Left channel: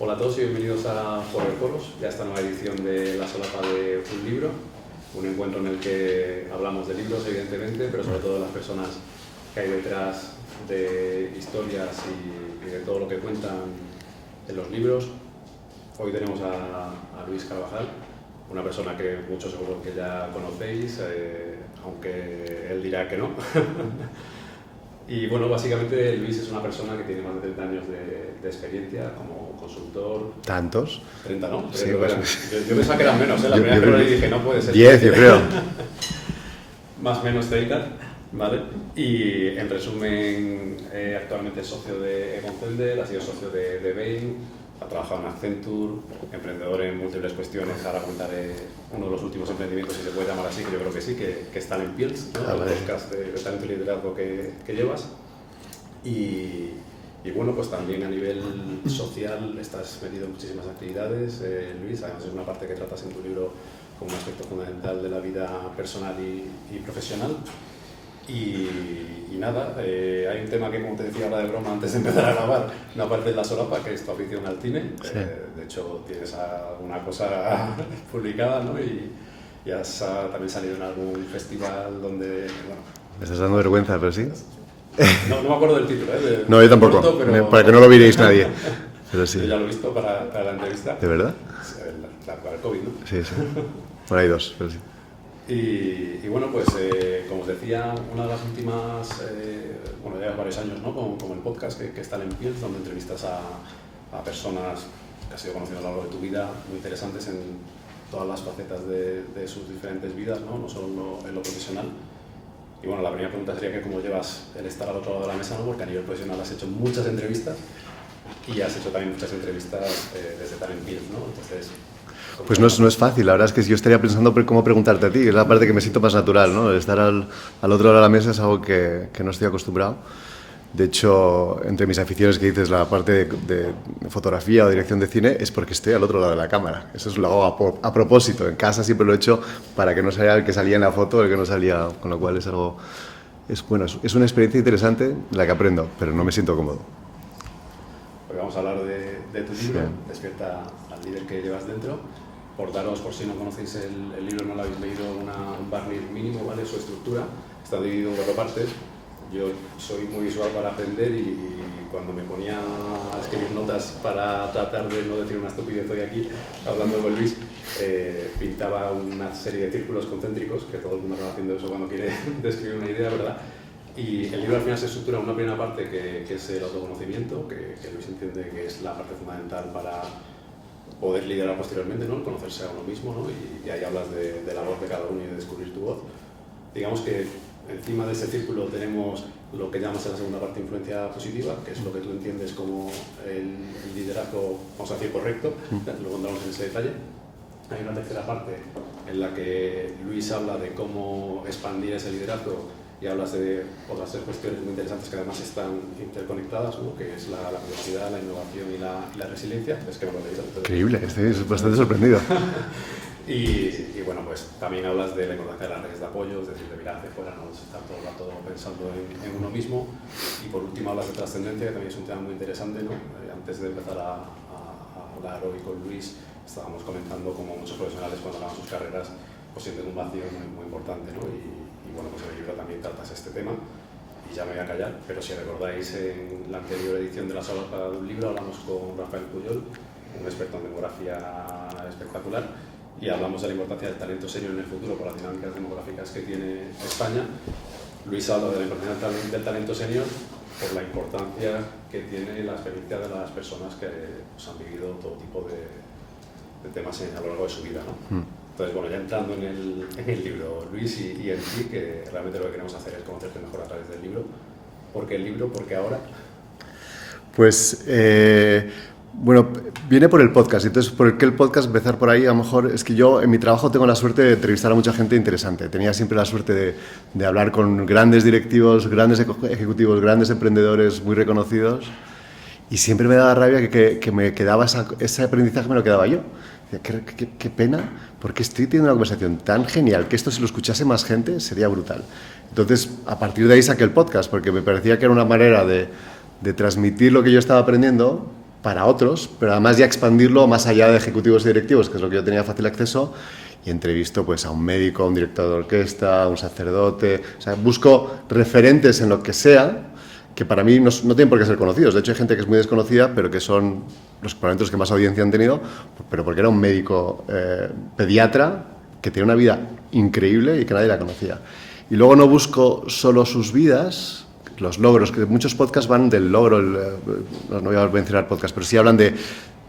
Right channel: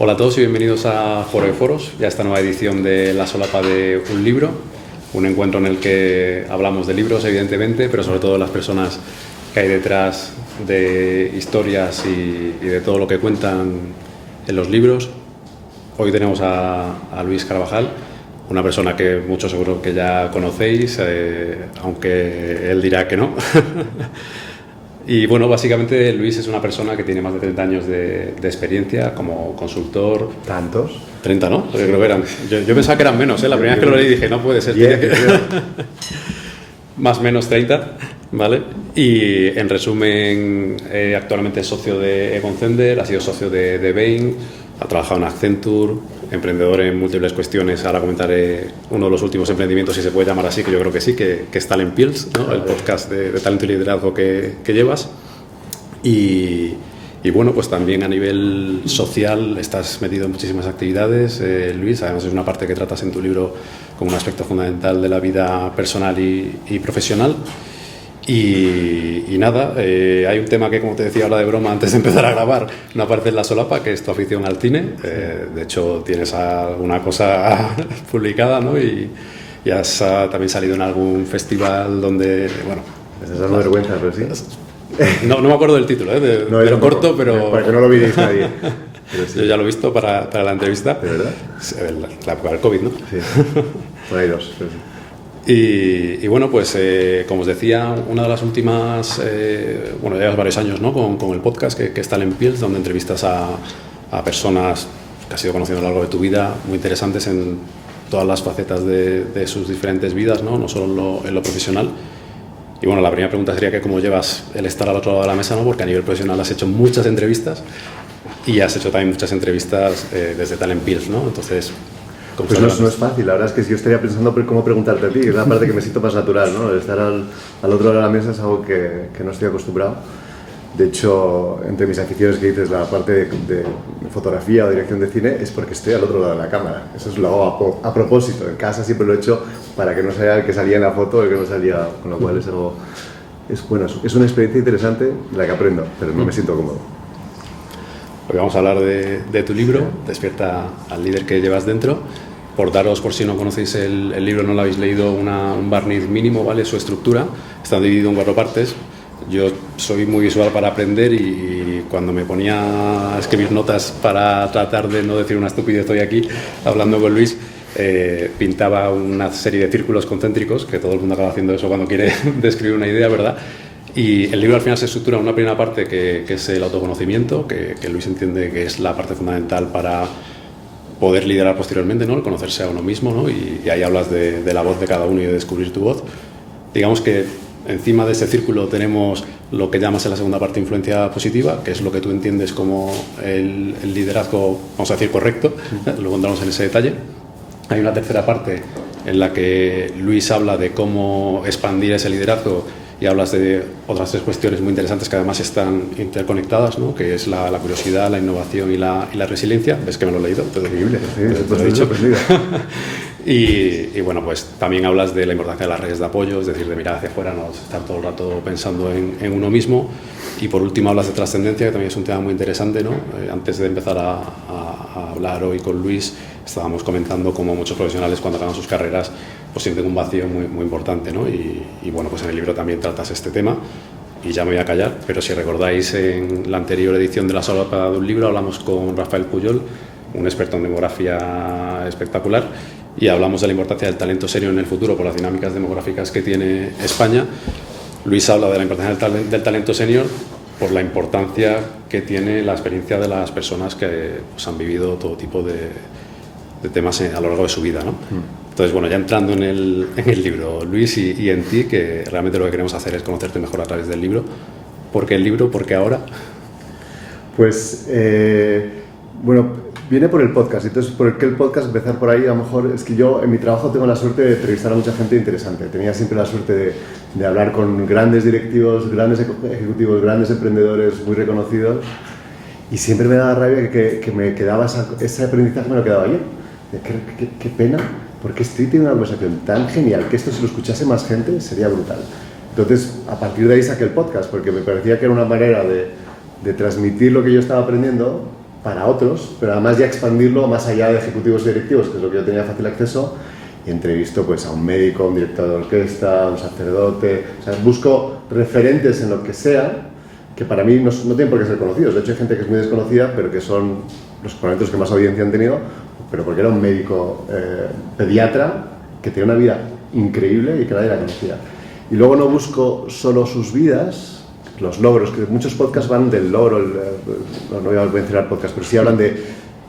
Hola a todos y bienvenidos a Foro de Foros, ya esta nueva edición de La Solapa de un libro, un encuentro en el que hablamos de libros evidentemente, pero sobre todo de las personas que hay detrás de historias y de todo lo que cuentan en los libros. Hoy tenemos a Luis Carvajal, una persona que muchos seguro que ya conocéis, aunque él dirá que no. Y bueno, básicamente Luis es una persona que tiene más de 30 años de experiencia como consultor. ¿Tantos? 30, ¿no? Sí. Yo pensaba que eran menos, ¿eh? La primera vez que lo leí dije, no puede ser. 10, creo. Más o menos 30, ¿vale? Y en resumen, actualmente es socio de Egon Zehnder, ha sido socio de Bain, ha trabajado en Accenture, emprendedor en múltiples cuestiones. Ahora comentaré uno de los últimos emprendimientos, si se puede llamar así, que yo creo que sí, que es Talent Pills, ¿no? El podcast de talento y liderazgo que llevas. Y bueno, pues también a nivel social estás metido en muchísimas actividades, Luis. Además es una parte que tratas en tu libro como un aspecto fundamental de la vida personal y profesional. Y nada, hay un tema que, como te decía ahora de broma antes de empezar a grabar, no aparece en La Solapa, que es tu afición al cine. De hecho tienes alguna cosa publicada, ¿no? Y has también salido en algún festival donde, bueno... Me estás dando vergüenza, pero sí. No me acuerdo del título, No, yo tampoco, corto, pero... para que no lo viréis nadie. Pero sí. Yo ya lo he visto para la entrevista. ¿De verdad? La época del COVID, ¿no? Sí, por ahí dos, pero sí. Y bueno, pues como os decía, una de las últimas, bueno, ya llevas varios años, ¿no? con el podcast que es Talent Pills, donde entrevistas a personas que has ido conociendo a lo largo de tu vida, muy interesantes en todas las facetas de sus diferentes vidas, no solo en lo profesional. Y bueno, la primera pregunta sería que cómo llevas el estar al otro lado de la mesa, ¿no? Porque a nivel profesional has hecho muchas entrevistas y has hecho también muchas entrevistas desde Talent Pills, ¿no? Entonces... Pues no es fácil, la verdad es que yo estaría pensando cómo preguntarte a ti, es la parte que me siento más natural, ¿no? El estar al otro lado de la mesa es algo que no estoy acostumbrado. De hecho, entre mis aficiones que dices, la parte de fotografía o dirección de cine, es porque estoy al otro lado de la cámara. Eso lo hago a propósito, en casa siempre lo he hecho para que no saliera el que salía en la foto, el que no salía, con lo cual es algo... Es una experiencia interesante de la que aprendo, pero no me siento cómodo. Hoy vamos a hablar de tu libro, Despierta al líder que llevas dentro. Por daros, por si no conocéis el libro, no lo habéis leído, un barniz mínimo, ¿vale? Su estructura está dividido en 4 partes. Yo soy muy visual para aprender y cuando me ponía a escribir notas para tratar de no decir una estupidez hoy aquí, hablando con Luis, pintaba una serie de círculos concéntricos, que todo el mundo acaba haciendo eso cuando quiere describir una idea, ¿verdad? Y el libro al final se estructura en una primera parte que es el autoconocimiento, que Luis entiende que es la parte fundamental para poder liderar posteriormente, ¿no? El conocerse a uno mismo, ¿no? Y ahí hablas de la voz de cada uno y de descubrir tu voz. Digamos que encima de ese círculo tenemos lo que llamas en la segunda parte influencia positiva, que es lo que tú entiendes como el liderazgo, vamos a decir, correcto. Luego entramos en ese detalle. Hay una tercera parte en la que Luis habla de cómo expandir ese liderazgo y hablas de otras 3 cuestiones muy interesantes que además están interconectadas, ¿no? Que es la curiosidad, la innovación y la resiliencia. Es que me lo he leído. Increíble, estoy sorprendido. Y bueno, pues también hablas de la importancia de las redes de apoyo, es decir, de mirar hacia afuera, no estar todo el rato pensando en uno mismo. Y por último hablas de trascendencia, que también es un tema muy interesante, ¿no? Antes de empezar a hablar hoy con Luis, estábamos comentando cómo muchos profesionales cuando acaban sus carreras pues sienten un vacío muy, muy importante, ¿no? Y bueno, pues en el libro también tratas este tema. Y ya me voy a callar, pero si recordáis, en la anterior edición de La Solapa de un libro hablamos con Rafael Puyol, un experto en demografía espectacular, y hablamos de la importancia del talento senior en el futuro por las dinámicas demográficas que tiene España. Luis habla de la importancia del talento senior por la importancia que tiene la experiencia de las personas que pues, han vivido todo tipo de temas a lo largo de su vida, ¿no? Entonces, bueno, ya entrando en el libro, Luis, y en ti, que realmente lo que queremos hacer es conocerte mejor a través del libro. ¿Por qué el libro? ¿Por qué ahora? Pues, bueno, viene por el podcast. Entonces, ¿por qué el podcast? Empezar por ahí, a lo mejor es que yo en mi trabajo tengo la suerte de entrevistar a mucha gente interesante. Tenía siempre la suerte de hablar con grandes directivos, grandes ejecutivos, grandes emprendedores muy reconocidos, y siempre me daba rabia que me quedaba ese aprendizaje, me lo quedaba yo. Qué pena, porque estoy teniendo una conversación tan genial que esto, si lo escuchase más gente, sería brutal. Entonces, a partir de ahí saqué el podcast, porque me parecía que era una manera de transmitir lo que yo estaba aprendiendo para otros, pero además ya expandirlo más allá de ejecutivos y directivos, que es lo que yo tenía fácil acceso, y entrevisto pues a un médico, a un director de orquesta, a un sacerdote, o sea, busco referentes en lo que sea, que para mí no tienen por qué ser conocidos. De hecho, hay gente que es muy desconocida, pero que son probablemente los que más audiencia han tenido, pero porque era un médico pediatra que tiene una vida increíble y que nadie la conocía. Y luego no busco solo sus vidas, los logros, que muchos podcasts van del logro, no voy a mencionar podcasts, pero sí hablan de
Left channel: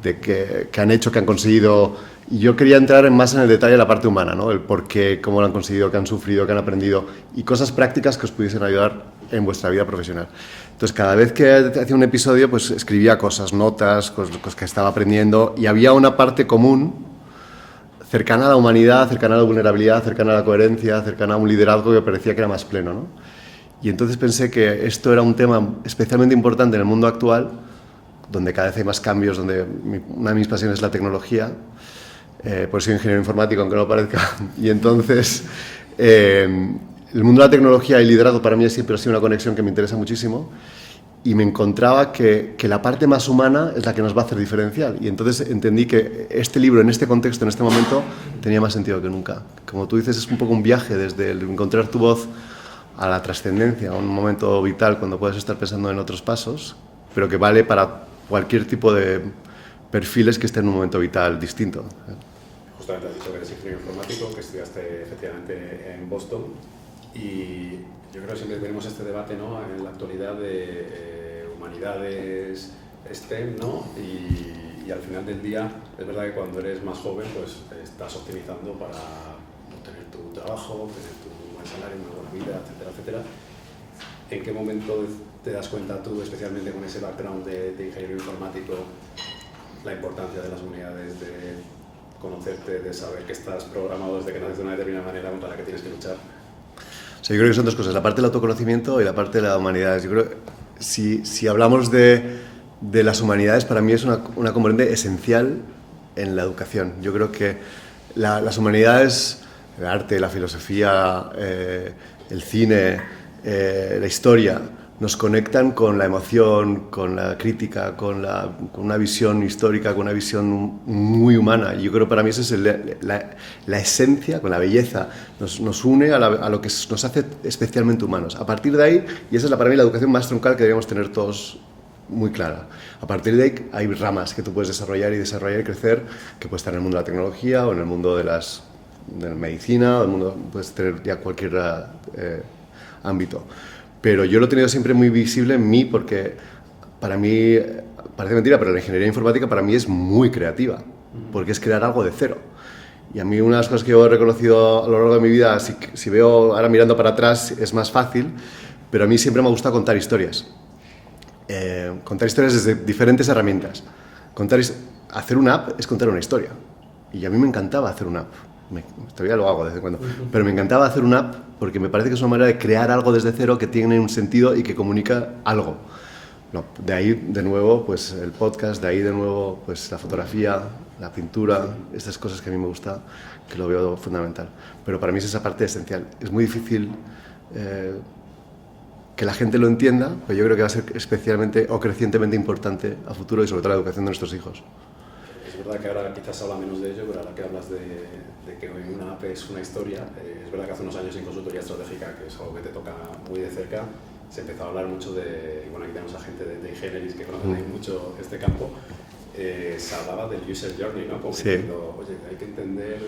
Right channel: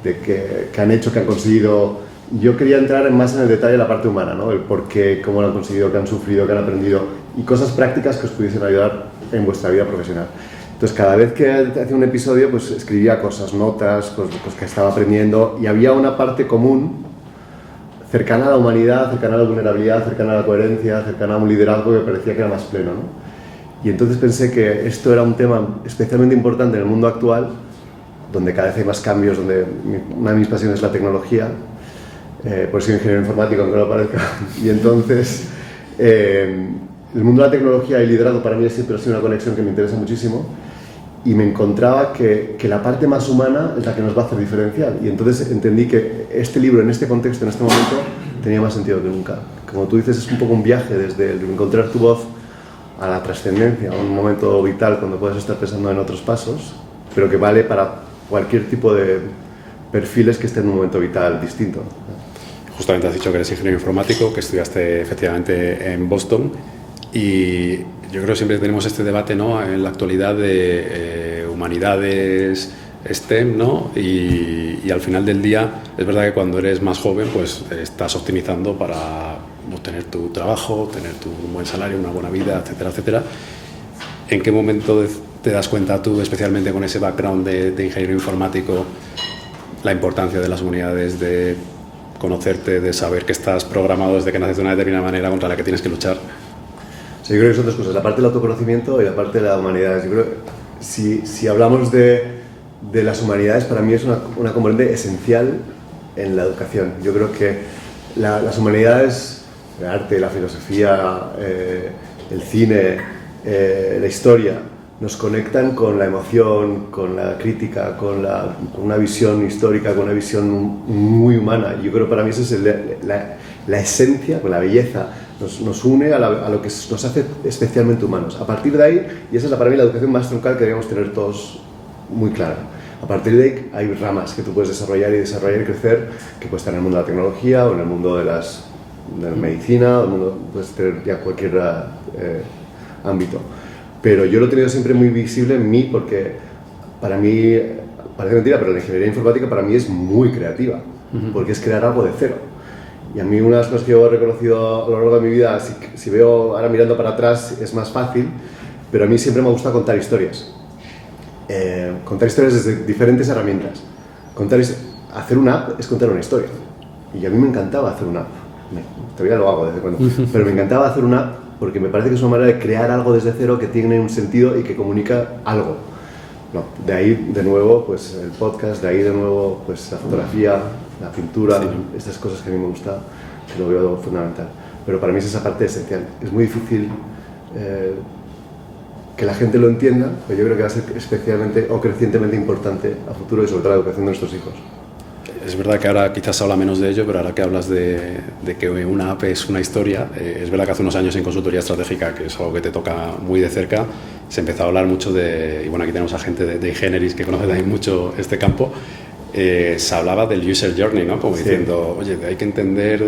que han hecho, que han conseguido. Y yo quería entrar más en el detalle de la parte humana, ¿no? El por qué, cómo lo han conseguido, qué han sufrido, qué han aprendido, y cosas prácticas que os pudiesen ayudar en vuestra vida profesional. Entonces, cada vez que hacía un episodio, pues escribía cosas, notas, cosas que estaba aprendiendo, y había una parte común, cercana a la humanidad, cercana a la vulnerabilidad, cercana a la coherencia, cercana a un liderazgo que parecía que era más pleno, ¿no? Y entonces pensé que esto era un tema especialmente importante en el mundo actual, donde cada vez hay más cambios, donde una de mis pasiones es la tecnología, por eso soy ingeniero informático, aunque no lo parezca, y entonces el mundo de la tecnología y el liderazgo para mí siempre ha sido una conexión que me interesa muchísimo, y me encontraba que la parte más humana es la que nos va a hacer diferencial, y entonces entendí que este libro en este contexto, en este momento, tenía más sentido que nunca. Como tú dices, es un poco un viaje desde el encontrar tu voz a la trascendencia, a un momento vital cuando puedes estar pensando en otros pasos, pero que vale para cualquier tipo de perfiles que estén en un momento vital distinto. Justamente has dicho que eres ingeniero informático, que estudiaste efectivamente en Boston, y yo creo que siempre tenemos este debate, ¿no?, en la actualidad de humanidades, STEM, ¿no? Y al final del día es verdad que cuando eres más joven pues estás optimizando para obtener tu trabajo, tener tu buen salario, una buena vida, etcétera, etcétera. ¿En qué momento te das cuenta tú, especialmente con ese background de ingeniero informático, la importancia de las humanidades, de conocerte, de saber que estás programado desde que naces de una determinada manera contra la que tienes que luchar? O sea, yo creo que son dos cosas, la parte del autoconocimiento y la parte de la humanidad. Yo creo que si hablamos de las humanidades, para mí es una componente esencial en la educación. Yo creo que las humanidades, el arte, la filosofía, el cine, la historia, nos conectan con la emoción, con la crítica, con una visión histórica, con una visión muy humana. Y yo creo que para mí esa es la esencia, con la belleza, nos une a lo que nos hace especialmente humanos. A partir de ahí, y esa es para mí la educación más troncal que deberíamos tener todos muy clara. A partir de ahí hay ramas que tú puedes desarrollar y crecer, que puedes estar en el mundo de la tecnología o en el mundo de la medicina, puedes tener ya cualquier ámbito. Pero yo lo he tenido siempre muy visible en mí porque para mí, parece mentira, pero la ingeniería informática para mí es muy creativa, porque es crear algo de cero. Y a mí una de las cosas que yo he reconocido a lo largo de mi vida, si veo ahora mirando para atrás es más fácil, pero a mí siempre me gusta contar historias. Contar historias desde diferentes herramientas. Hacer una app es contar una historia. Y a mí me encantaba hacer una app. Todavía lo hago desde cuando. Pero me encantaba hacer una app porque me parece que es una manera de crear algo desde cero que tiene un sentido y que comunica algo. No, de ahí de nuevo pues el podcast, de ahí de nuevo pues la fotografía, la pintura, estas cosas que a mí me gusta, que lo veo fundamental. Pero para mí es esa parte esencial. Es muy difícil que la gente lo entienda, pero yo creo que va a ser especialmente o crecientemente importante a futuro y sobre todo la educación de nuestros hijos. Es verdad que ahora quizás se habla menos de ello, pero ahora que hablas de que una app es una historia, es verdad que hace unos años en consultoría estratégica, que es algo que te toca muy de cerca, se empezó a hablar mucho y bueno, aquí tenemos a gente de Ingenieris que conoce también mucho este campo, se hablaba del user journey, ¿no? Como diciendo, oye, hay que entender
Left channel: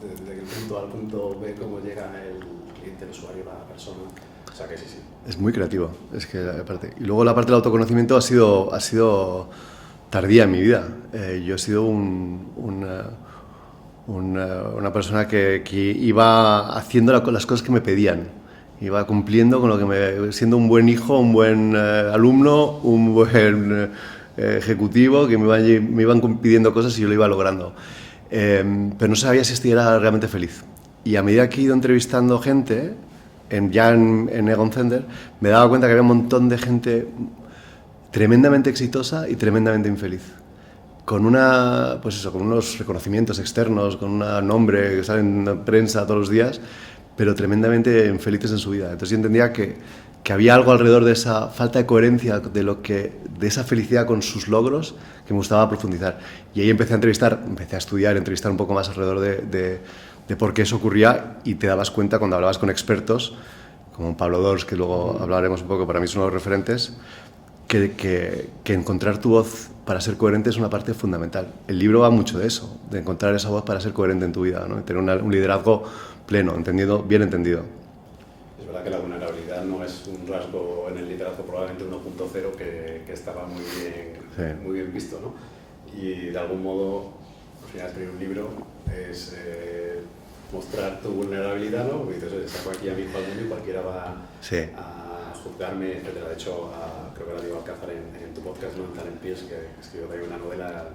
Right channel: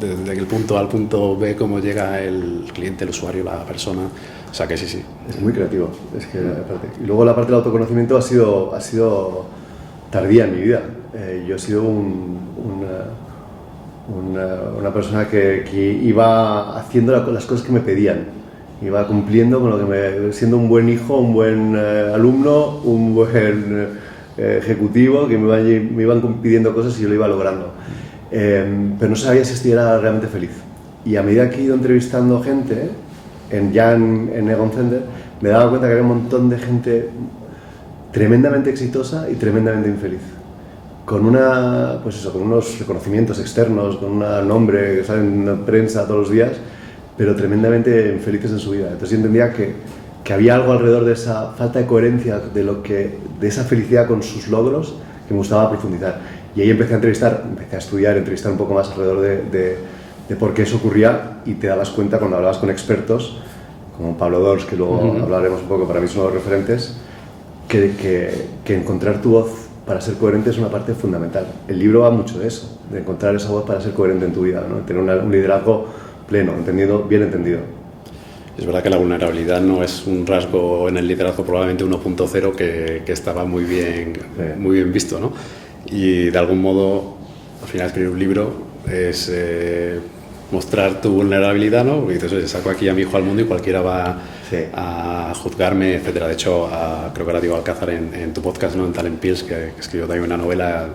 desde el punto A al punto B cómo llega el cliente, el usuario, la persona. O sea que sí. Es muy creativo, es que aparte. Y luego la parte del autoconocimiento ha sido tardía en mi vida. Yo he sido una persona que iba haciendo las cosas que me pedían, iba cumpliendo con lo que siendo un buen hijo, un buen alumno, un buen ejecutivo, que me iban pidiendo cosas y yo lo iba logrando. Pero no sabía si era realmente feliz. Y a medida que he ido entrevistando gente, ya en Egon Zehnder, me daba cuenta que había un montón de gente tremendamente exitosa y tremendamente infeliz. Con unos reconocimientos externos, con un nombre que sale en la prensa todos los días, pero tremendamente infelices en su vida. Entonces yo entendía que que había algo alrededor de esa falta de coherencia, de esa felicidad con sus logros, que me gustaba profundizar. Y ahí empecé a estudiar, entrevistar un poco más alrededor de por qué eso ocurría, y te dabas cuenta cuando hablabas con expertos, como Pablo Dors, que luego hablaremos un poco, para mí son los referentes, que encontrar tu voz para ser coherente es una parte fundamental. El libro va mucho de eso, de encontrar esa voz para ser coherente en tu vida, ¿no? Tener un liderazgo pleno, bien entendido. Es verdad que la vulnerabilidad no es un rasgo en el liderazgo probablemente 1.0 que estaba muy bien visto, ¿no? Y de algún modo, al final escribir un libro es mostrar tu vulnerabilidad, ¿no? Porque dices, oye, saco aquí a mi hijo al mundo y cualquiera va a juzgarme, etcétera. De hecho, creo que ahora digo Alcázar en tu podcast, ¿no? En Talent Pills, que escribió también una novela,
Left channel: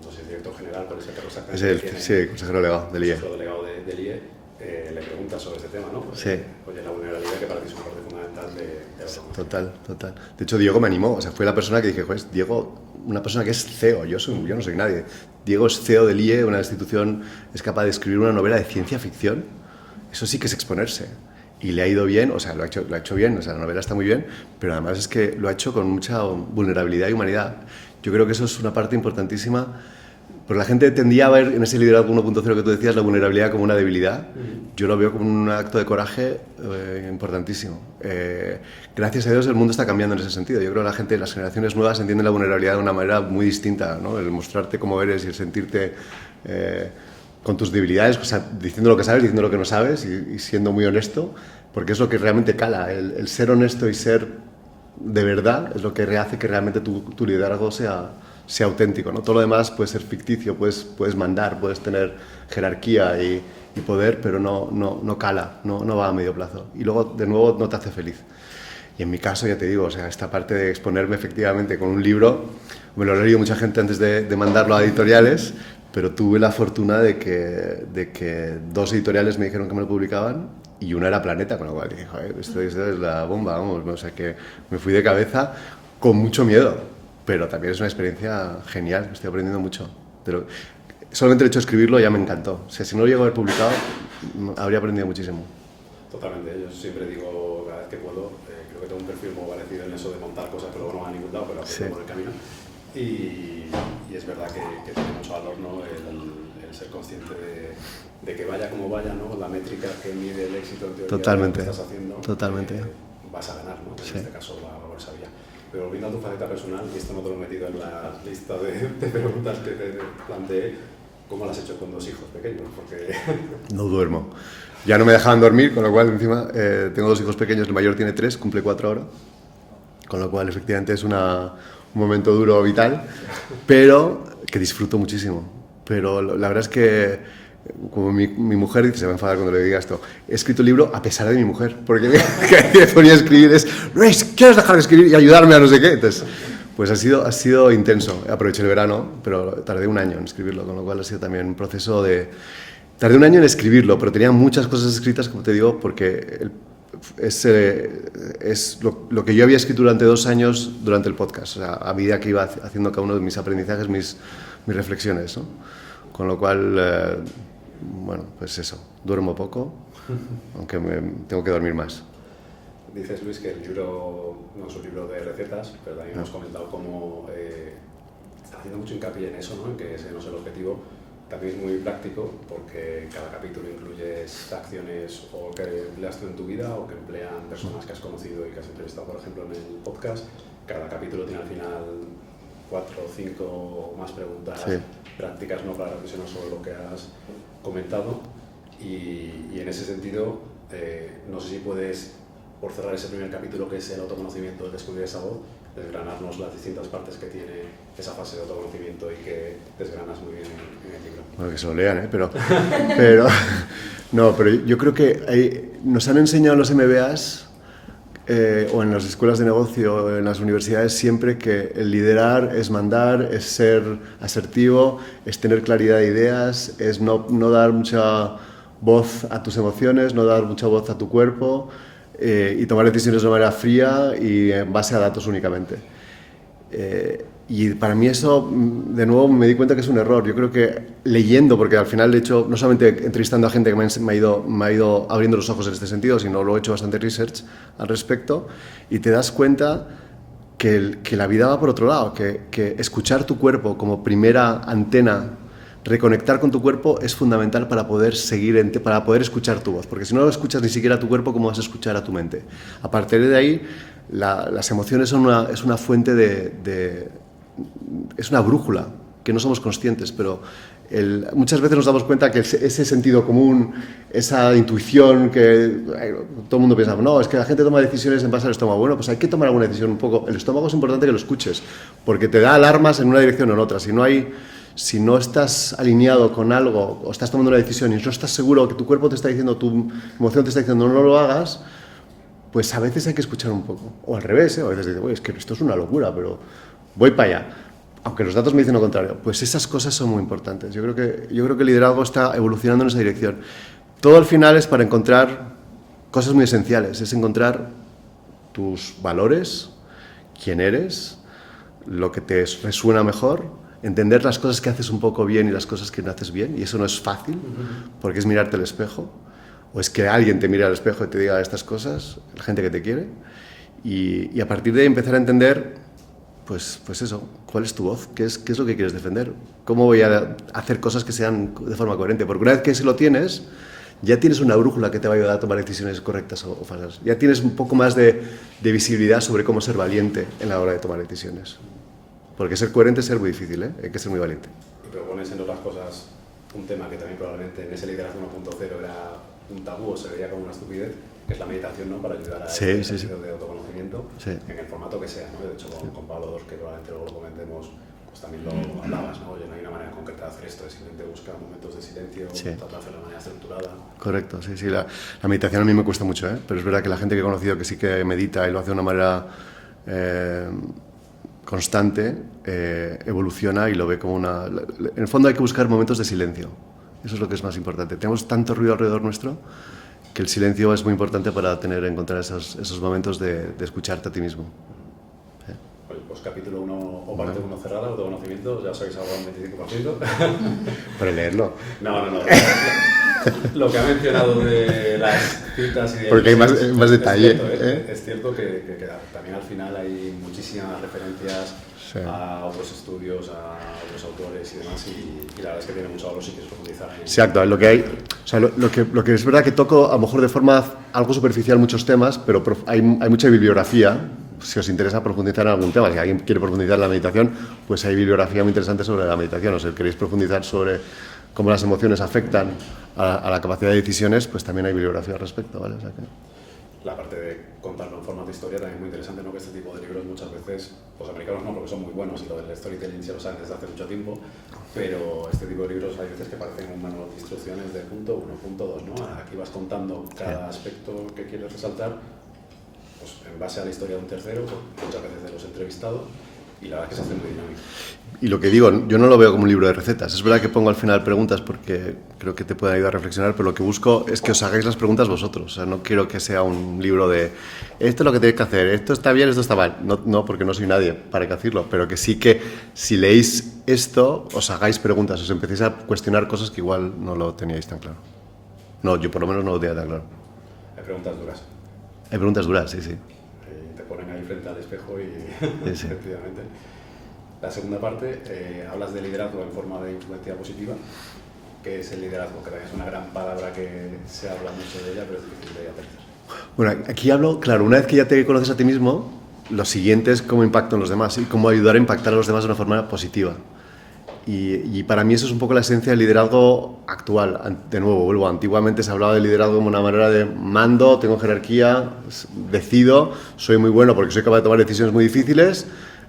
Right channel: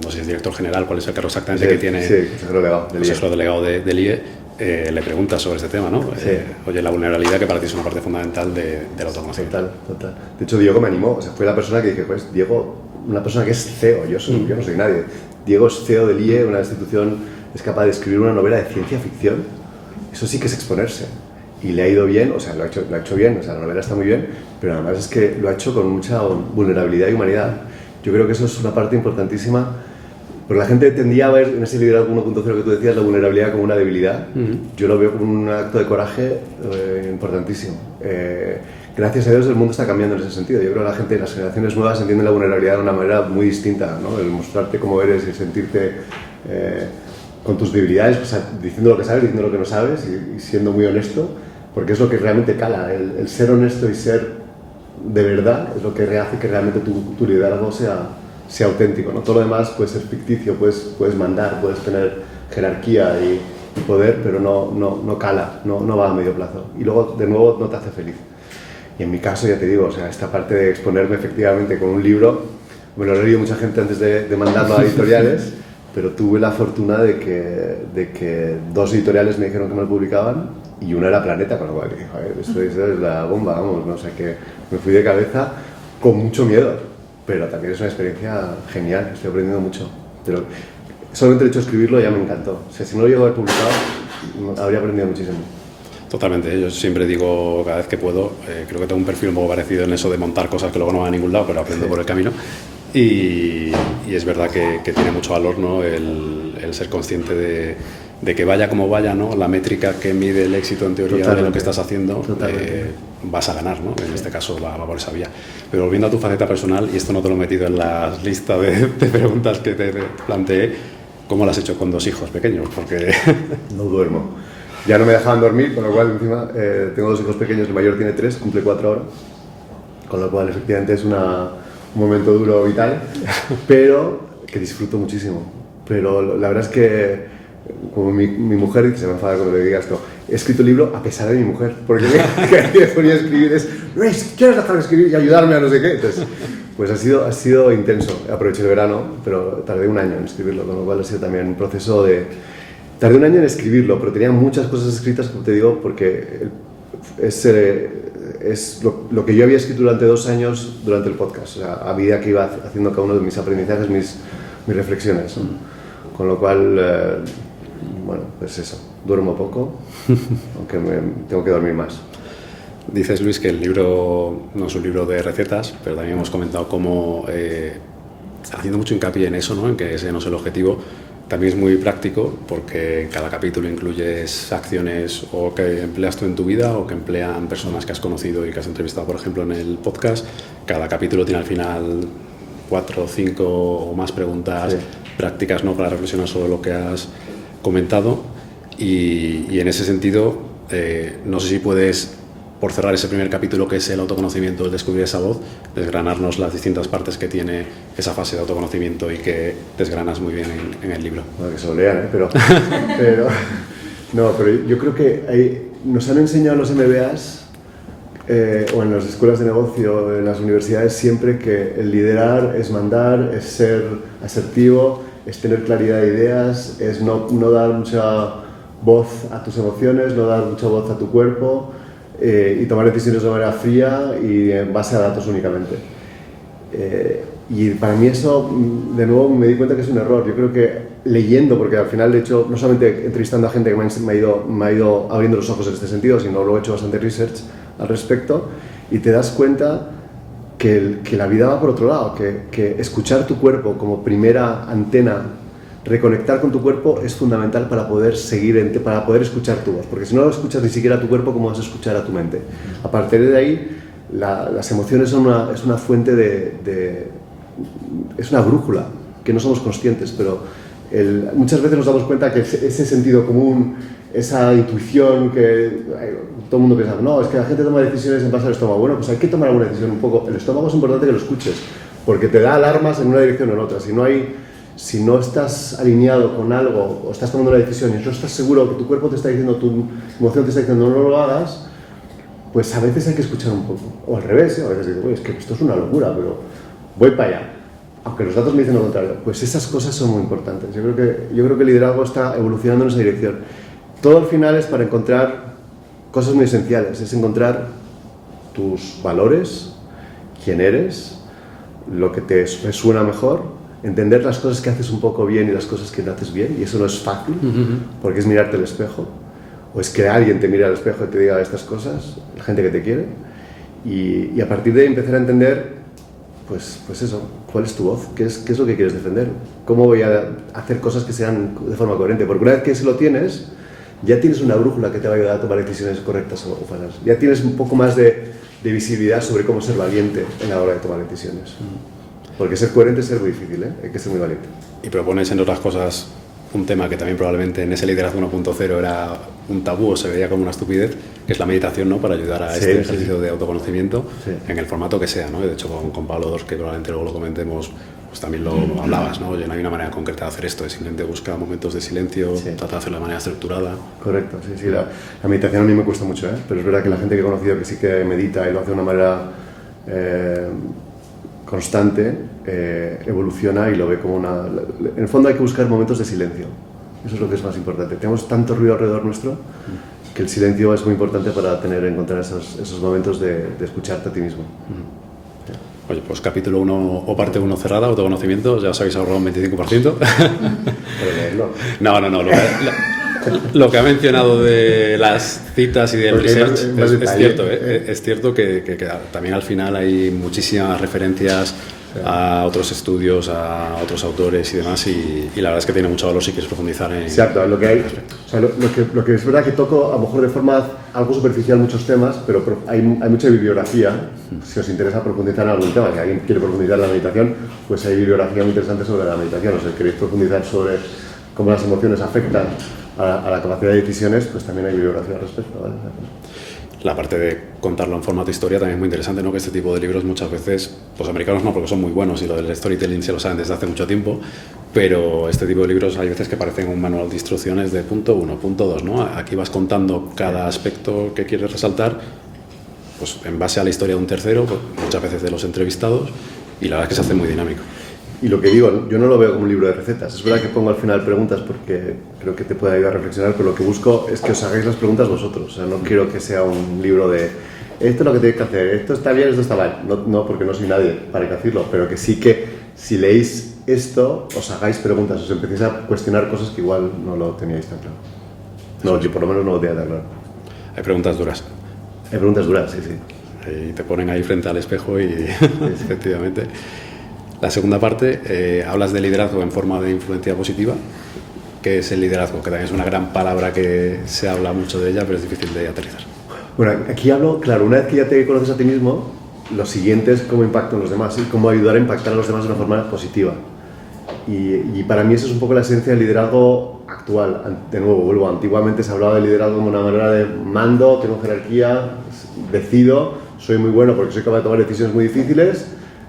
no sé si es director general, cuál es el cargo exactamente que tiene. Sí, consejero delegado del IE. Le preguntas sobre este tema, ¿no? Sí. Oye, la vulnerabilidad, que para ti es una parte fundamental del autoconocimiento. Total. De hecho, Diego me animó. O sea, fue la persona que dije, pues, Diego, una persona que es CEO, yo no soy nadie. Diego es CEO del IE, una institución, es capaz de escribir una novela de ciencia ficción. Eso sí que es exponerse. Y le ha ido bien, o sea, lo ha hecho bien, o sea, la novela está muy bien, pero además es que lo ha hecho con mucha vulnerabilidad y humanidad. Yo creo que eso es una parte importantísima. Pero la gente tendía a ver en ese liderazgo 1.0 que tú decías la vulnerabilidad como una debilidad. Yo lo veo como un acto de coraje importantísimo. Gracias a Dios el mundo está cambiando en ese sentido. Yo creo que la gente, las generaciones nuevas entienden la vulnerabilidad de una manera muy distinta, ¿no? El mostrarte cómo eres y el sentirte con tus debilidades, o sea, diciendo lo que sabes, diciendo lo que no sabes y siendo muy honesto, porque es lo que realmente cala. El ser honesto y ser de verdad es lo que hace que realmente tu liderazgo sea auténtico, ¿no? Todo lo demás puede ser ficticio, puedes mandar, puedes tener jerarquía y poder, pero no cala, no va a medio plazo. Y luego, de nuevo, no te hace feliz. Y en mi caso, ya te digo, o sea, esta parte de exponerme efectivamente con un libro, me lo ha leído mucha gente antes de mandarlo a editoriales, pero tuve la fortuna de que 2 editoriales me dijeron que me lo publicaban y una era Planeta, con lo cual dije, joder, esto es la bomba, vamos, ¿no? O sea, que me fui de cabeza con mucho miedo. Pero también es una experiencia genial, estoy aprendiendo mucho. Pero solamente el hecho de escribirlo ya me encantó. O sea, si no lo llego a haber publicado, habría aprendido muchísimo. Totalmente, yo siempre digo cada vez que puedo, creo que tengo un perfil un poco parecido en eso de montar cosas que luego no van a ningún lado, pero aprendo por el camino. Y es verdad que tiene mucho valor, ¿no? el ser consciente de que vaya como vaya, ¿no? La métrica que mide el éxito en teoría de lo que estás haciendo, vas a ganar, ¿no? En este caso va por esa vía. Pero volviendo a tu faceta personal, y esto no te lo he metido en la lista de preguntas que te planteé, ¿cómo lo has hecho con 2 hijos pequeños? Porque no duermo. Ya no me dejaban dormir, con lo cual encima tengo 2 hijos pequeños, el mayor tiene 3, cumple 4 ahora, con lo cual efectivamente es un momento duro, vital, pero que disfruto muchísimo. Pero la verdad es que, como mi mujer dice, se me enfada cuando le diga esto, he escrito el libro a pesar de mi mujer, porque que me ponía a escribir ¿quieres dejar de escribir y ayudarme a no sé qué? Entonces, pues ha sido intenso. Aproveché el verano, pero tardé 1 año en escribirlo, con lo cual ha sido también un proceso Tardé 1 año en escribirlo, pero tenía muchas cosas escritas, como te digo, porque es lo que yo había escrito durante 2 años durante el podcast, o sea, a medida que iba haciendo cada uno de mis aprendizajes, mis reflexiones, ¿no? Con lo cual, bueno, pues eso, duermo poco, aunque tengo que dormir más. Dices, Luis, que el libro no es un libro de recetas, pero también hemos comentado cómo, haciendo mucho hincapié en eso, ¿no? En que ese no es el objetivo, también es muy práctico, porque en cada capítulo incluyes acciones o que empleas tú en tu vida o que emplean personas que has conocido y que has entrevistado, por ejemplo, en el podcast. Cada capítulo tiene al final 4 o 5 o más preguntas prácticas, ¿no? Para reflexionar sobre lo que has comentado. Y en ese sentido, no sé si puedes, por cerrar ese primer capítulo que es el autoconocimiento, el descubrir esa voz, desgranarnos las distintas partes que tiene esa fase de autoconocimiento y que desgranas muy bien en el libro. Bueno, que se lo lean, pero yo creo que nos han enseñado en los MBAs o en las escuelas de negocio, en las universidades, siempre que el liderar es mandar, es ser asertivo, es tener claridad de ideas, es no dar mucha voz a tus emociones, no dar mucha voz a tu cuerpo, y tomar decisiones de manera fría y en base a datos únicamente. Y para mí eso, de nuevo, me di cuenta que es un error. Yo creo que leyendo, porque al final, de hecho, no solamente entrevistando a gente que me ha ido abriendo los ojos en este sentido, sino luego he hecho bastante research al respecto y te das cuenta que la vida va por otro lado, que escuchar tu cuerpo como primera antena, reconectar con tu cuerpo es fundamental para poder para poder escuchar tu voz, porque si no lo escuchas ni siquiera a tu cuerpo, ¿cómo vas a escuchar a tu mente? A partir de ahí, las emociones es una fuente es una brújula que no somos conscientes, pero muchas veces nos damos cuenta que ese sentido común, esa intuición que todo el mundo piensa, no, es que la gente toma decisiones en base al estómago. Bueno, pues hay que tomar alguna decisión un poco. El estómago es importante que lo escuches, porque te da alarmas en una dirección o en otra. Si no estás alineado con algo o estás tomando una decisión y no estás seguro que tu cuerpo te está diciendo, tu emoción te está diciendo no lo hagas, pues a veces hay que escuchar un poco. O al revés, a veces dices, es que esto es una locura, pero voy para allá. Aunque los datos me dicen lo contrario, pues esas cosas son muy importantes. Yo creo que el liderazgo está evolucionando en esa dirección. Todo al final es para encontrar cosas muy esenciales, es encontrar tus valores, quién eres, lo que te resuena mejor, entender las cosas que haces un poco bien y las cosas que no haces bien, y eso no es fácil, porque es mirarte al espejo, o es que alguien te mire al espejo y te diga estas cosas, la gente que te quiere, y a partir de ahí empezar a entender, pues eso, cuál es tu voz, qué es lo que quieres defender, cómo voy a hacer cosas que sean de forma coherente, porque una vez que lo tienes, ya tienes una brújula que te va a ayudar a tomar decisiones correctas o falsas, ya tienes un poco más de visibilidad sobre cómo ser valiente en la hora de tomar decisiones. Porque ser coherente es ser muy difícil, hay que ser muy valiente. Y propones, entre otras cosas, un tema que también probablemente en ese liderazgo 1.0 era un tabú o se veía como una estupidez, que es la meditación, ¿no? Para ayudar a este ejercicio de autoconocimiento en el formato que sea, ¿no? De hecho, con Pablo Dors, que probablemente luego lo comentemos, pues también lo hablabas, ¿no? Oye, no hay una manera concreta de hacer esto, es simplemente buscar momentos de silencio, trata de hacerlo de manera estructurada. Correcto, sí. La meditación a mí me cuesta mucho, pero es verdad que la gente que he conocido que sí que medita y lo hace de una manera constante, evoluciona y lo ve como en el fondo hay que buscar momentos de silencio. Eso es lo que es más importante. Tenemos tanto ruido alrededor nuestro que el silencio es muy importante para encontrar esos momentos de escucharte a ti mismo. Oye, pues capítulo 1 o parte 1 cerrada, autoconocimiento, ya os habéis ahorrado un 25%. Pero leerlo. No. Lo que ha mencionado de las citas y de más detalle. Es cierto que también al final hay muchísimas referencias a otros estudios, a otros autores y demás, y la verdad es que tiene mucho valor si quieres profundizar en... Exacto, lo que hay, o sea, lo que es verdad que toco a lo mejor de forma algo superficial muchos temas, pero hay mucha bibliografía, si os interesa profundizar en algún tema, si alguien quiere profundizar en la meditación, pues hay bibliografía muy interesante sobre la meditación, o si queréis profundizar sobre cómo las emociones afectan a la capacidad de decisiones, pues también hay bibliografía al respecto, ¿vale? O sea, la parte de contarlo en formato historia también es muy interesante, ¿no? Que este tipo de libros muchas veces, los americanos no, porque son muy buenos y lo del storytelling se lo saben desde hace mucho tiempo, pero este tipo de libros hay veces que parecen un manual de instrucciones de punto 1, punto 2, ¿no? Aquí vas contando cada aspecto que quieres resaltar, pues en base a la historia de un tercero, pues, muchas veces de los entrevistados, y la verdad es que se hace muy dinámico. Y lo que digo, yo no lo veo como un libro de recetas. Es verdad que pongo al final preguntas porque creo que te puede ayudar a reflexionar, pero lo que busco es que os hagáis las preguntas vosotros. O sea, no quiero que sea un libro de esto es lo que tenéis que hacer, esto está bien, esto está mal. No, porque no soy nadie para decirlo, pero que sí que si leéis esto, os hagáis preguntas, os empecéis a cuestionar cosas que igual no lo teníais tan claro. No, yo por lo menos no lo tenía tan claro. Hay preguntas duras. Hay preguntas duras, sí. Y te ponen ahí frente al espejo y efectivamente... La segunda parte, hablas de liderazgo en forma de influencia positiva. ¿Qué es el liderazgo? Que también es una gran palabra que se habla mucho de ella, pero es difícil de aterrizar. Bueno, aquí hablo, claro, una vez que ya te conoces a ti mismo, lo siguiente es cómo impactan los demás y cómo ayudar a impactar a los demás de una forma positiva. Y para mí eso es un poco la esencia del liderazgo actual. De nuevo, vuelvo, antiguamente se hablaba de liderazgo como una manera de mando, tengo jerarquía, decido, soy muy bueno porque soy capaz de tomar decisiones muy difíciles,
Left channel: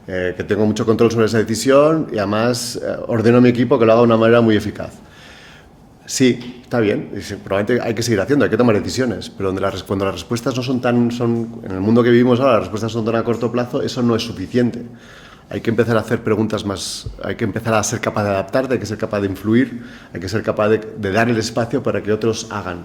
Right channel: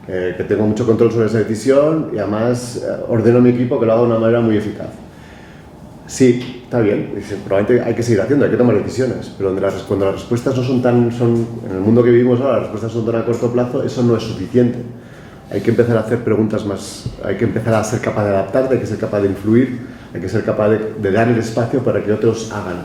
que tengo mucho control sobre esa decisión y además ordeno a mi equipo que lo haga de una manera muy eficaz. Sí, está bien, probablemente hay que seguir haciendo, hay que tomar decisiones, pero cuando las respuestas no son en el mundo que vivimos ahora, las respuestas son tan a corto plazo, eso no es suficiente. Hay que empezar a hacer preguntas más, hay que empezar a ser capaz de adaptarte, hay que ser capaz de influir, hay que ser capaz de dar el espacio para que otros hagan.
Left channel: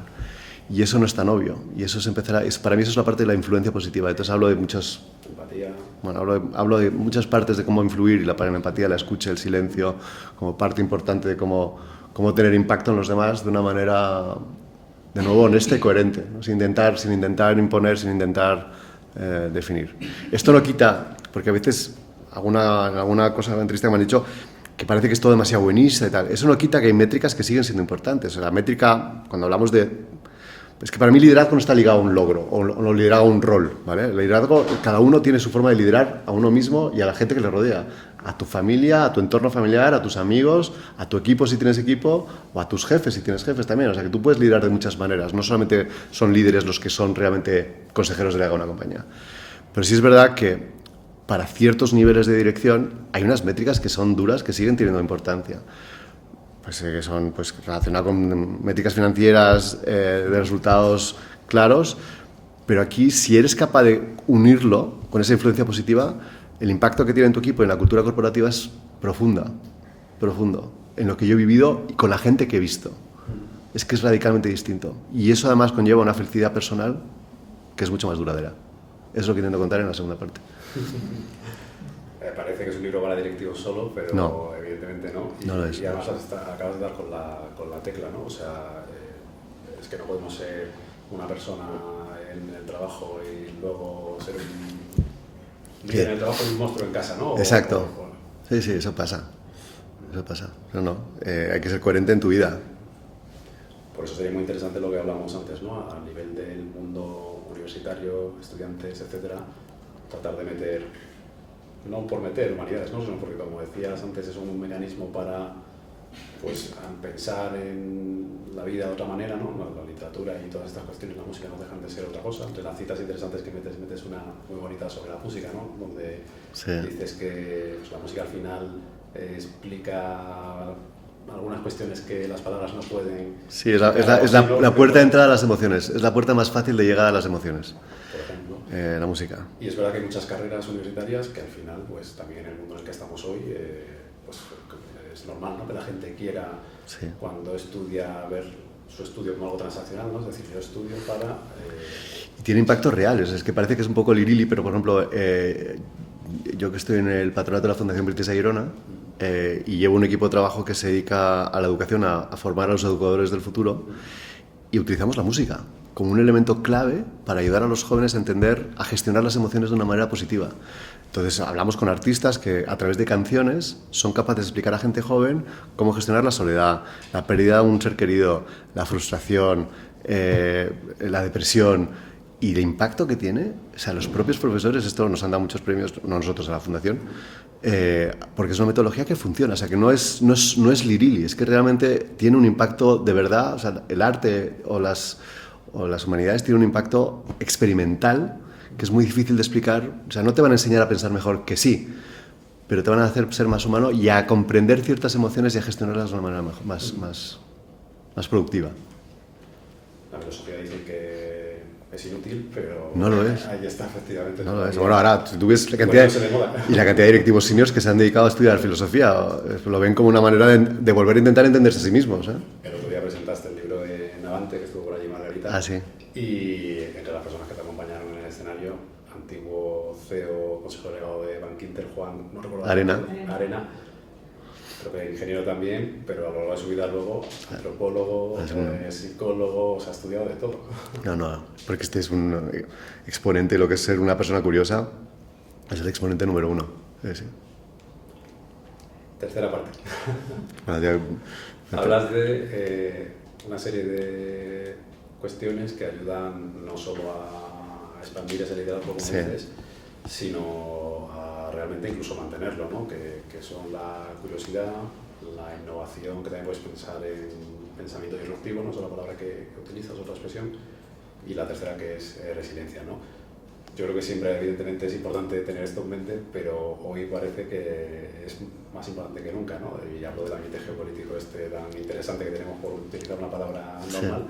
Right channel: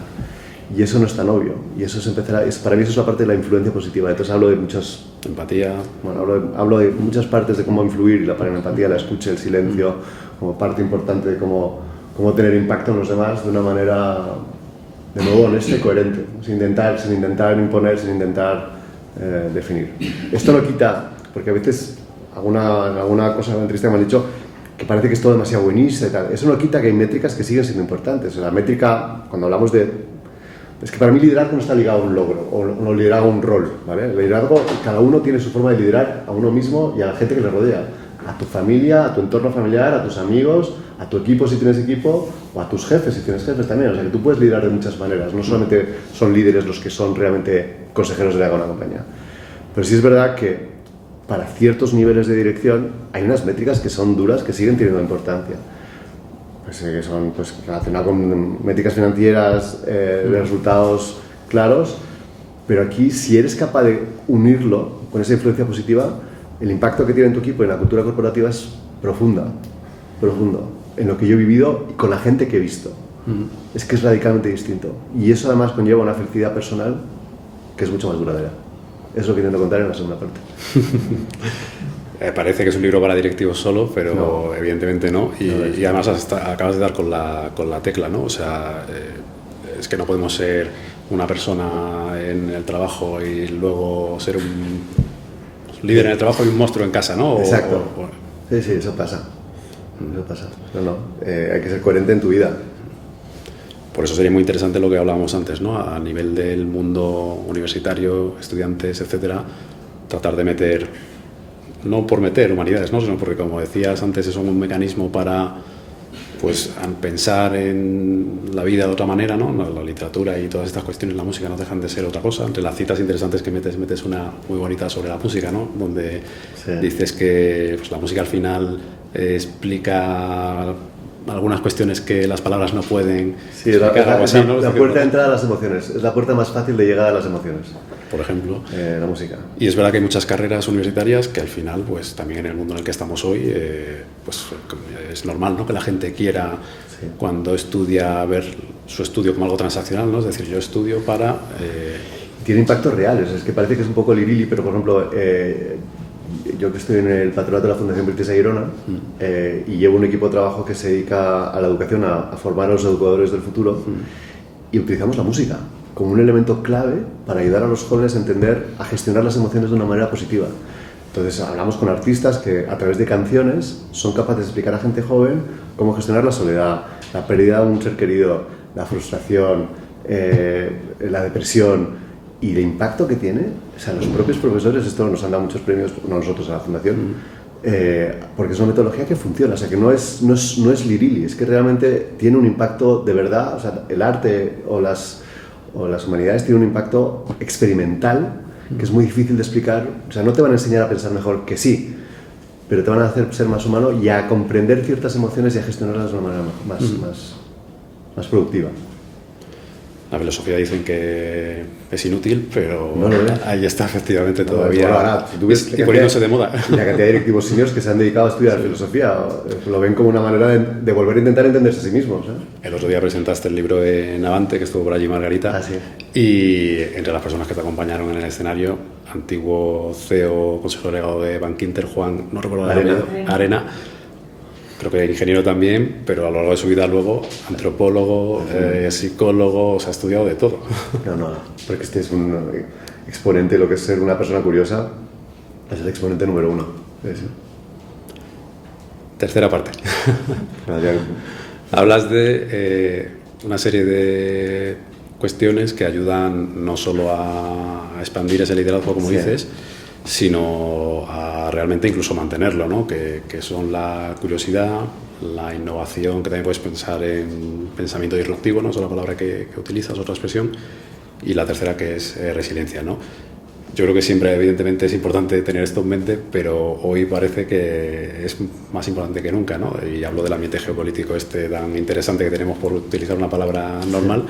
Y eso no es tan obvio, y eso para mí eso es la parte de la influencia positiva. Entonces hablo de muchas... Empatía. Bueno, hablo de muchas partes de cómo influir, y la empatía, la escucha, el silencio, como parte importante de cómo tener impacto en los demás de una manera de nuevo honesta y coherente, sin intentar imponer, sin intentar definir. Esto no quita, porque a veces alguna cosa en la entrevista me han dicho que parece que es todo demasiado buenista y tal. Eso no quita que hay métricas que siguen siendo importantes. La métrica, cuando hablamos de... Es que para mí liderazgo no está ligado a un logro o liderazgo a un rol, ¿vale? El liderazgo, cada uno tiene su forma de liderar a uno mismo y a la gente que le rodea. A tu familia, a tu entorno familiar, a tus amigos, a tu equipo si tienes equipo, o a tus jefes si tienes jefes también. O sea que tú puedes liderar de muchas maneras. No solamente son líderes los que son realmente consejeros de una compañía. Pero sí es verdad que para ciertos niveles de dirección hay unas métricas que son duras, que siguen teniendo importancia. Pues son relacionadas con métricas financieras, de resultados claros, pero aquí si eres capaz de unirlo con esa influencia positiva, el impacto que tiene en tu equipo y en la cultura corporativa es profundo, en lo que yo he vivido y con la gente que he visto. Es que es radicalmente distinto. Y eso además conlleva una felicidad personal que es mucho más duradera. Es lo que intento contar en la segunda parte. Parece que es un libro para directivos solo, pero no, evidentemente no. Y además acabas de dar con la tecla, ¿no? O sea, es que no podemos ser una persona en el trabajo y luego ser un líder en el trabajo y un monstruo en casa, ¿no? Exacto. Sí, eso pasa. Hay que ser coherente en tu vida. Por eso sería muy interesante lo que hablábamos antes, ¿no? A nivel del mundo universitario, estudiantes, etcétera, tratar de meter, no por meter humanidades, ¿no? Sino porque, como decías antes, es un mecanismo para pues pensar en la vida de otra manera, ¿no? La literatura y todas estas cuestiones, la música no dejan de ser otra cosa. Entre las citas interesantes que metes una muy bonita sobre la música, ¿no? Donde dices que pues, la música al final explica algunas cuestiones que las palabras no pueden. Sí, es la puerta de entrada a las emociones, es la puerta más fácil de llegar a las emociones. Por ejemplo. La música. Y es verdad que hay muchas carreras universitarias que al final, pues también en el mundo en el que estamos hoy, pues es normal, ¿no? Que la gente quiera, cuando estudia, ver su estudio como algo transaccional, ¿no? Es decir, yo estudio para... Tiene impactos reales, es que parece que es un poco lirili, pero por ejemplo... yo que estoy en el patronato de la Fundación British Girona y llevo un equipo de trabajo que se dedica a la educación, a formar a los educadores del futuro y utilizamos la música como un elemento clave para ayudar a los jóvenes a entender, a gestionar las emociones de una manera positiva. Entonces hablamos con artistas que a través de canciones son capaces de explicar a gente joven cómo gestionar la soledad, la pérdida de un ser querido, la frustración, la depresión. Y el impacto que tiene, o sea, los propios profesores, esto nos han dado muchos premios, no nosotros, a la Fundación, porque es una metodología que funciona, o sea, que no es lirili, es que realmente tiene un impacto de verdad, o sea, el arte o las humanidades tienen un impacto experimental que es muy difícil de explicar, o sea, no te van a enseñar a pensar mejor que sí, pero te van a hacer ser más humano y a comprender ciertas emociones y a gestionarlas de una manera más productiva. La filosofía dicen que es inútil, pero no lo es. Ahí está efectivamente todavía. Bueno, ahora, si tú ves poniéndose de moda. Y la cantidad de directivos seniors que se han dedicado a estudiar filosofía lo ven como una manera de volver a intentar entenderse a sí mismos. El otro día presentaste el libro de Navante, que estuvo por allí Margarita. Ah, sí. Y entre las personas que te acompañaron en el escenario, antiguo CEO, consejero delegado de Bankinter, Juan, no recuerdo el apellido, Arena. Creo que ingeniero también, pero a lo largo de su vida luego antropólogo, psicólogo, o sea, ha estudiado de todo. No, porque este es un exponente, lo que es ser una persona curiosa, es el exponente número uno. Sí. Tercera parte. Hablas de una serie de cuestiones que ayudan no solo a expandir ese liderazgo, como dices, sino a realmente incluso mantenerlo, ¿no? Que son la curiosidad, la innovación, que también puedes pensar en pensamiento disruptivo, ¿no? Es la palabra que utilizas, otra expresión, y la tercera que es resiliencia, ¿no? Yo creo que siempre, evidentemente, es importante tener esto en mente, pero hoy parece que es más importante que nunca, ¿no? Y hablo del ambiente geopolítico tan interesante que tenemos, por utilizar una palabra normal,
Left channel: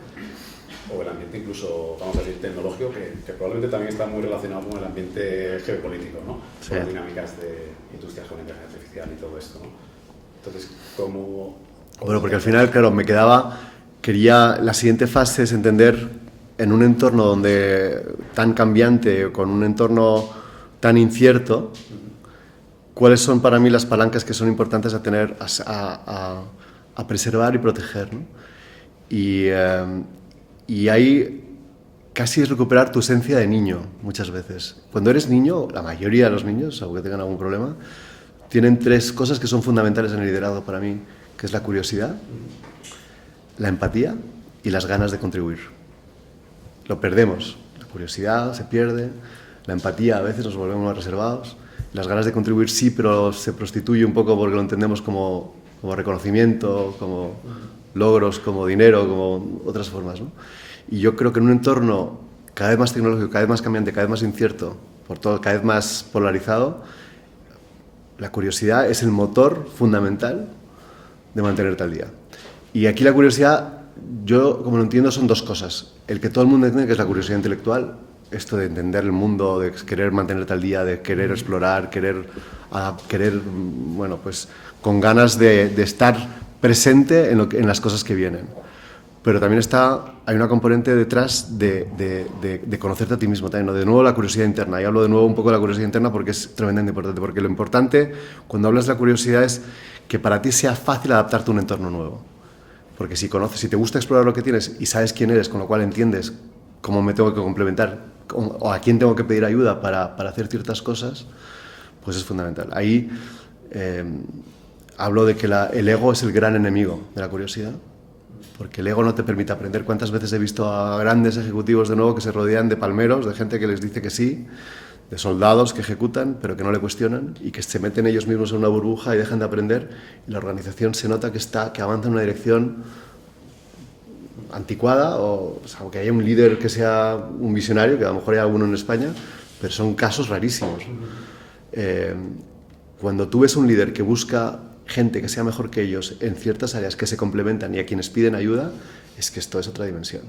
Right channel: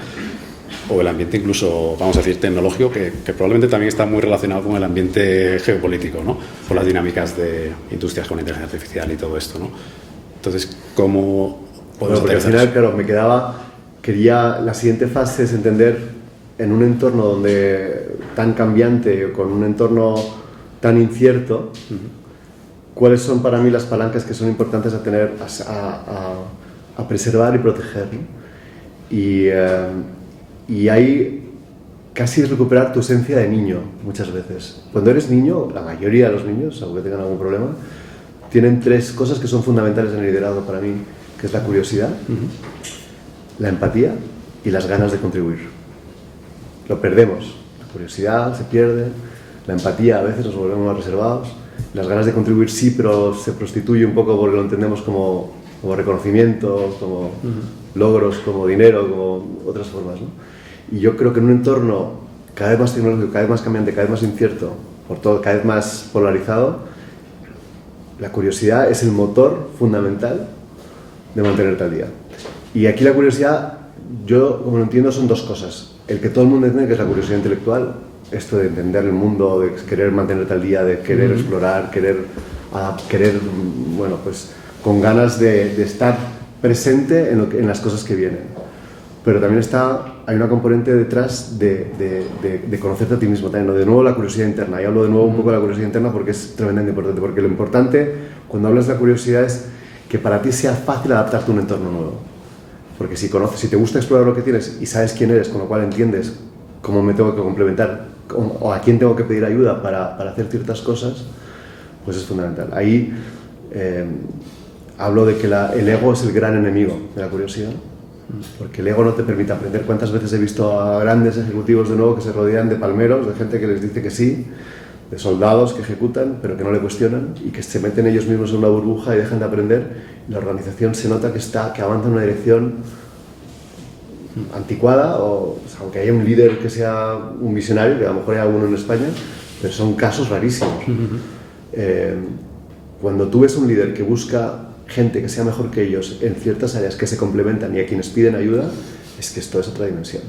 o el ambiente incluso, vamos a decir, tecnológico, que probablemente también está muy relacionado con el ambiente geopolítico, ¿no? Por las dinámicas de industrias con inteligencia artificial y todo esto, ¿no? Entonces, ¿cómo podemos porque al final, claro, quería la siguiente fase es entender en un entorno tan cambiante, con un entorno tan incierto, cuáles son para mí las palancas que son importantes a tener, a preservar y proteger, ¿no? Y ahí casi es recuperar tu esencia de niño, muchas veces. Cuando eres niño, la mayoría de los niños, aunque tengan algún problema, tienen 3 cosas que son fundamentales en el liderazgo para mí, que es la curiosidad, la empatía y las ganas de contribuir. Lo perdemos. La curiosidad se pierde, la empatía a veces nos volvemos más reservados, las ganas de contribuir sí, pero se prostituye un poco porque lo entendemos como reconocimiento, como logros, como dinero, como otras formas, ¿no? Y yo creo que en un entorno cada vez más tecnológico, cada vez más cambiante, cada vez más incierto, por todo, cada vez más polarizado, la curiosidad es el motor fundamental de mantenerte al día. Y aquí la curiosidad, yo como lo entiendo, son 2 cosas. El que todo el mundo entiende, que es la curiosidad intelectual, esto de entender el mundo, de querer mantenerte al día, de querer explorar, querer, bueno, pues con ganas de estar presente en las cosas que vienen. Pero también hay una componente detrás de conocerte a ti mismo también, ¿no? De nuevo la curiosidad interna. Yo hablo de nuevo un poco de la curiosidad interna porque es tremendamente importante, porque lo importante cuando hablas de la curiosidad es que para ti sea fácil adaptarte a un entorno nuevo. Porque si te gusta explorar lo que tienes y sabes quién eres, con lo cual entiendes cómo me tengo que complementar o a quién tengo que pedir ayuda para hacer ciertas cosas, pues es fundamental. Ahí hablo de que el ego es el gran enemigo de la curiosidad, porque el ego no te permite aprender. ¿Cuántas veces he visto a grandes ejecutivos de nuevo que se rodean de palmeros, de gente que les dice que sí, de soldados que ejecutan pero que no le cuestionan y que se meten ellos mismos en una burbuja y dejan de aprender, y la organización se nota que avanza en una dirección anticuada, o sea, aunque haya un líder que sea un visionario, que a lo mejor hay alguno en España, pero son casos rarísimos. Cuando tú ves un líder que busca gente que sea mejor que ellos en ciertas áreas que se complementan y a quienes piden ayuda, es que esto es otra dimensión.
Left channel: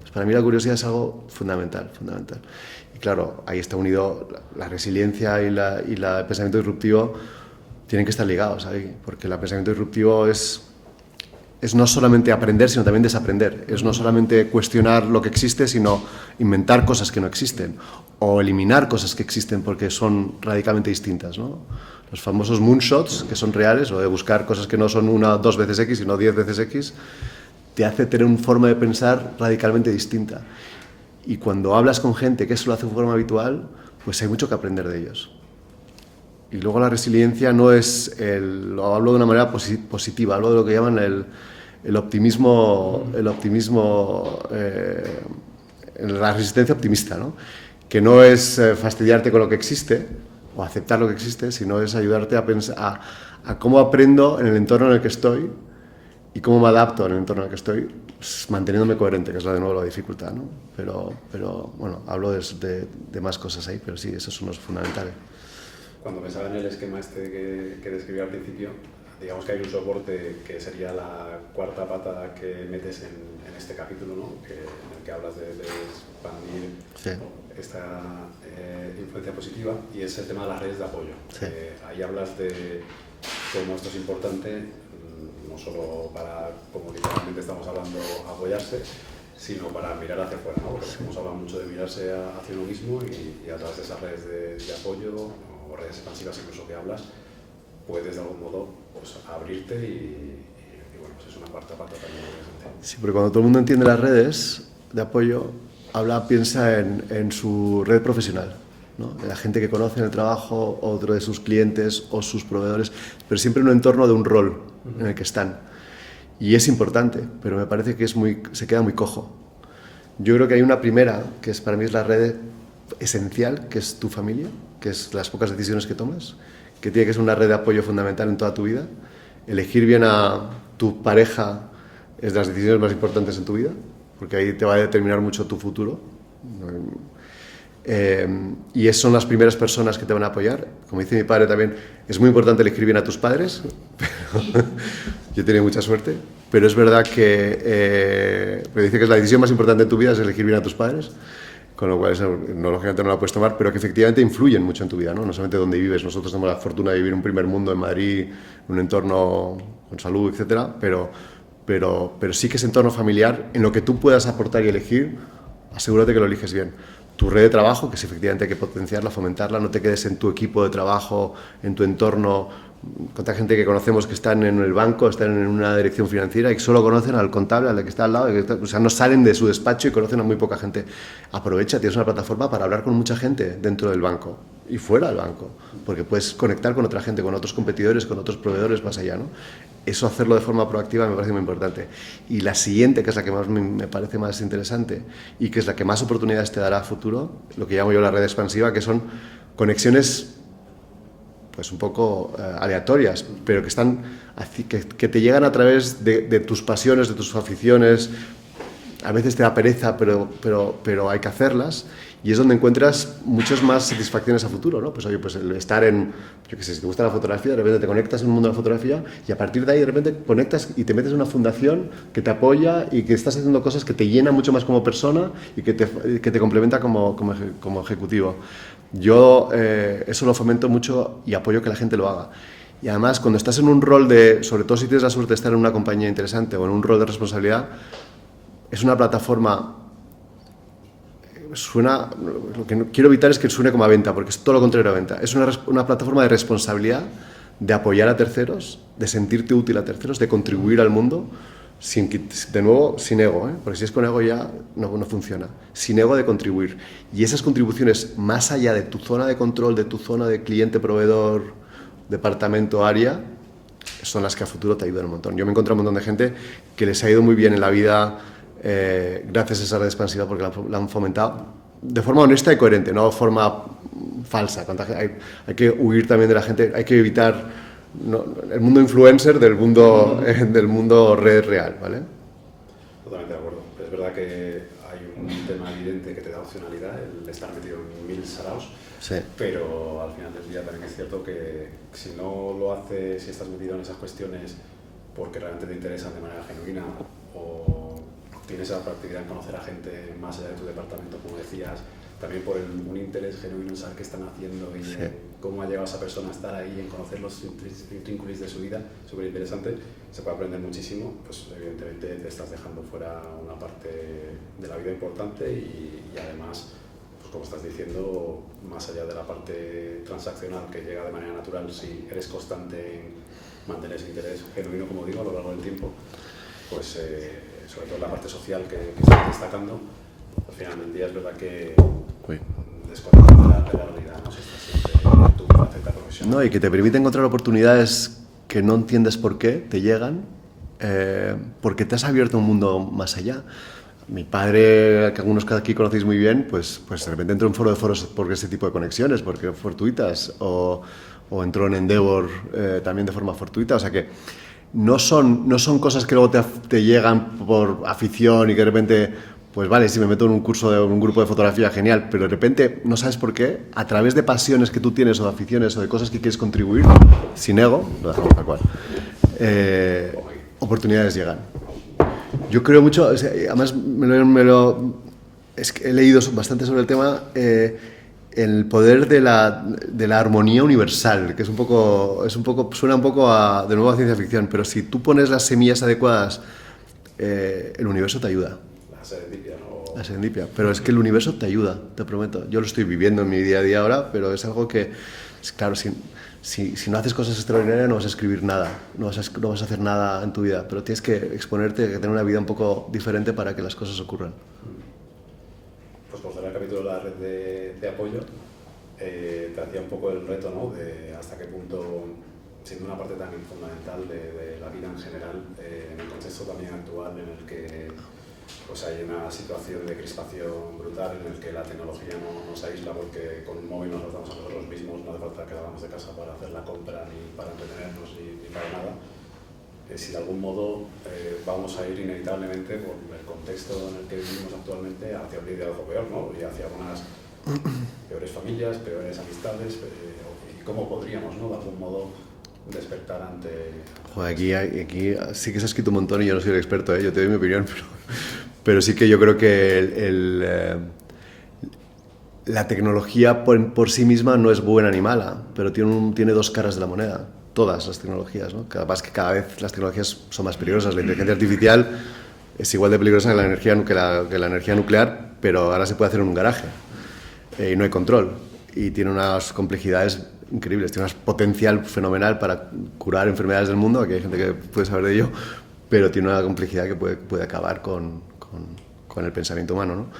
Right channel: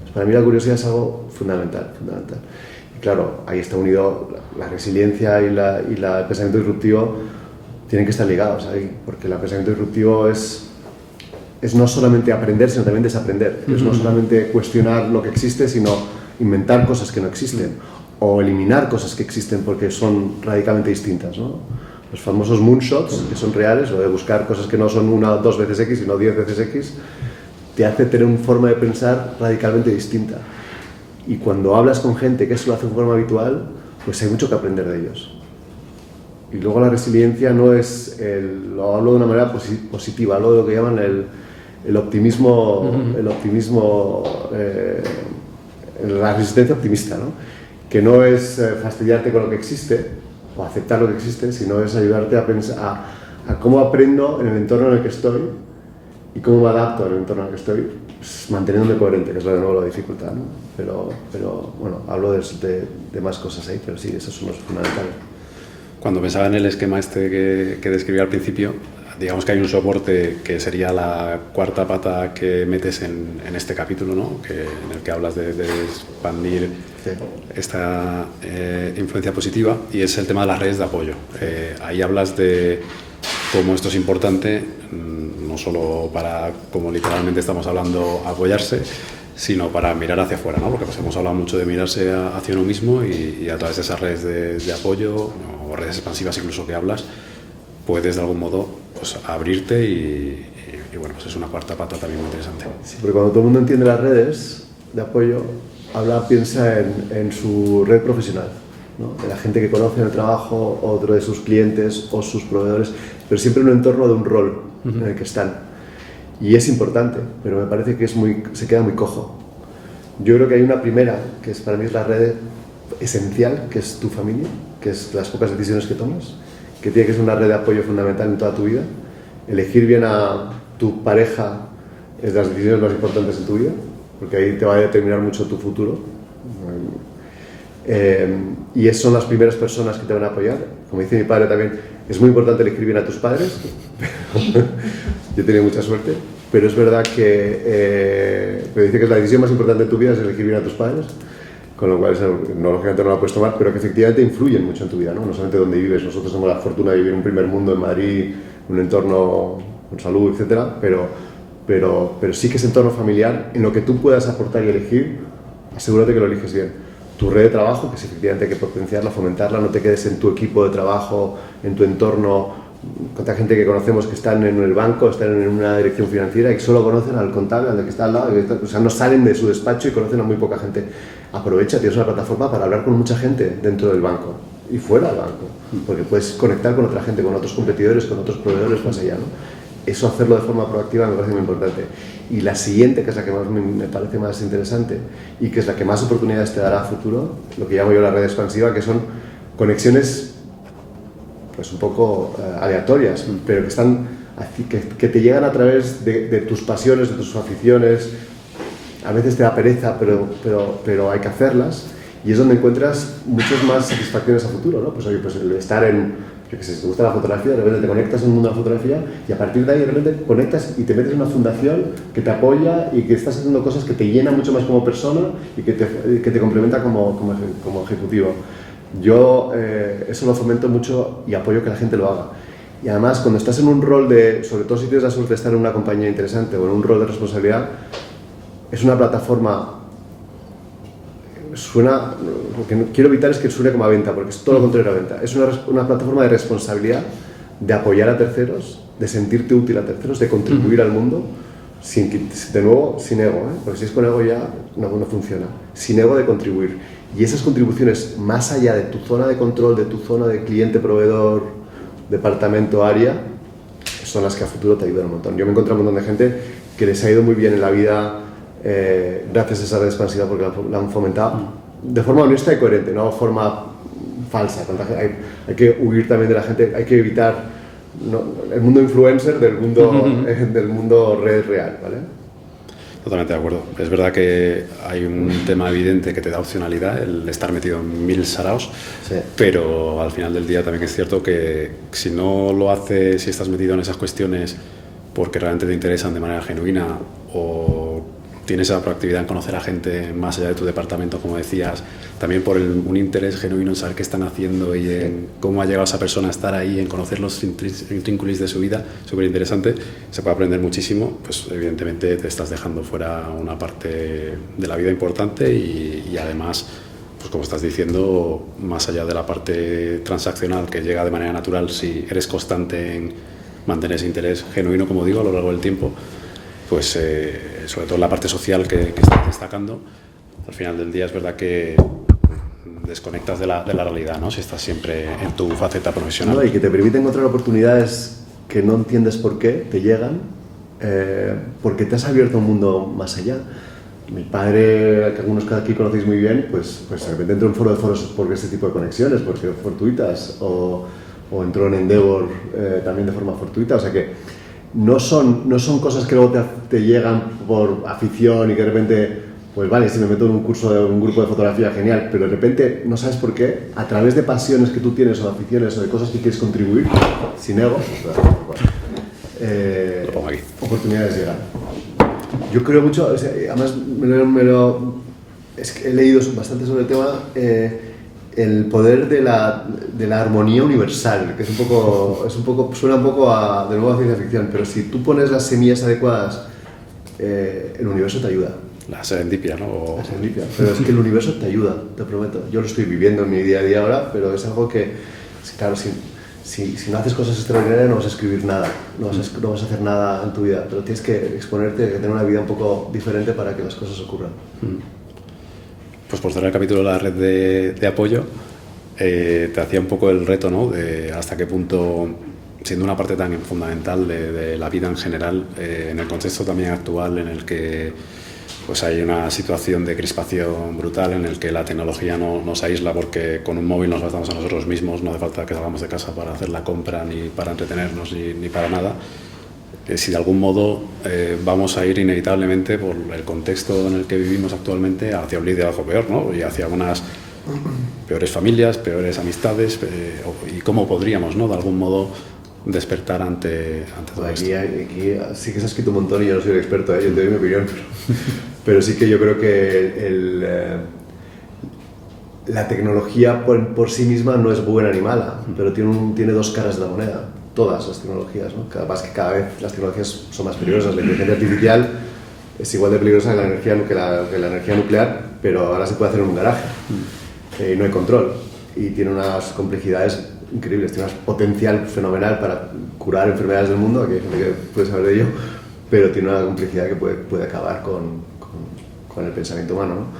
Pues para mí la curiosidad es algo fundamental. Y claro, ahí está unido la resiliencia y el pensamiento disruptivo, tienen que estar ligados ahí, porque el pensamiento disruptivo es no solamente aprender, sino también desaprender. Es no solamente cuestionar lo que existe, sino inventar cosas que no existen, o eliminar cosas que existen porque son radicalmente distintas, ¿no? Los famosos moonshots, que son reales, o de buscar cosas que no son 1 o 2 veces X, sino 10 veces X, te hace tener una forma de pensar radicalmente distinta. Y cuando hablas con gente que eso lo hace de forma habitual, pues hay mucho que aprender de ellos. Y luego la resiliencia no es, lo hablo de una manera positiva, hablo de lo que llaman el optimismo, la resistencia optimista, ¿no? Que no es fastidiarte con lo que existe o aceptar lo que existe, sino es ayudarte a pensar a cómo aprendo en el entorno en el que estoy y cómo me adapto al entorno en el que estoy, pues, manteniéndome coherente, que es de nuevo la dificultad, ¿no? Pero bueno, hablo de más cosas ahí, pero sí, esos son los fundamentales. Cuando pensaba en el esquema este que describí al principio, digamos que hay un soporte que sería la 4ª pata que metes en este capítulo, ¿no? En el que hablas de expandir esta influencia positiva, y es el tema de las redes de apoyo. Ahí hablas de cómo esto es importante, no solo para, como literalmente estamos hablando, apoyarse, sino para mirar hacia afuera, ¿no? Porque pues hemos hablado mucho de mirarse hacia uno mismo, y a través de esas redes de apoyo o redes expansivas incluso que hablas, puedes de algún modo pues abrirte y bueno, pues es una 4ª pata también muy interesante. Sí, porque cuando todo el mundo entiende las redes de apoyo, piensa en su red profesional, ¿no? De la gente que conoce en el trabajo, otro de sus clientes o sus proveedores, pero siempre en un entorno de un rol en el que están. Y es importante, pero me parece que se queda muy cojo. Yo creo que hay una primera, que para mí es la red esencial, que es tu familia, que es las pocas decisiones que tomas, que tiene que ser una red de apoyo fundamental en toda tu vida. Elegir bien a tu pareja es de las decisiones más importantes en tu vida, porque ahí te va a determinar mucho tu futuro. Y son las primeras personas que te van a apoyar. Como dice mi padre también, es muy importante elegir bien a tus padres. Yo he tenido mucha suerte, pero es verdad que me dice que es la decisión más importante de tu vida es elegir bien a tus padres, con lo cual lógicamente no la puedes tomar, pero que efectivamente influyen mucho en tu vida, ¿no? No solamente donde vives. Nosotros tenemos la fortuna de vivir en un primer mundo en Madrid, en un entorno con salud, etcétera, pero sí que ese entorno familiar, en lo que tú puedas aportar y elegir, asegúrate que lo eliges bien. Tu red de trabajo, que efectivamente hay que potenciarla, fomentarla, no te quedes en tu equipo de trabajo, en tu entorno, cuánta gente que conocemos que están en el banco, están en una dirección financiera y solo conocen al contable, al que está al lado, o sea, no salen de su despacho y conocen a muy poca gente. Aprovecha, tienes una plataforma para hablar con mucha gente dentro del banco y fuera del banco, porque puedes conectar con otra gente, con otros competidores, con otros proveedores más allá, ¿no? Eso, hacerlo de forma proactiva, me parece muy importante. Y la siguiente, que es la que más me parece más interesante y que es la que más oportunidades te dará a futuro, lo que llamo yo la red expansiva, que son conexiones pues un poco aleatorias, pero que están que te llegan a través de tus pasiones, de tus aficiones. A veces te da pereza, pero hay que hacerlas, y es donde encuentras muchas más satisfacciones a futuro, ¿no? Pues oye, pues el estar en, yo qué sé, si te gusta la fotografía, de repente te conectas en el mundo de la fotografía y a partir de ahí de repente conectas y te metes en una fundación que te apoya y que estás haciendo cosas que te llenan mucho más como persona y que te complementa como ejecutivo. Yo eso lo fomento mucho y apoyo que la gente lo haga. Y además, cuando estás en un rol de, sobre todo si tienes la suerte de estar en una compañía interesante o en un rol de responsabilidad, es una plataforma, lo que no quiero evitar es que suene como a venta, porque es todo lo contrario a venta. Es una plataforma de responsabilidad, de apoyar a terceros, de sentirte útil a terceros, de contribuir al mundo, de nuevo, sin ego, porque si es con ego ya no funciona. Sin ego, de contribuir. Y esas contribuciones, más allá de tu zona de control, de tu zona de cliente, proveedor, departamento, área, son las que a futuro te ayudan un montón. Yo me he encontrado un montón de gente que les ha ido muy bien en la vida gracias a esa red expansiva, porque la han fomentado de forma honesta y coherente, no de forma falsa. Hay que huir también de la gente, hay que evitar el mundo influencer del mundo red real, ¿vale? Totalmente de acuerdo. Es verdad que hay un tema evidente que te da opcionalidad, el estar metido en 1000 saraos, sí. Pero al final del día también es cierto que si no lo haces, si estás metido en esas cuestiones porque realmente te interesan de manera genuina o tienes esa proactividad en conocer a gente más allá de tu departamento, como decías, también por un interés genuino en saber qué están haciendo y en cómo ha llegado esa persona a estar ahí, en conocer los intrínculos de su vida, súper interesante, se puede aprender muchísimo, pues evidentemente te estás dejando fuera una parte de la vida importante y además, pues como estás diciendo, más allá de la parte transaccional que llega de manera natural, si eres constante en mantener ese interés genuino, como digo, a lo largo del tiempo, pues sobre todo la parte social que estás destacando, al final del día es verdad que desconectas de la realidad, ¿no? Si estás siempre en tu faceta profesional. No, y que te permite encontrar oportunidades que no entiendes por qué te llegan, porque te has abierto a un mundo más allá. Mi padre, que algunos que aquí conocéis muy bien, pues de repente entró en foro de foros por ese tipo de conexiones, porque fortuitas, o entró en Endeavor también de forma fortuita, o sea que no son cosas que luego te llegan por afición y que de repente, pues vale, si me meto en un curso de un grupo de fotografía, genial, pero de repente no sabes por qué, a través de pasiones que tú tienes o de aficiones o de cosas que quieres contribuir, sin ego, oportunidades llegan. Yo creo mucho, o sea, además es que he leído bastante sobre el tema, el poder de la armonía universal, que es un poco suena un poco de nuevo a ciencia ficción, pero si tú pones las semillas adecuadas, el universo te ayuda. La serendipia, ¿no? La serendipia, pero es que el universo te ayuda, te prometo. Yo lo estoy viviendo en mi día a día ahora, pero es algo que, claro, si no haces cosas extraordinarias no vas a escribir nada, no vas a hacer nada en tu vida, pero tienes que exponerte, tener una vida un poco diferente para que las cosas ocurran. Pues por cerrar el capítulo de la red de apoyo, te hacía un poco el reto, ¿no? De hasta qué punto, siendo una parte tan fundamental de la vida en general, en el contexto también actual en el que pues hay una situación de crispación brutal, en el que la tecnología nos aísla porque con un móvil nos bastamos a nosotros mismos, no hace falta que salgamos de casa para hacer la compra, ni para entretenernos, ni para nada. Si de algún modo vamos a ir inevitablemente por el contexto en el que vivimos actualmente hacia un liderazgo peor, ¿no? Y hacia unas peores familias, peores amistades, y cómo podríamos, ¿no? De algún modo despertar ante todo esto. Aquí sí que se ha escrito un montón y yo no soy el experto, yo te doy mi opinión, pero sí que yo creo que la tecnología por sí misma no es buena ni mala, pero tiene dos caras de la moneda. Todas las tecnologías, ¿no? Además que cada vez las tecnologías son más peligrosas. La inteligencia artificial es igual de peligrosa que la energía nuclear, pero ahora se puede hacer en un garaje. No hay control y tiene unas complejidades increíbles, tiene un potencial fenomenal para curar enfermedades del mundo, aquí hay gente que puede saber de ello, pero tiene una complejidad que puede acabar con el pensamiento humano, ¿no?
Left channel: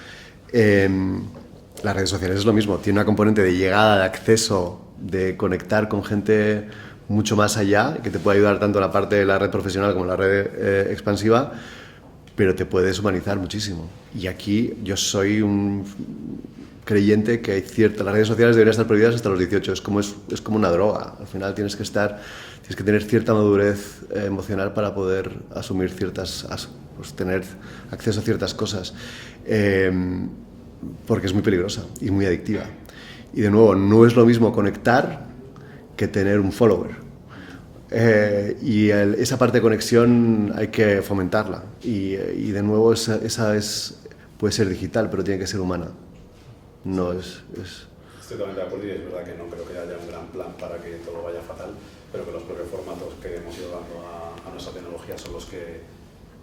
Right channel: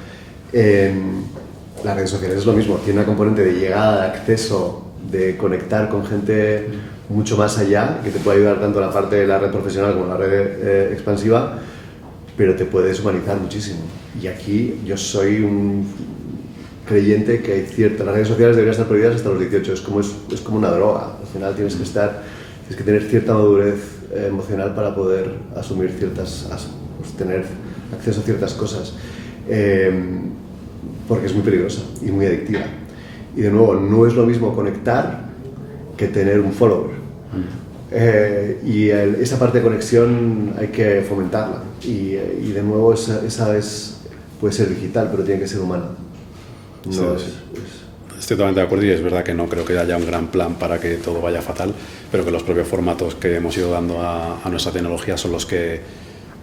Las redes sociales es lo mismo, tiene una componente de llegada, de acceso, de conectar con gente mucho más allá, que te puede ayudar tanto la parte de la red profesional como la red expansiva, pero te puedes humanizar muchísimo. Y aquí yo soy un creyente que hay las redes sociales deberían estar prohibidas hasta los 18, es como una droga, al final tienes que tener cierta madurez emocional para poder asumir pues tener acceso a ciertas cosas, porque es muy peligrosa y muy adictiva. Y de nuevo, no es lo mismo conectar que tener un follower. Esa parte de conexión hay que fomentarla. Y de nuevo, puede ser digital, pero tiene que ser humana. No sí. Estoy totalmente de acuerdo y es verdad que no creo que haya un gran plan para que todo vaya fatal, pero que los propios formatos que hemos ido dando a nuestra tecnología son los que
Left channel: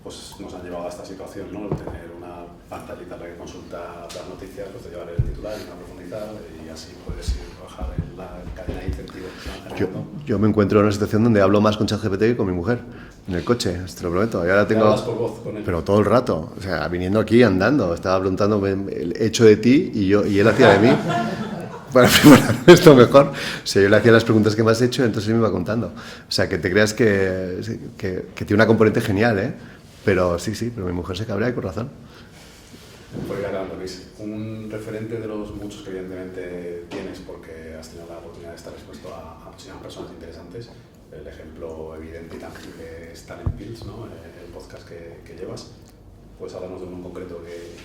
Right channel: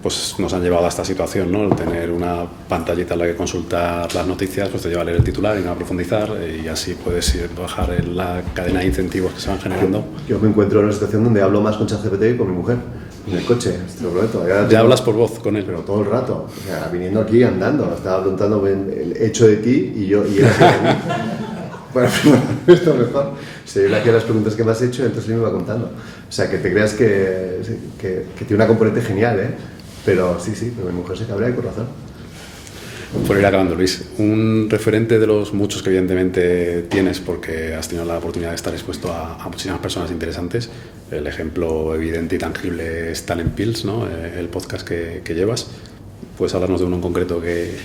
pues, nos han llevado a esta situación, ¿no? El tener una pantallita en la que consultar las noticias pues te lleva a leer el titular y a profundizar y así puedes bajar en la cadena de incentivos que se van generando. Yo me encuentro en una situación donde hablo más con ChatGPT que con mi mujer en el coche, te lo prometo. ¿Te hablas por voz con él? Pero todo el rato, o sea, viniendo aquí andando, estaba preguntando el hecho de ti y él hacía de mí. Para preparar esto mejor, si yo le hacía las preguntas que me has hecho, entonces él me iba contando. O sea, que te creas que tiene una componente genial, ¿eh? Pero sí, pero mi mujer se cabrea y con razón. Por ir acabando, Luis, un referente de los muchos que evidentemente tienes porque has tenido la oportunidad de estar expuesto a muchísimas personas interesantes. El ejemplo evidente y tangible es Talent Pills, ¿no? El podcast que llevas. ¿Puedes hablarnos de uno en concreto que...?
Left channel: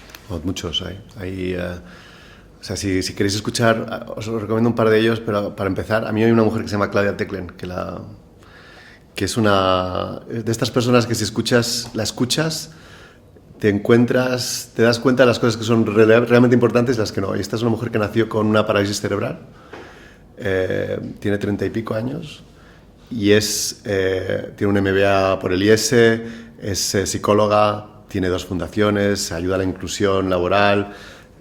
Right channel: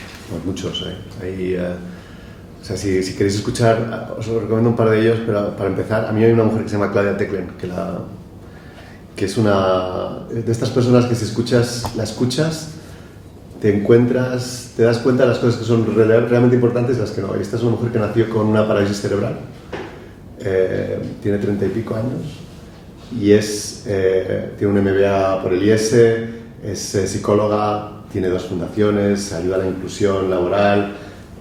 Muchos, hay o sea, si queréis escuchar, os recomiendo un par de ellos, pero para empezar, a mí hay una mujer que se llama Claudia Teclen, que es una de estas personas que si la escuchas, te das cuenta de las cosas que son realmente importantes y las que no. Esta es una mujer que nació con una parálisis cerebral, tiene 30 y pico años y tiene un MBA por el IES, es psicóloga, tiene 2 fundaciones, ayuda a la inclusión laboral,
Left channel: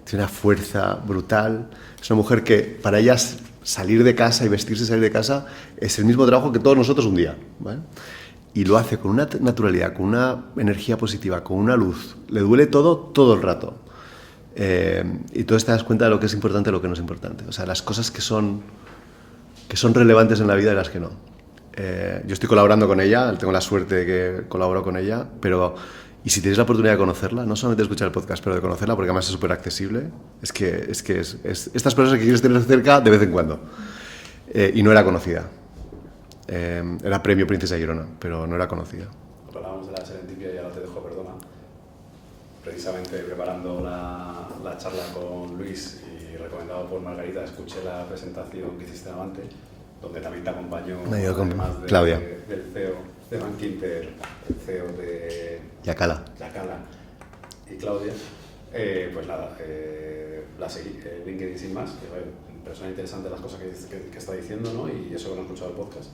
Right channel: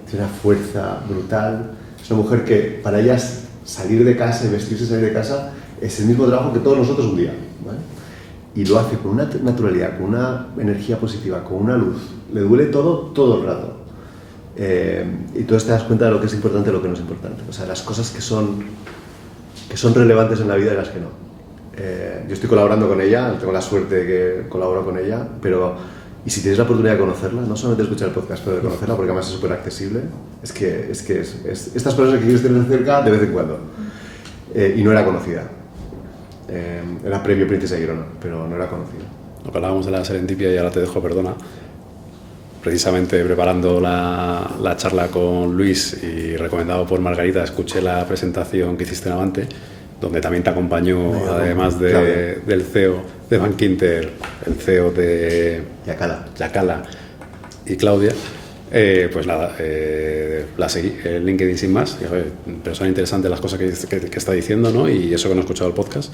tiene una fuerza brutal. Es una mujer que para ella salir de casa y vestirse y salir de casa es el mismo trabajo que todos nosotros un día, ¿vale? Y lo hace con una naturalidad, con una energía positiva, con una luz. Le duele todo el rato. Y tú te das cuenta de lo que es importante y lo que no es importante. O sea, las cosas que son relevantes en la vida y las que no. Yo estoy colaborando con ella, tengo la suerte de que colaboro con ella, y si tienes la oportunidad de conocerla, no solamente de escuchar el podcast, pero de conocerla, porque además es súper accesible, es estas personas que quieres tener cerca de vez en cuando. Y no era conocida. Era premio Princesa Girona, pero no era conocida. Lo que hablábamos de la serendipia y ahora te dejo, perdona. Precisamente preparando la charla con Luis y recomendado por Margarita, escuché la presentación que hiciste en Avante, donde también te acompañó, además del CEO de Bank Inter, el CEO de Yacala y Claudia. Pues nada, la seguí en LinkedIn sin más. Pero son interesantes las cosas que está diciendo, ¿no? Y eso que no he escuchado el podcast.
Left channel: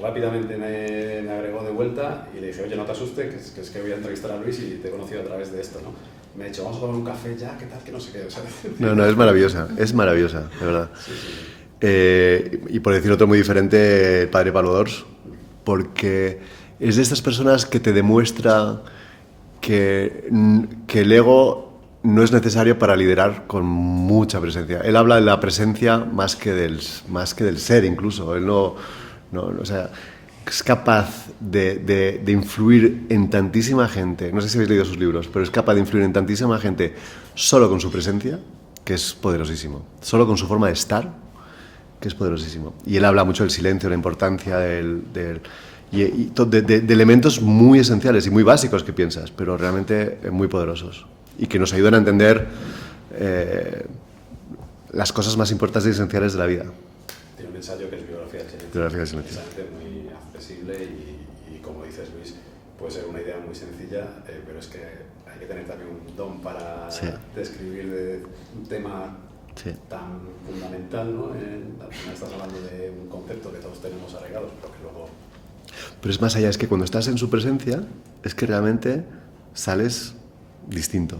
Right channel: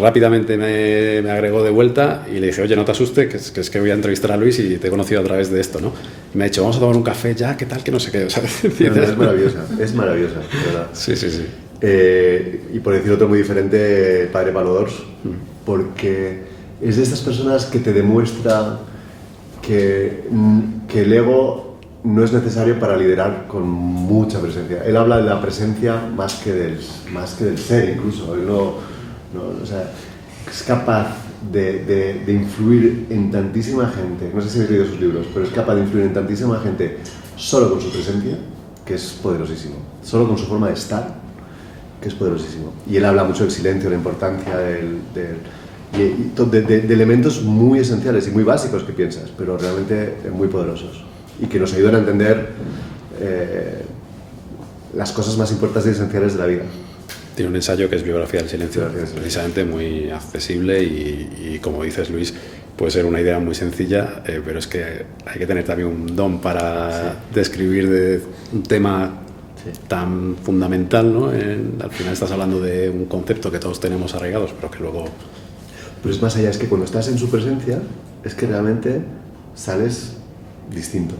Rápidamente me agregó de vuelta y le dije, oye, no te asustes, que es que voy a entrevistar a Luis y te he conocido a través de esto, ¿no? Y me ha dicho, vamos a tomar un café ya, ¿qué tal? Que no sé qué. O sea, no, es maravillosa, de verdad. Sí. Y por decir otro muy diferente, Padre Valor, porque es de estas personas que te demuestra que el ego no es necesario para liderar con mucha presencia. Él habla de la presencia más que del ser incluso. Él o sea, es capaz de influir en tantísima gente. No sé si habéis leído sus libros, pero es capaz de influir en tantísima gente solo con su presencia, que es poderosísimo. Solo con su forma de estar, que es poderosísimo. Y él habla mucho del silencio, de la importancia de elementos muy esenciales y muy básicos que piensas, pero realmente muy poderosos y que nos ayudan a entender las cosas más importantes y esenciales de la vida. Tiene un ensayo que es Biografía del Silencio, precisamente muy accesible y como dices, Luis, puede ser una idea muy sencilla, pero es que hay que tener también un don para describir un tema tan fundamental, ¿no? Al final estás hablando de un concepto que todos tenemos arraigados, pero que luego... Pero es más allá, es que cuando estás en su presencia, es que realmente sales distinto.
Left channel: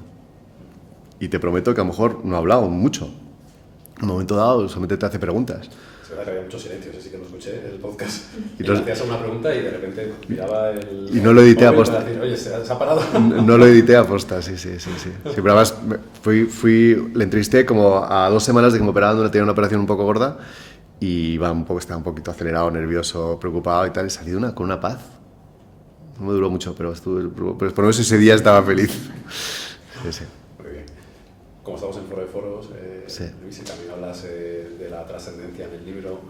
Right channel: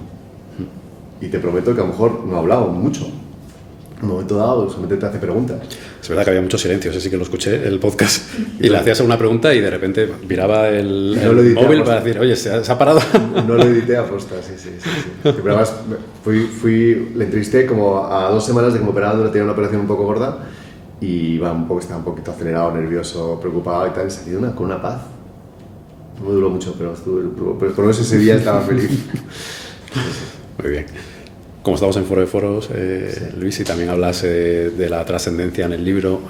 Y te prometo que a lo mejor no he hablado mucho, un momento dado solamente te hace preguntas. Es verdad que había mucho silencio, ese sí que lo escuché, el podcast, y le hacías una pregunta y de repente miraba el móvil para decir, oye, ¿se ha parado? No lo edité a posta, sí. Pero además le entrevisté como a 2 semanas de que me operaban, tenía una operación un poco gorda y estaba un poquito acelerado, nervioso, preocupado y tal, y salí con una paz. No me duró mucho, pero por lo menos ese día estaba feliz. Muy bien. Como estamos en Foro de Foros, Luis, y también hablas de la trascendencia en el libro,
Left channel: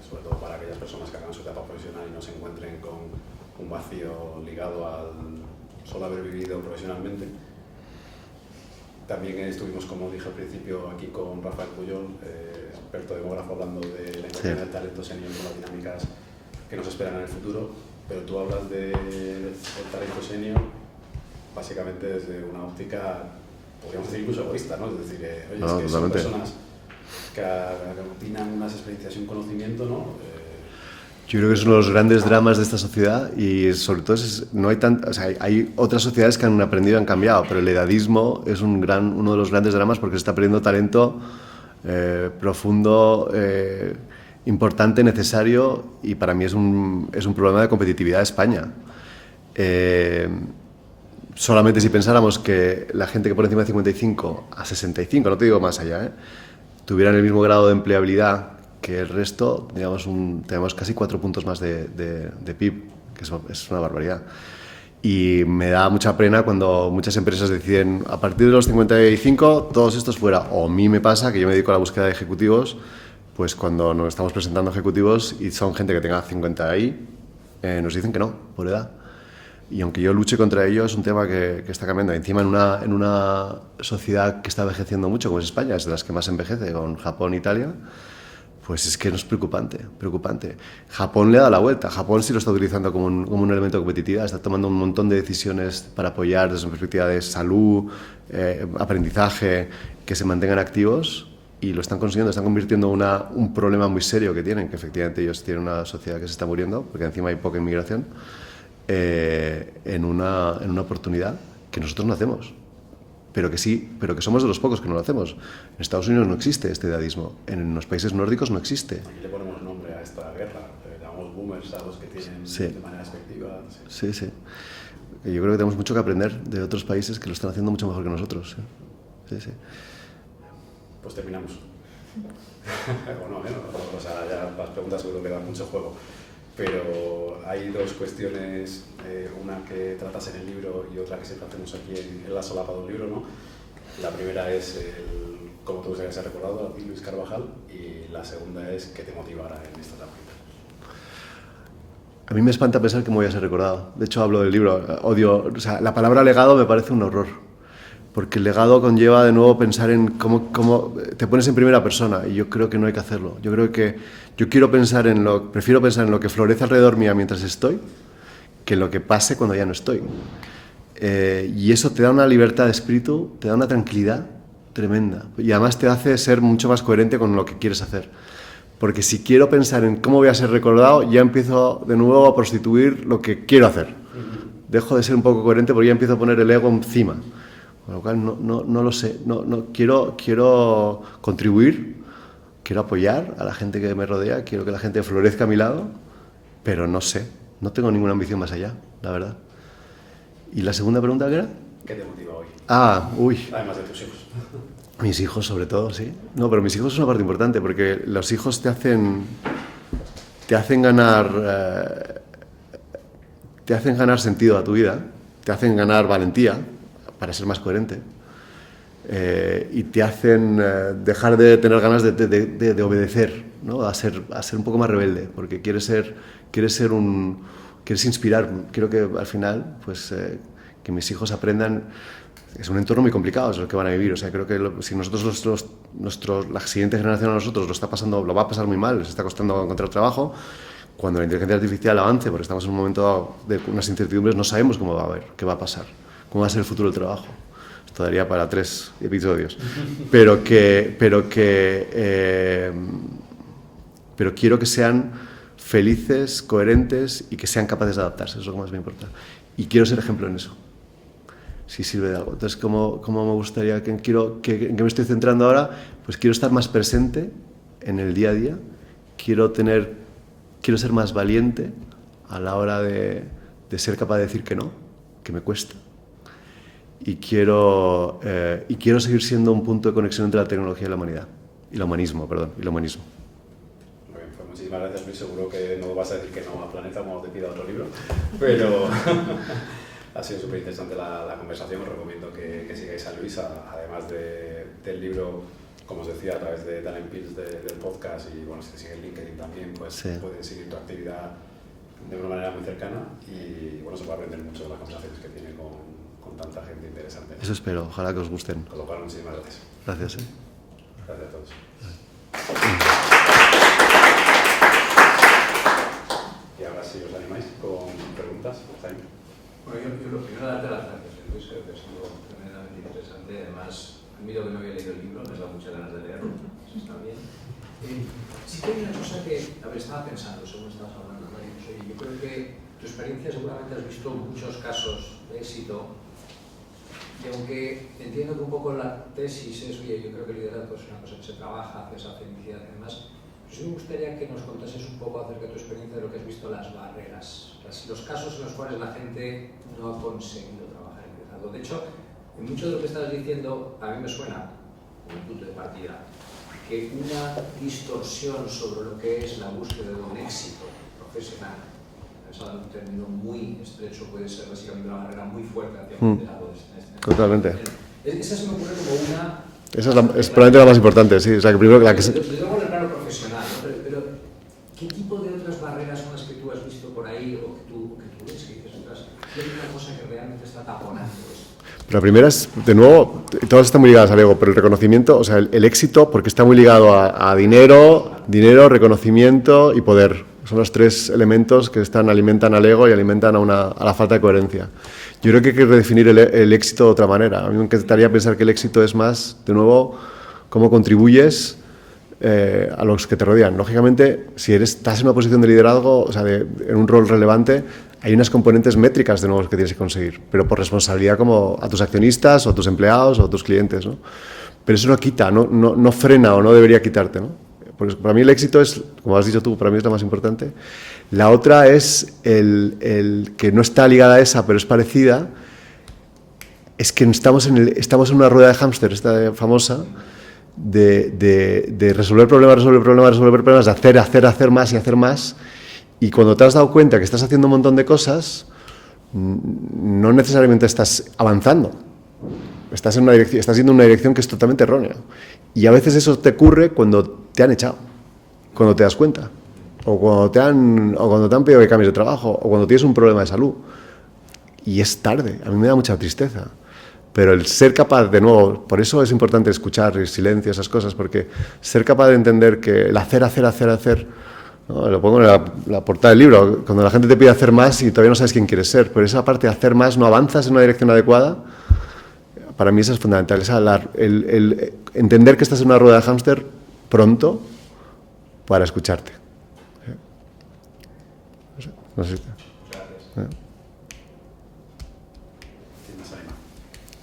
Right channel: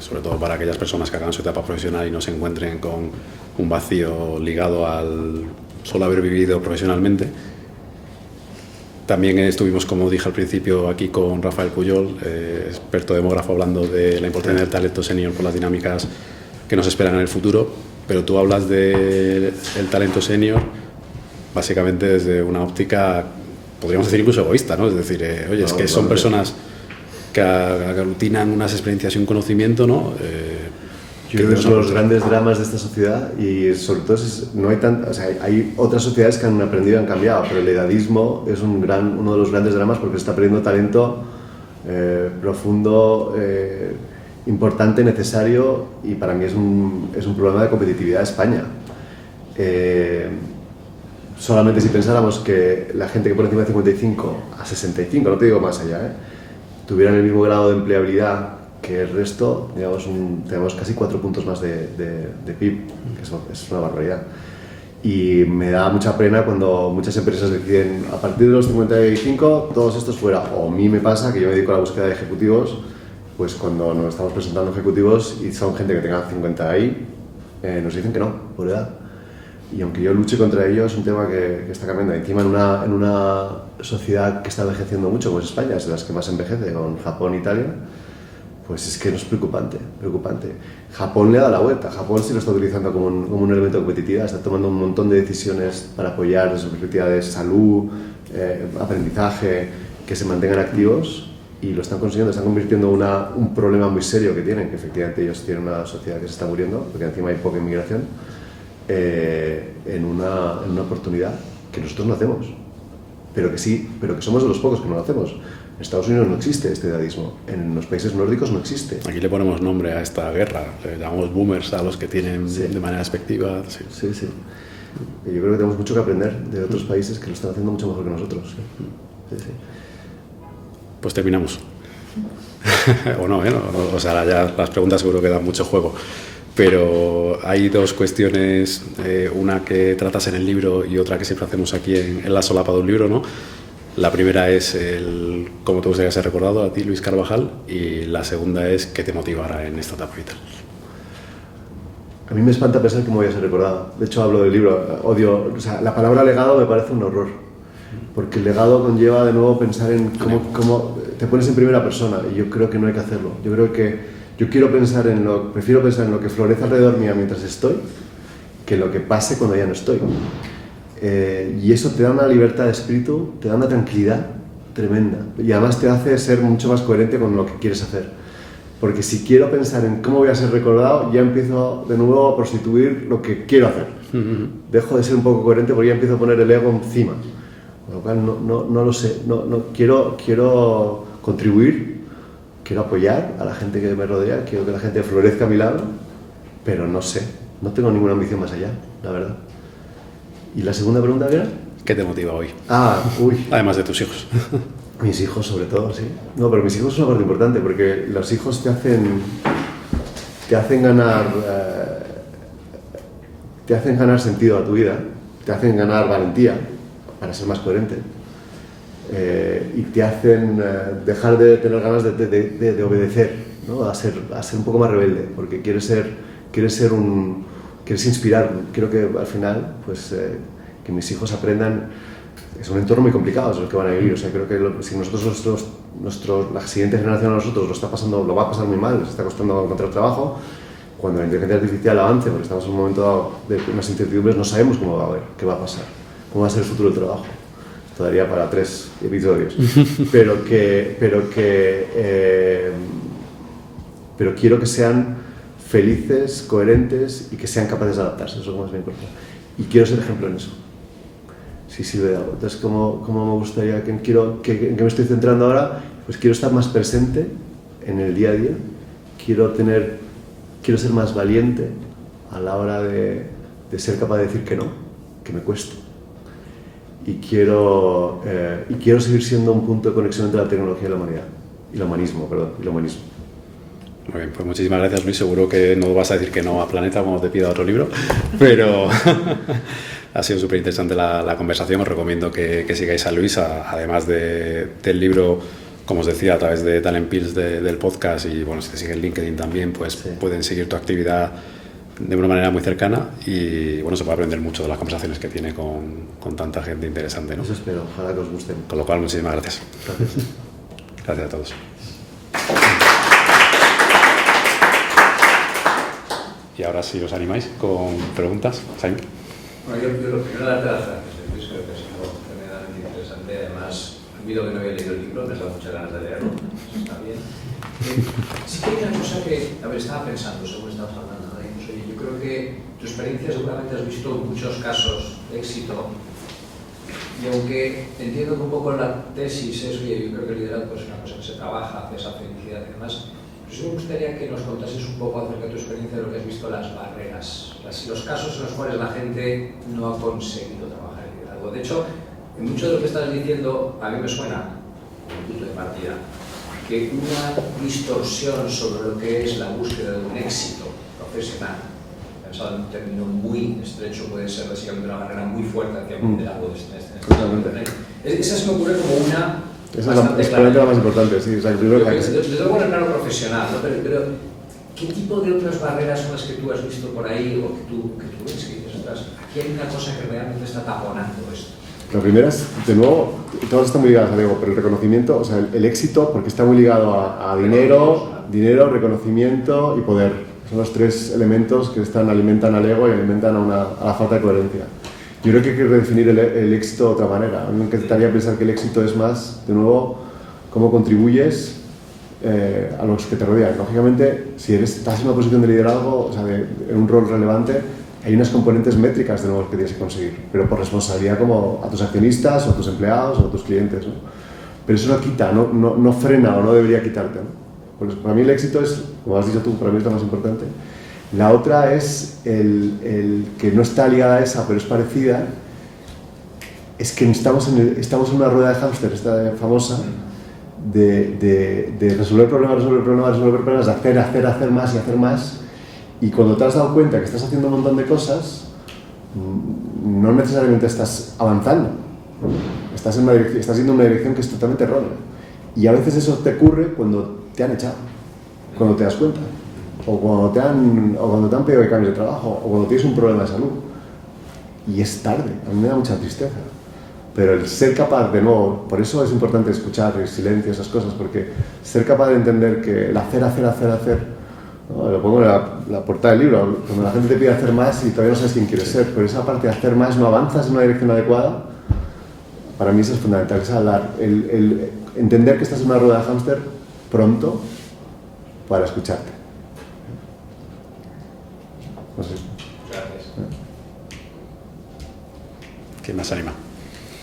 sobre todo para aquellas personas que hagan su etapa profesional y no se encuentren con un vacío ligado al solo haber vivido profesionalmente. También estuvimos, como dije al principio, aquí con Rafael Puyol, experto demógrafo, hablando de la importancia del talento senior por las dinámicas que nos esperan en el futuro, pero tú hablas del talento senior básicamente desde una óptica, podríamos decir incluso egoísta, ¿no? Es decir, oye, es que son personas que aglutinan unas experiencias y un conocimiento, ¿no? Yo creo que son los grandes dramas de esta sociedad y sobre todo hay otras sociedades que han aprendido y han cambiado, pero el edadismo es uno de los grandes dramas porque se está perdiendo talento profundo, importante, necesario, y para mí es un problema de competitividad de España. Solamente si pensáramos que la gente que por encima de 55 a 65, no te digo más allá, tuvieran el mismo grado de empleabilidad que el resto, tenemos casi 4 puntos más de PIB, que es una barbaridad. Y me da mucha pena cuando muchas empresas deciden, a partir de los 55, todos estos fuera. O a mí me pasa que yo me dedico a la búsqueda de ejecutivos, pues cuando nos estamos presentando ejecutivos y son gente que tenga 50 ahí, nos dicen que no, por edad. Y aunque yo luche contra ello, es un tema que está cambiando. Encima en una sociedad que está envejeciendo mucho, como es España, es de las que más envejece, con Japón e Italia, pues es que no es preocupante. Japón le da la vuelta. Japón sí lo está utilizando como un elemento competitivo, está tomando un montón de decisiones para apoyar desde su perspectiva de salud, aprendizaje, que se mantengan activos, y lo están consiguiendo, están convirtiendo un problema muy serio que tienen, que efectivamente ellos tienen una sociedad que se está muriendo, porque encima hay poca inmigración, en una oportunidad que nosotros no hacemos, pero que somos de los pocos que no lo hacemos. En Estados Unidos no existe este edadismo, en los países nórdicos no existe. Aquí le ponemos nombre a esta guerra, le llamamos boomers a los que tienen de manera despectiva. Sí. Y yo creo que tenemos mucho que aprender de otros países que lo están haciendo mucho mejor que nosotros. Sí. Pues terminamos. O no, o sea, ya las preguntas seguro que dan mucho juego. Pero hay 2 cuestiones, una que tratas en el libro y otra que siempre hacemos aquí en la solapa de un libro, ¿no? La primera es cómo te gustaría ser recordado a ti, Luis Carvajal, y la segunda es qué te motivará en esta etapa vital. A mí me espanta pensar que me voy a ser recordado. De hecho, hablo del libro, la palabra legado me parece un horror, porque el legado conlleva de nuevo pensar en cómo te pones en primera persona, y yo creo que no hay que hacerlo. Prefiero pensar en lo que florece alrededor mía mientras estoy, que en lo que pase cuando ya no estoy. Y eso te da una libertad de espíritu, te da una tranquilidad tremenda, y además te hace ser mucho más coherente con lo que quieres hacer. Porque si quiero pensar en cómo voy a ser recordado, ya empiezo de nuevo a prostituir lo que quiero hacer. Dejo de ser un poco coherente porque ya empiezo a poner el ego encima. Con lo cual no lo sé, quiero contribuir, quiero apoyar a la gente que me rodea, quiero que la gente florezca a mi lado, pero no sé, no tengo ninguna ambición más allá, la verdad. ¿Y la segunda pregunta qué era? ¿Qué te motiva hoy? Además de tus hijos. Mis hijos, sobre todo, sí. No, pero mis hijos son una parte importante, porque los hijos te hacen ganar sentido a tu vida, te hacen ganar valentía para ser más coherente, y te hacen dejar de tener ganas de obedecer, ¿no? a ser un poco más rebelde, porque quieres inspirar. Quiero que al final, pues, que mis hijos aprendan. Es un entorno muy complicado, es el que van a vivir. O sea, creo que si nosotros, la siguiente generación a nosotros lo va a pasar muy mal, les está costando encontrar trabajo. Cuando la inteligencia artificial avance, porque estamos en un momento dado de unas incertidumbres, no sabemos qué va a pasar, cómo va a ser el futuro del trabajo. Esto daría para 3 episodios. Pero quiero que sean felices, coherentes y que sean capaces de adaptarse. Eso es lo más importante. Y quiero ser ejemplo en eso. Si sirve de algo. Entonces, ¿cómo me gustaría, en qué me estoy centrando ahora? pues quiero estar más presente en el día a día, quiero ser más valiente a la hora de ser capaz de decir que no, que me cuesta. Y quiero seguir siendo un punto de conexión entre la tecnología y la humanidad. Y el humanismo. Muy bien, pues muchísimas gracias, Luis. Seguro que no vas a decir que no a Planeta cuando te pida otro libro, pero ha sido súper interesante la conversación. Os recomiendo que sigáis a Luis, además del libro, como os decía, a través de Talent Pills del podcast, y bueno, si te siguen en LinkedIn también, pues sí, pueden seguir tu actividad de una manera muy cercana y bueno, se puede aprender mucho de las conversaciones que tiene con tanta gente interesante, ¿no? Eso espero, ojalá que os gusten. Con lo cual, muchísimas gracias. Gracias. Gracias a todos. Y ahora sí os animáis con preguntas. Jaime. Bueno, yo lo primero darte las gracias, Luis, creo que ha sido tremendamente interesante. Además, olvido que no había leído el libro, me has dado muchas ganas de leerlo, eso está bien. Sí que hay una cosa que, a ver, estaba pensando según estabas hablando, ¿no? Y pues, oye, yo creo que tu experiencia seguramente has visto muchos casos de éxito, y aunque entiendo que un poco la tesis es, oye, yo creo que el liderazgo es una cosa que se trabaja hacia esa felicidad y demás, pues sí me gustaría que nos contases un poco acerca de tu experiencia de lo que has visto, las barreras, los casos en los cuales la gente no ha conseguido trabajar el liderazgo. De hecho, en mucho de lo que estás diciendo, a mí me suena, como punto de partida, que una distorsión sobre lo que es la búsqueda de un éxito profesional, pensado en un término muy estrecho, puede ser básicamente una barrera muy fuerte hacia un liderazgo de este. Totalmente. Esa se me ocurre como una... Esa es probablemente la más importante, sí. O sea, que primero la que se... Desde luego en el plano profesional, ¿no? Pero ¿qué tipo de otras barreras son las que tú has visto por ahí o que tú ves que dices, ostras, aquí hay una cosa que realmente está taponando esto? La primera es, de nuevo, todas están muy ligadas al ego, pero el reconocimiento, o sea, el éxito, porque está muy ligado a dinero, reconocimiento y poder. Son los tres elementos que alimentan al ego y alimentan a la falta de coherencia. Yo creo que hay que redefinir el éxito de otra manera. A mí me encantaría pensar que el éxito es más, de nuevo, cómo contribuyes a los que te rodean. Lógicamente, si estás en una posición de liderazgo, o sea, en un rol relevante, hay unas componentes métricas de nuevo que tienes que conseguir, pero por responsabilidad como a tus accionistas o a tus empleados o a tus clientes, ¿no? Pero eso no quita, no frena o no debería quitarte, ¿no? Porque para mí el éxito es, como has dicho tú, para mí es lo más importante. La otra es el que no está ligada a esa, pero es parecida, es que estamos en una rueda de hámster, esta famosa, de resolver problemas, de hacer más y hacer más. Y cuando te has dado cuenta que estás haciendo un montón de cosas, no necesariamente estás avanzando. Estás yendo en una dirección que es totalmente errónea. Y a veces eso te ocurre cuando te han echado, cuando te das cuenta, o cuando te han pedido que cambies de trabajo, o cuando tienes un problema de salud. Y es tarde, a mí me da mucha tristeza. Pero el ser capaz, de nuevo, por eso es importante escuchar el silencio, esas cosas, porque ser capaz de entender que el hacer, ¿no? Lo pongo en la portada del libro, cuando la gente te pide hacer más y todavía no sabes quién quieres ser, pero esa parte de hacer más no avanzas en una dirección adecuada, para mí eso es fundamental, es el entender que estás en una rueda de hámster pronto para escucharte. No sé. Gracias. ¿Quién más anima?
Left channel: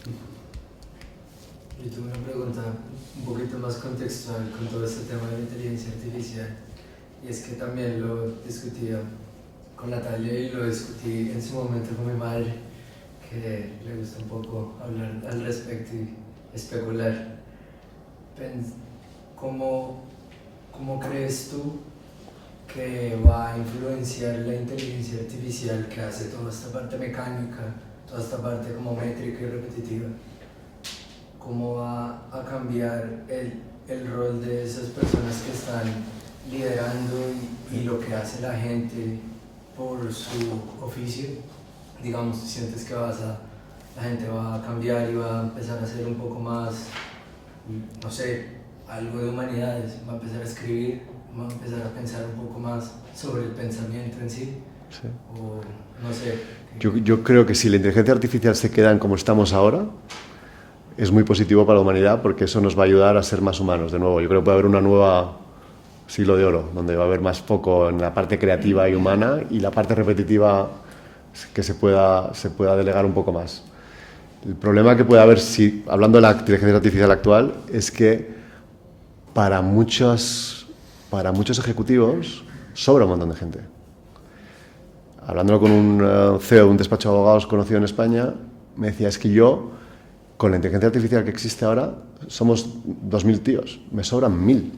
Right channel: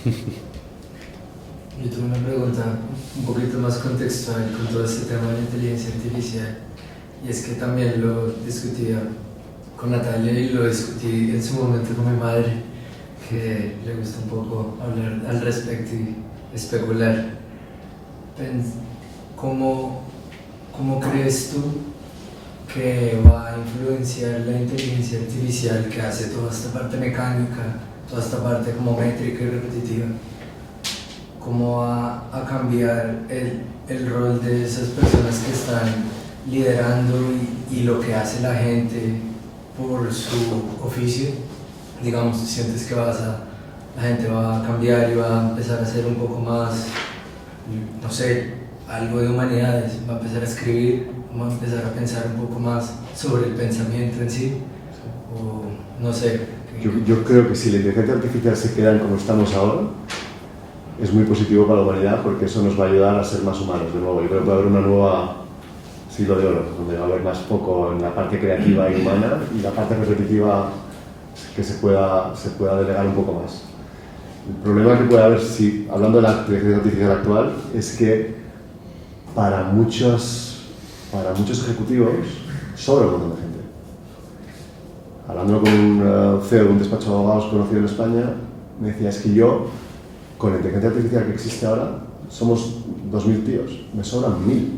Yo tengo una pregunta un poquito más contextual con todo este tema de la inteligencia artificial, y es que también lo discutía con Natalia y lo discutí en su momento con mi madre, que le gusta un poco hablar al respecto y especular. ¿Cómo crees tú que va a influenciar la inteligencia artificial que hace toda esta parte mecánica, toda esta parte como métrica y repetitiva? ¿Cómo va a cambiar el rol de esas personas que están liderando y lo que hace la gente por su oficio? Digamos, sientes que la gente va a cambiar y va a empezar a hacer un poco más, no sé, algo de humanidades, va a empezar a escribir, va a empezar a pensar un poco más sobre el pensamiento en sí, o no sé. Yo creo que si la inteligencia artificial se queda en como estamos ahora, es muy positivo para la humanidad, porque eso nos va a ayudar a ser más humanos de nuevo. Yo creo que puede haber una nueva siglo de oro, donde va a haber más foco en la parte creativa y humana, y la parte repetitiva que se pueda delegar un poco más. El problema que puede haber, hablando de la inteligencia artificial actual, es que para muchos ejecutivos sobra un montón de gente. Hablándolo con un CEO de un despacho de abogados conocido en España, me decía, es que yo, con la inteligencia artificial que existe ahora, somos 2.000 tíos, me sobran 1.000.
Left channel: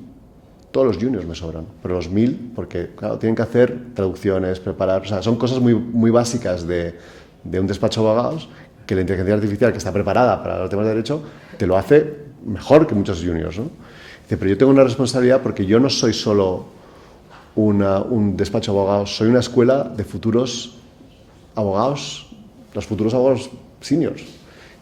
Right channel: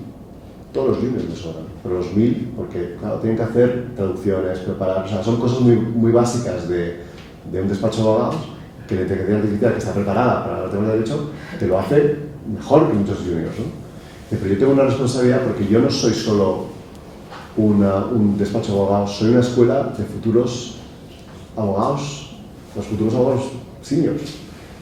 Todos los juniors me sobran, pero los 1.000, porque claro, tienen que hacer traducciones, preparar, o sea, son cosas muy básicas de un despacho de abogados, que la inteligencia artificial, que está preparada para los temas de derecho, te lo hace mejor que muchos juniors, ¿no? Dice, pero yo tengo una responsabilidad porque yo no soy solo un despacho de abogados, soy una escuela de futuros abogados, los futuros abogados seniors.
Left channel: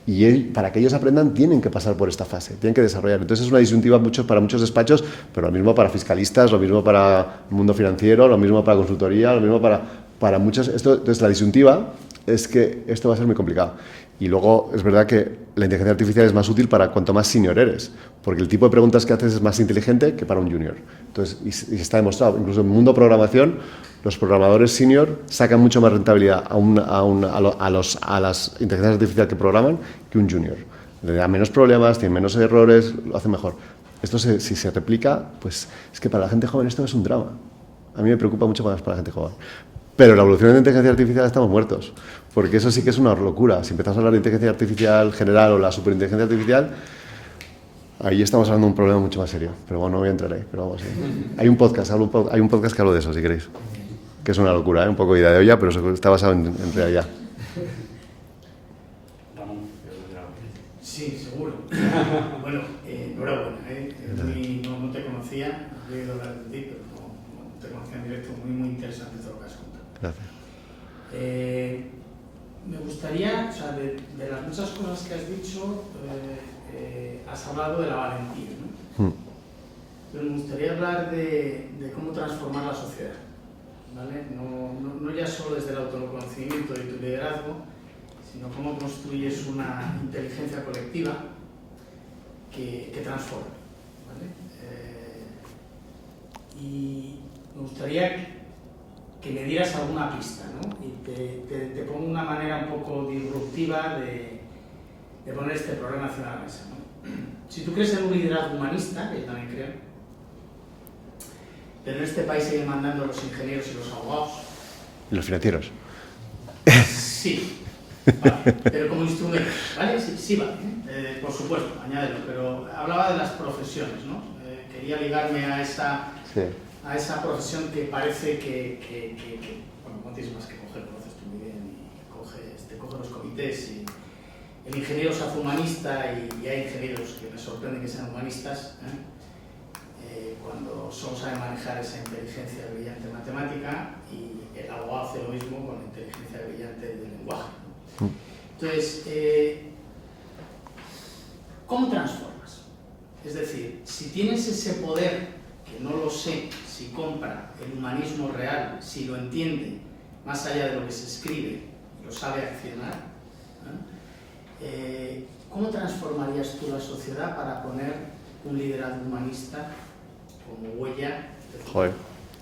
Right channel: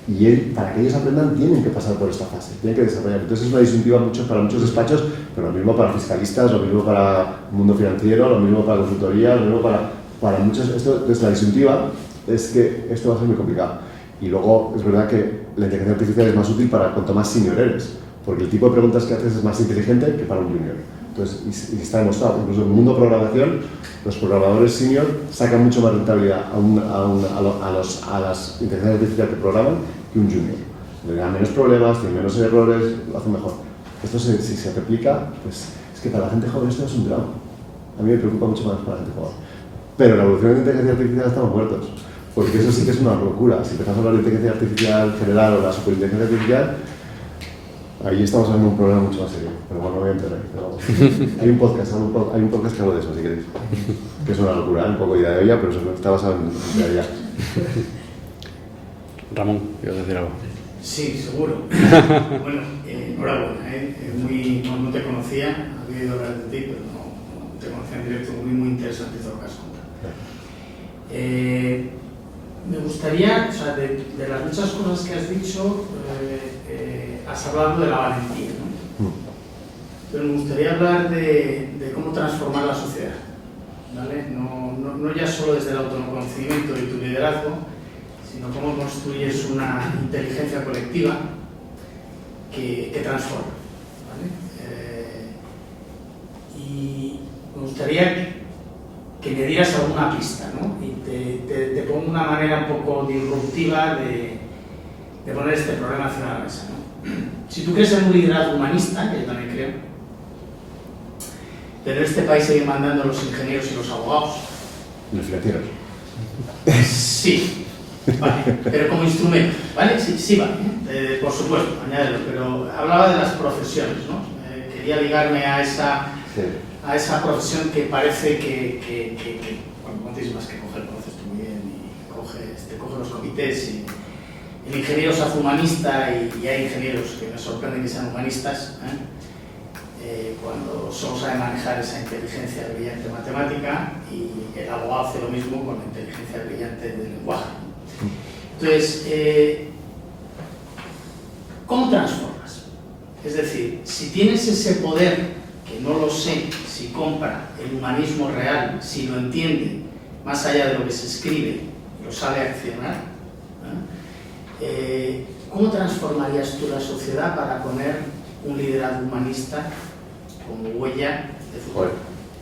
Y para que ellos aprendan tienen que pasar por esta fase, tienen que desarrollar. Entonces es una disyuntiva para muchos despachos, pero lo mismo para fiscalistas, lo mismo para el mundo financiero, lo mismo para consultoría, lo mismo para muchos. Entonces la disyuntiva es que esto va a ser muy complicado. Y luego es verdad que la inteligencia artificial es más útil para cuanto más senior eres, porque el tipo de preguntas que haces es más inteligente que para un junior. Entonces, y está demostrado, incluso en el mundo programación, los programadores senior sacan mucho más rentabilidad a las inteligencias artificiales que programan que un junior. Le dan menos problemas, tienen menos errores, lo hacen mejor. Esto si se replica, pues es que para la gente joven esto es un drama. A mí me preocupa mucho más para la gente joven. Pero la evolución de la inteligencia artificial estamos muertos, porque eso sí que es una locura. Si empezamos a hablar de inteligencia artificial general o la superinteligencia artificial, ahí estamos hablando de un problema mucho más serio, pero bueno, no voy a entrar ahí. Pero vamos. Hay un podcast que hablo de eso, si queréis, que es una locura, un poco idea de olla, pero está basado en realidad. Ramón, ¿quieres decir algo? Sí, seguro. Bueno, enhorabuena, no te conocía, había oído hablar de ti, pero no te conocía en directo, muy interesante todo lo que has contado. Me gustaría, o sea, de las muchas cosas que has dicho, has hablado de la valentía, ¿no? Pero me gustaría hablar de cómo transformar la sociedad, ¿vale? No ya solo desde el autoconocimiento y tu liderazgo, sino cómo construyes una inteligencia colectiva que transforma, ¿vale? Y me gustaría que me dieras alguna pista, ¿no? Y te pongo una manera un poco disruptiva de poner este problema encima de la mesa, ¿no? Si tú crees en un liderazgo humanista, que yo también creo, pero en este país siguen mandando los ingenieros y los abogados. Los financieros. Sí, vale, pero como instrumento, ¿vale? Sí, vale, por supuesto, añádelo, pero hablaba de las profesiones, ¿no? Quería ligarme a esa profesión que parece que bueno, tienes más que coger, conoces tú muy bien, y te coge los comités, y el ingeniero se hace humanista, y hay ingenieros que me sorprenden que sean humanistas, cuando solo sabe manejar esa inteligencia brillante matemática, y el abogado hace lo mismo con la inteligencia brillante del lenguaje. Entonces, ¿cómo transformas? Es decir, si tienes ese poder, que no lo sé, si compra el humanismo real, si lo entiende, más allá de lo que se escribe, lo sabe accionar, ¿cómo transformarías tú la sociedad para poner un liderazgo humanista como huella de futuro? Joder,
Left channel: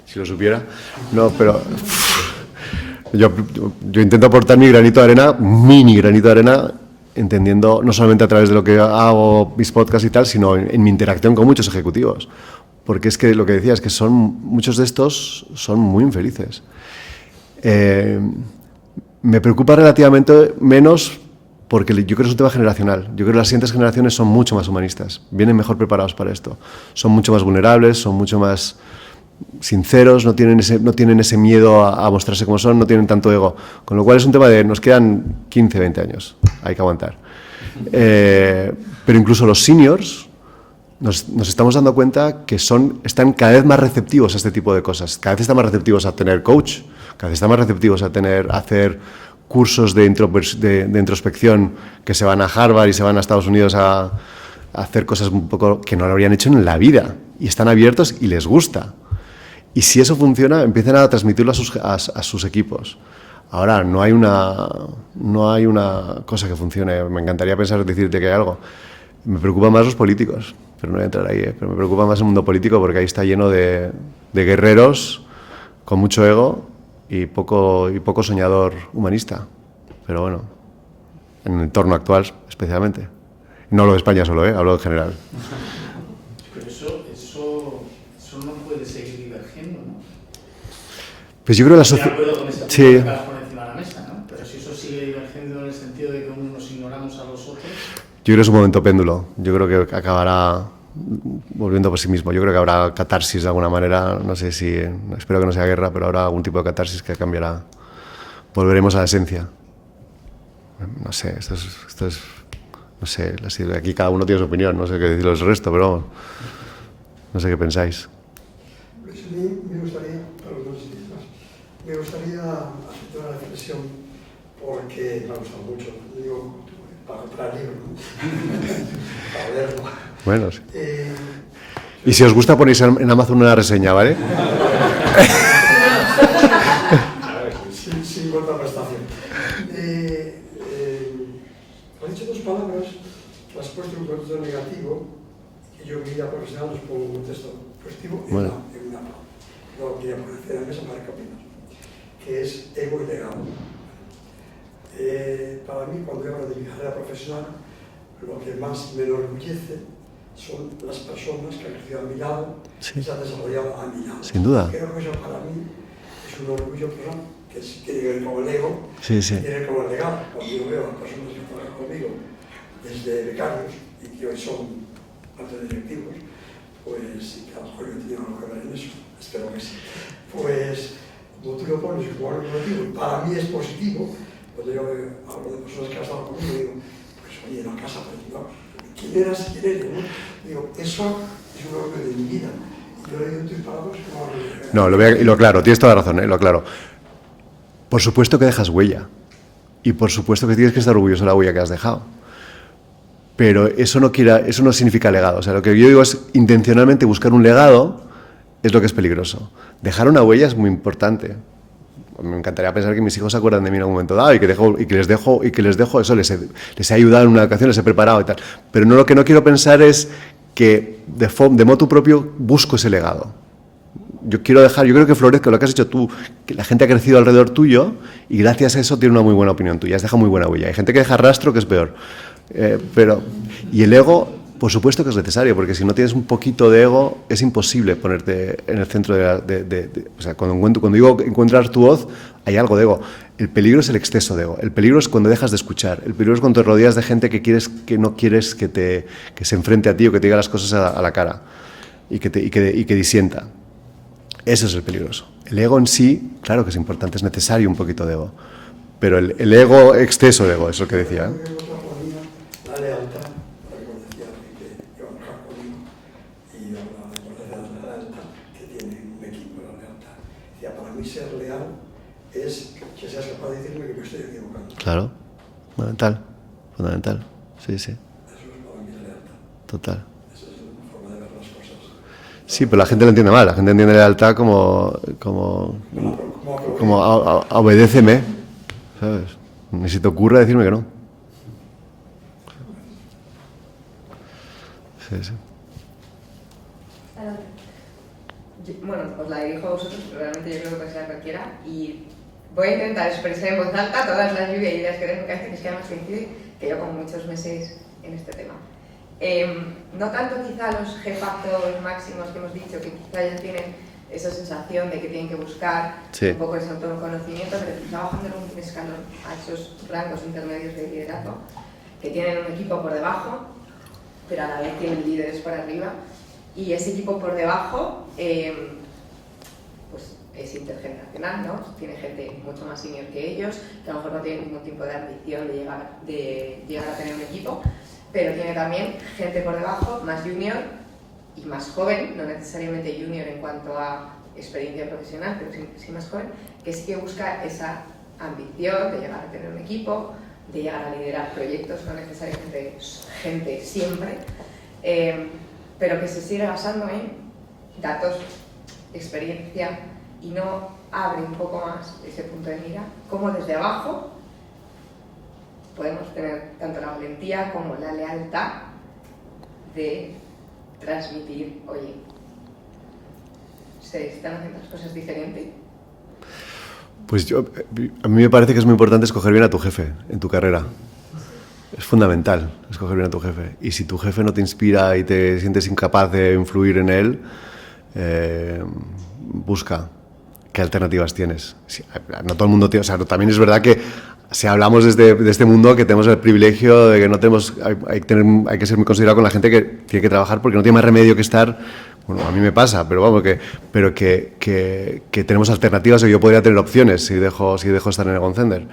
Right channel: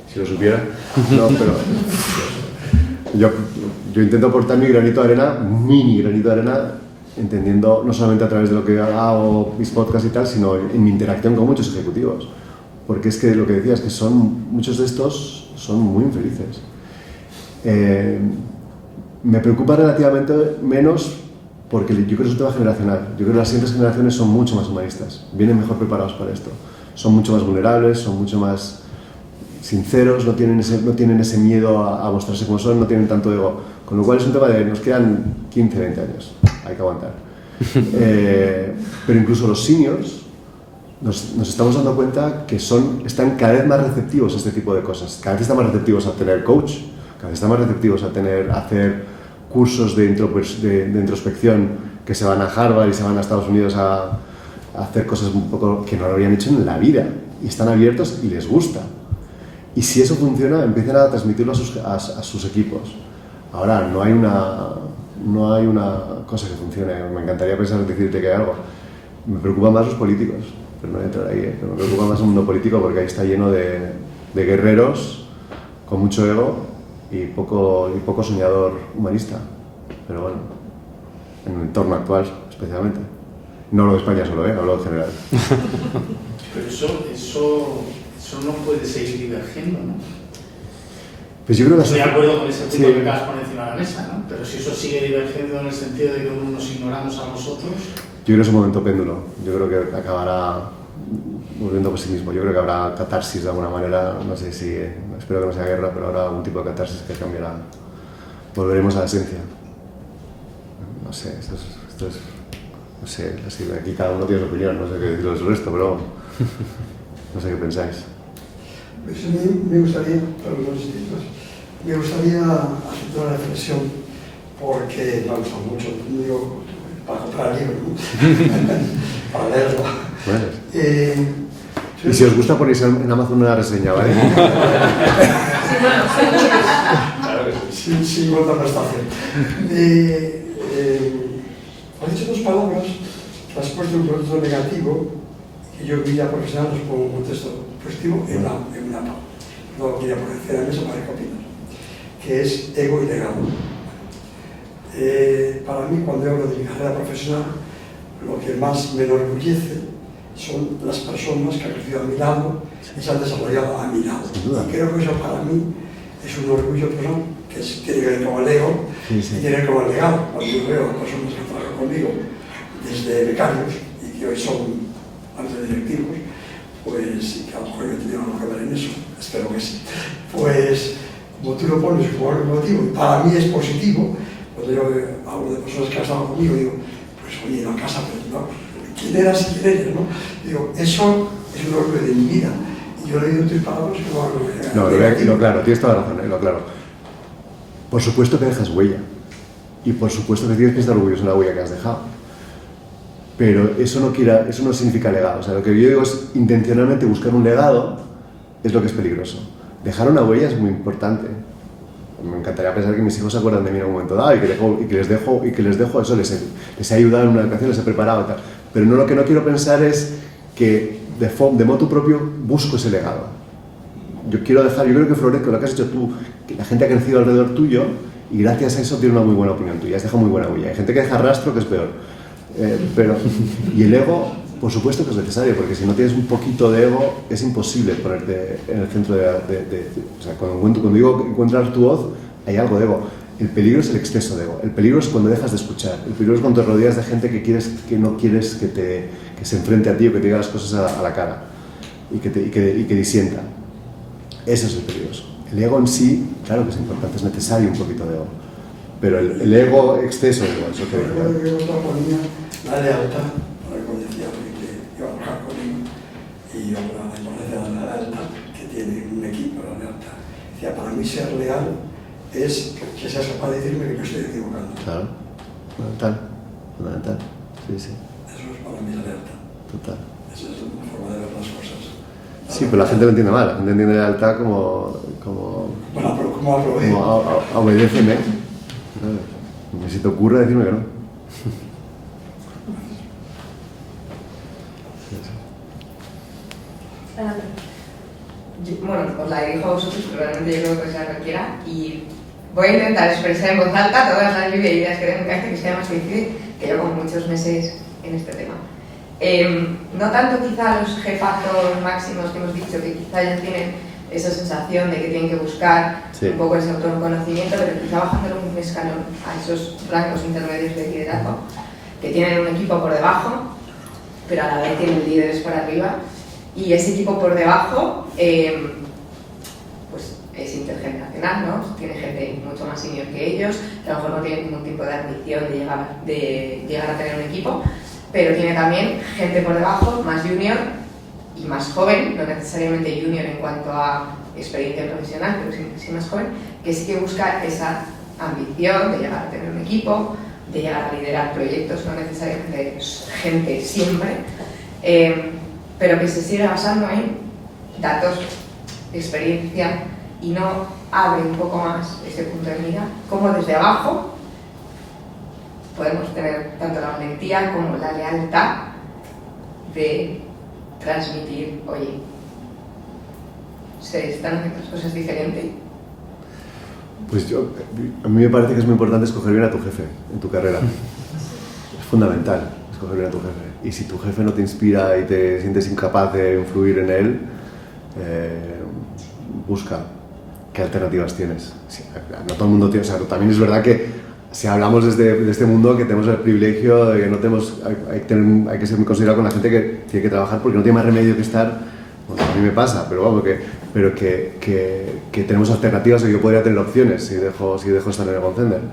si lo supiera. No, pero yo intento aportar mi granito de arena, mini granito de arena, entendiendo no solamente a través de lo que hago, mis podcasts y tal, sino en mi interacción con muchos ejecutivos. Porque es que lo que decía es que muchos de estos son muy infelices. Me preocupa relativamente menos porque yo creo que es un tema generacional. Yo creo que las siguientes generaciones son mucho más humanistas, vienen mejor preparados para esto. Son mucho más vulnerables, son mucho más sinceros, no tienen ese miedo a mostrarse como son, no tienen tanto ego. Con lo cual es un tema de nos quedan 15, 20 años, hay que aguantar. Pero incluso los seniors nos estamos dando cuenta que están cada vez más receptivos a este tipo de cosas. Cada vez están más receptivos a tener coach, cada vez están más receptivos a hacer cursos de introspección que se van a Harvard y se van a Estados Unidos a hacer cosas un poco que no lo habrían hecho en la vida. Y están abiertos y les gusta. Y si eso funciona, empiezan a transmitirlo a sus equipos. Ahora, no hay una cosa que funcione. Me encantaría decirte que hay algo. Me preocupan más los políticos, pero no voy a entrar ahí. Pero me preocupa más el mundo político porque ahí está lleno de guerreros con mucho ego y poco soñador humanista. Pero bueno, en el entorno actual especialmente. No hablo de España solo, hablo en general. Pero eso no puede seguir divergiendo, ¿no? Pues yo creo que Estoy de acuerdo con ese punto sí. que acabas de poner encima de la mesa, ¿no? Pero si eso sigue divergiendo en el sentido de que unos nos ignoramos a los otros... Yo creo que es un momento péndulo. Yo creo que acabará volviendo por sí mismo. Yo creo que habrá catarsis de alguna manera. No sé si... Espero que no sea guerra, pero habrá algún tipo de catarsis que cambiará. Volveremos a la esencia. No sé, esto es no sé, aquí cada uno tiene su opinión. No sé qué decir del resto, pero... No sé qué pensáis. Pues a mí me gustaría, me gustaría hacer una reflexión, porque me gusta mucho, digo, para comprar libros, ¿no? Para leerlo. Bueno, y si os gusta ponéis en Amazon una reseña, ¿vale? Sin contraprestación. Has dicho dos palabras que has puesto un contexto negativo, que yo en mi vida profesional los pongo un contexto positivo en una no quería poner en la mesa para qué opinas, que es ego y legado. Para mí, cuando hablo de mi carrera profesional, lo que más me enorgullece son las personas que han crecido a mi lado y se han desarrollado a mi lado. Sin duda. Y creo que eso para mí es un orgullo personal, que tiene que ver con el ego, Sí, sí. y tiene que ver con el legado. Cuando yo veo a personas que trabajan conmigo desde becarios y que hoy son altos directivos, pues, y que a lo mejor yo he tenido algo que ver en eso, espero que sí, pues, como tú lo pones como algo motivo, y para mí es positivo, cuando yo hablo de personas que han estado conmigo, digo, pues oye, en la casa, pero no, ¿quién eras y quién eres? ¿No? Digo, eso es un orgullo de mi vida, y yo le digo tus palabras como... No, lo claro, tienes toda la razón, lo claro. Por supuesto que dejas huella, y por supuesto que tienes que estar orgulloso de la huella que has dejado. Pero eso no significa legado. O sea, lo que yo digo es intencionalmente buscar un legado es lo que es peligroso. Dejar una huella es muy importante. Me encantaría pensar que mis hijos se acuerdan de mí en un momento dado y que les dejo eso, les he ayudado en una educación, les he preparado y tal. Pero no, lo que no quiero pensar es que de motu propio busco ese legado. Yo creo que florezca lo que has hecho tú, que la gente ha crecido alrededor tuyo y gracias a eso tiene una muy buena opinión tuya, has dejado muy buena huella. Hay gente que deja rastro que es peor. Y el ego, por supuesto que es necesario, porque si no tienes un poquito de ego, es imposible ponerte en el centro o sea, cuando digo encontrar tu voz, hay algo de ego. El peligro es el exceso de ego. El peligro es cuando dejas de escuchar. El peligro es cuando te rodeas de gente que no quieres que se enfrente a ti o que te diga las cosas a la cara y que disienta. Eso es el peligroso. El ego en sí, claro que es importante, es necesario un poquito de ego. Pero el ego, exceso de ego, es lo que decía. La lealtad, como decía, que iba a trabajar conmigo, y yo hablaba de la importancia de la lealtad que tiene un equipo, la lealtad. Decía, para mí ser leal es que seas capaz de decirme que me estoy equivocando. Claro, fundamental, sí. Eso es para mí la lealtad. Total. Esa es una forma de ver las cosas. Sí, pero la gente lo entiende mal, la gente entiende lealtad como Bueno, pero ¿cómo aprovecho? obedéceme, ¿sabes? Ni se te ocurra decirme que no. Sí. Bueno, os la dirijo a vosotros, pero realmente yo creo que sea cualquiera. Y voy a intentar expresar en voz alta todas las lluvia de ideas que tengo, que hace que sea más difícil, que yo como muchos meses en este tema. No tanto quizá los jefazos máximos que hemos dicho, que quizá ya tienen esa sensación de que tienen que buscar un poco ese autoconocimiento, pero quizá bajándolo un escalón a esos rangos intermedios de liderazgo, que tienen un equipo por debajo, pero a la vez tienen líderes por arriba, y ese equipo por debajo pues es intergeneracional, ¿no? Tiene gente mucho más senior que ellos, que a lo mejor no tiene ningún tipo de ambición de llegar a tener un equipo, pero tiene también gente por debajo, más junior y más joven, no necesariamente junior en cuanto a experiencia profesional, pero sí más joven, que sí que busca esa ambición de llegar a tener un equipo, de llegar a liderar proyectos, no necesariamente gente siempre, pero que se sigue basando en datos, experiencia, y no abre un poco más ese punto de mira, como desde abajo podemos tener tanto la valentía como la lealtad de transmitir, oye, se están haciendo las cosas diferentes. Pues a mí me parece que es muy importante escoger bien a tu jefe en tu carrera. Es Es fundamental escoger bien a tu jefe. Y si tu jefe no te inspira y te sientes incapaz de influir en él, busca qué alternativas tienes. No todo el mundo tiene... O sea, también es verdad que si hablamos de este mundo, que tenemos el privilegio de que no tenemos... Hay que ser muy considerado con la gente que tiene que trabajar porque no tiene más remedio que estar... Bueno, a mí me pasa, pero vamos, que tenemos alternativas o yo podría tener opciones si dejo estar en el Goncender.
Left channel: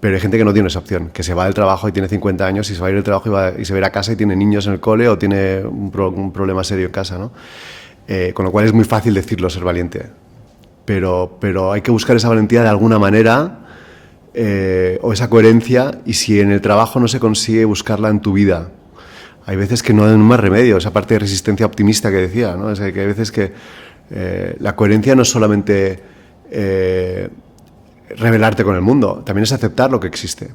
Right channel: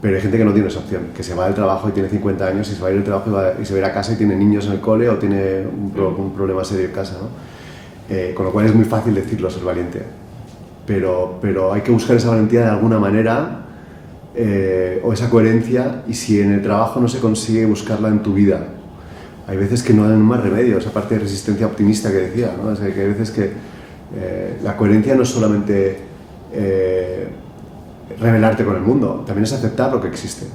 Pero hay gente que no tiene esa opción, que se va del trabajo y tiene 50 años y se va a ir del trabajo y se va a ir a casa y tiene niños en el cole o tiene un problema serio en casa, ¿no? Con lo cual es muy fácil decirlo, ser valiente. Pero hay que buscar esa valentía de alguna manera o esa coherencia, y si en el trabajo no se consigue, buscarla en tu vida. Hay veces que no hay más remedio, esa parte de resistencia optimista que decía, ¿no? Es que hay veces que la coherencia no es solamente rebelarte con el mundo, también es aceptar lo que existe,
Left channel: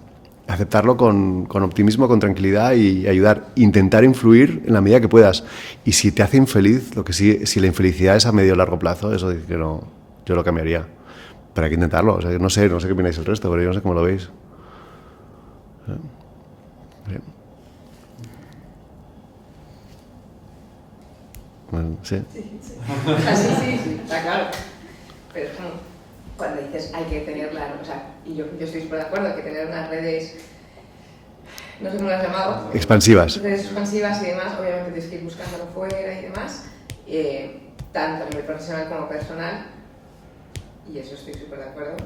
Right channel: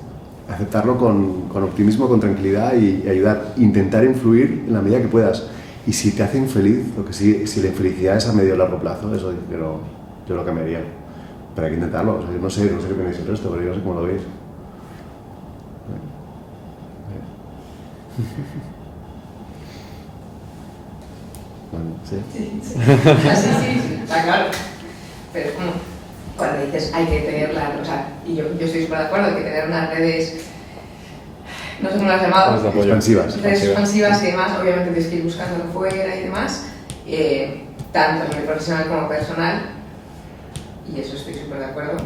aceptarlo con optimismo, con tranquilidad y ayudar, intentar influir en la medida que puedas. Y si te hace infeliz, si la infelicidad es a medio o largo plazo, eso yo lo cambiaría. Pero hay que intentarlo. O sea, no sé qué opináis el resto, pero yo no sé cómo lo veis. Bueno, ¿sí? Sí, está claro. Pero cuando dices hay que tenerla, o sea, y yo estoy súper de acuerdo, hay que tener unas redes, no sé cómo las llamado, expansivas. Redes expansivas y demás, obviamente tienes que ir buscándolo fuera y demás, tanto a nivel profesional como personal, y eso estoy súper de acuerdo,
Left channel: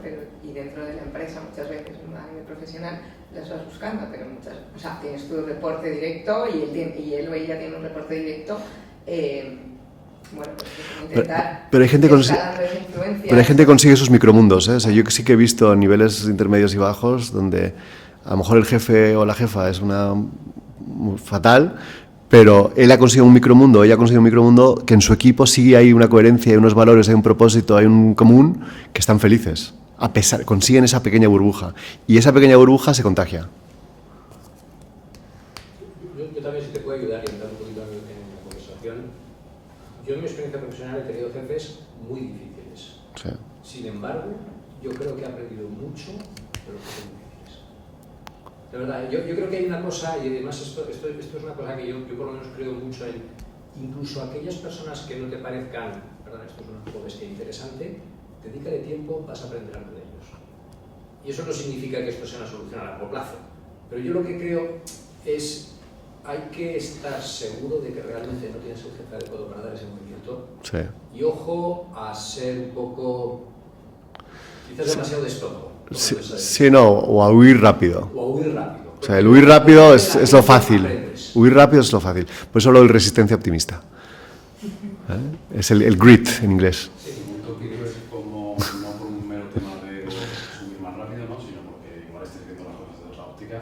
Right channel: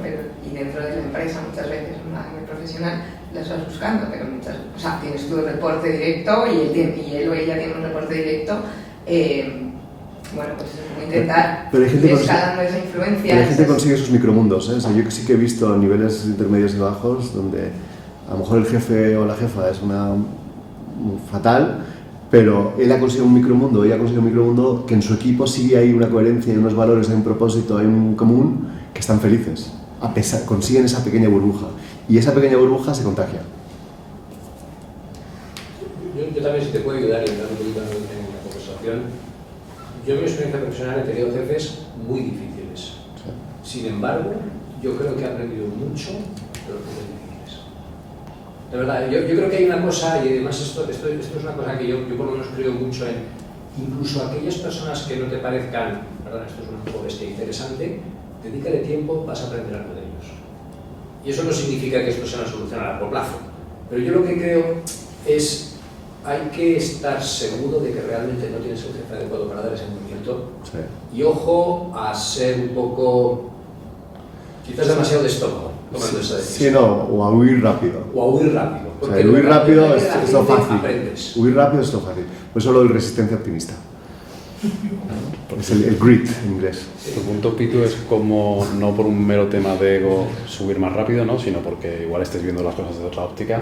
y dentro de la empresa muchas veces, a nivel profesional, las vas buscando, pero o sea, tienes tu reporte directo y él o ella tiene un reporte directo. Bueno, pues intentar pero hay gente escalando esa influencia. Pero hay gente que consigue esos micromundos, ¿eh? O sea, yo sí que he visto a niveles intermedios y bajos donde a lo mejor el jefe o la jefa es fatal, pero él ha conseguido un micromundo, ella ha conseguido un micromundo que en su equipo sigue hay una coherencia, hay unos valores, hay un propósito, hay un común, que están felices. Consiguen esa pequeña burbuja, y esa pequeña burbuja se contagia. Yo también, si te puedo ayudar y ayudar un poquito en la conversación. Yo en mi experiencia profesional he tenido jefes muy difíciles. Sí. Sin embargo, yo creo que he aprendido mucho de los jefes difíciles. De verdad, yo creo que hay una cosa, y además esto es una cosa que yo por lo menos creo mucho en, incluso aquellas personas que no te parezcan, perdón, esto es una poco bestia interesante, dedícale tiempo, vas a aprender algo de ellos. Y eso no significa que esto sea una solución a largo plazo, pero yo lo que creo es, hay que estar seguro de que realmente no tienes el jefe adecuado para dar ese movimiento. Sí. Y ojo a ser un poco, quizás demasiado de estómago. Sí, no, o a huir rápido. O a huir rápido. O sea, el huir rápido es lo fácil. Huir rápido es lo fácil. Por eso lo de resistencia optimista. ¿Eh? Es el grit en inglés. Tu punto, Pitu, es como no por un mero tema de ego subir más rápido, ¿no? Sino porque igual estés viendo las cosas desde otra óptica.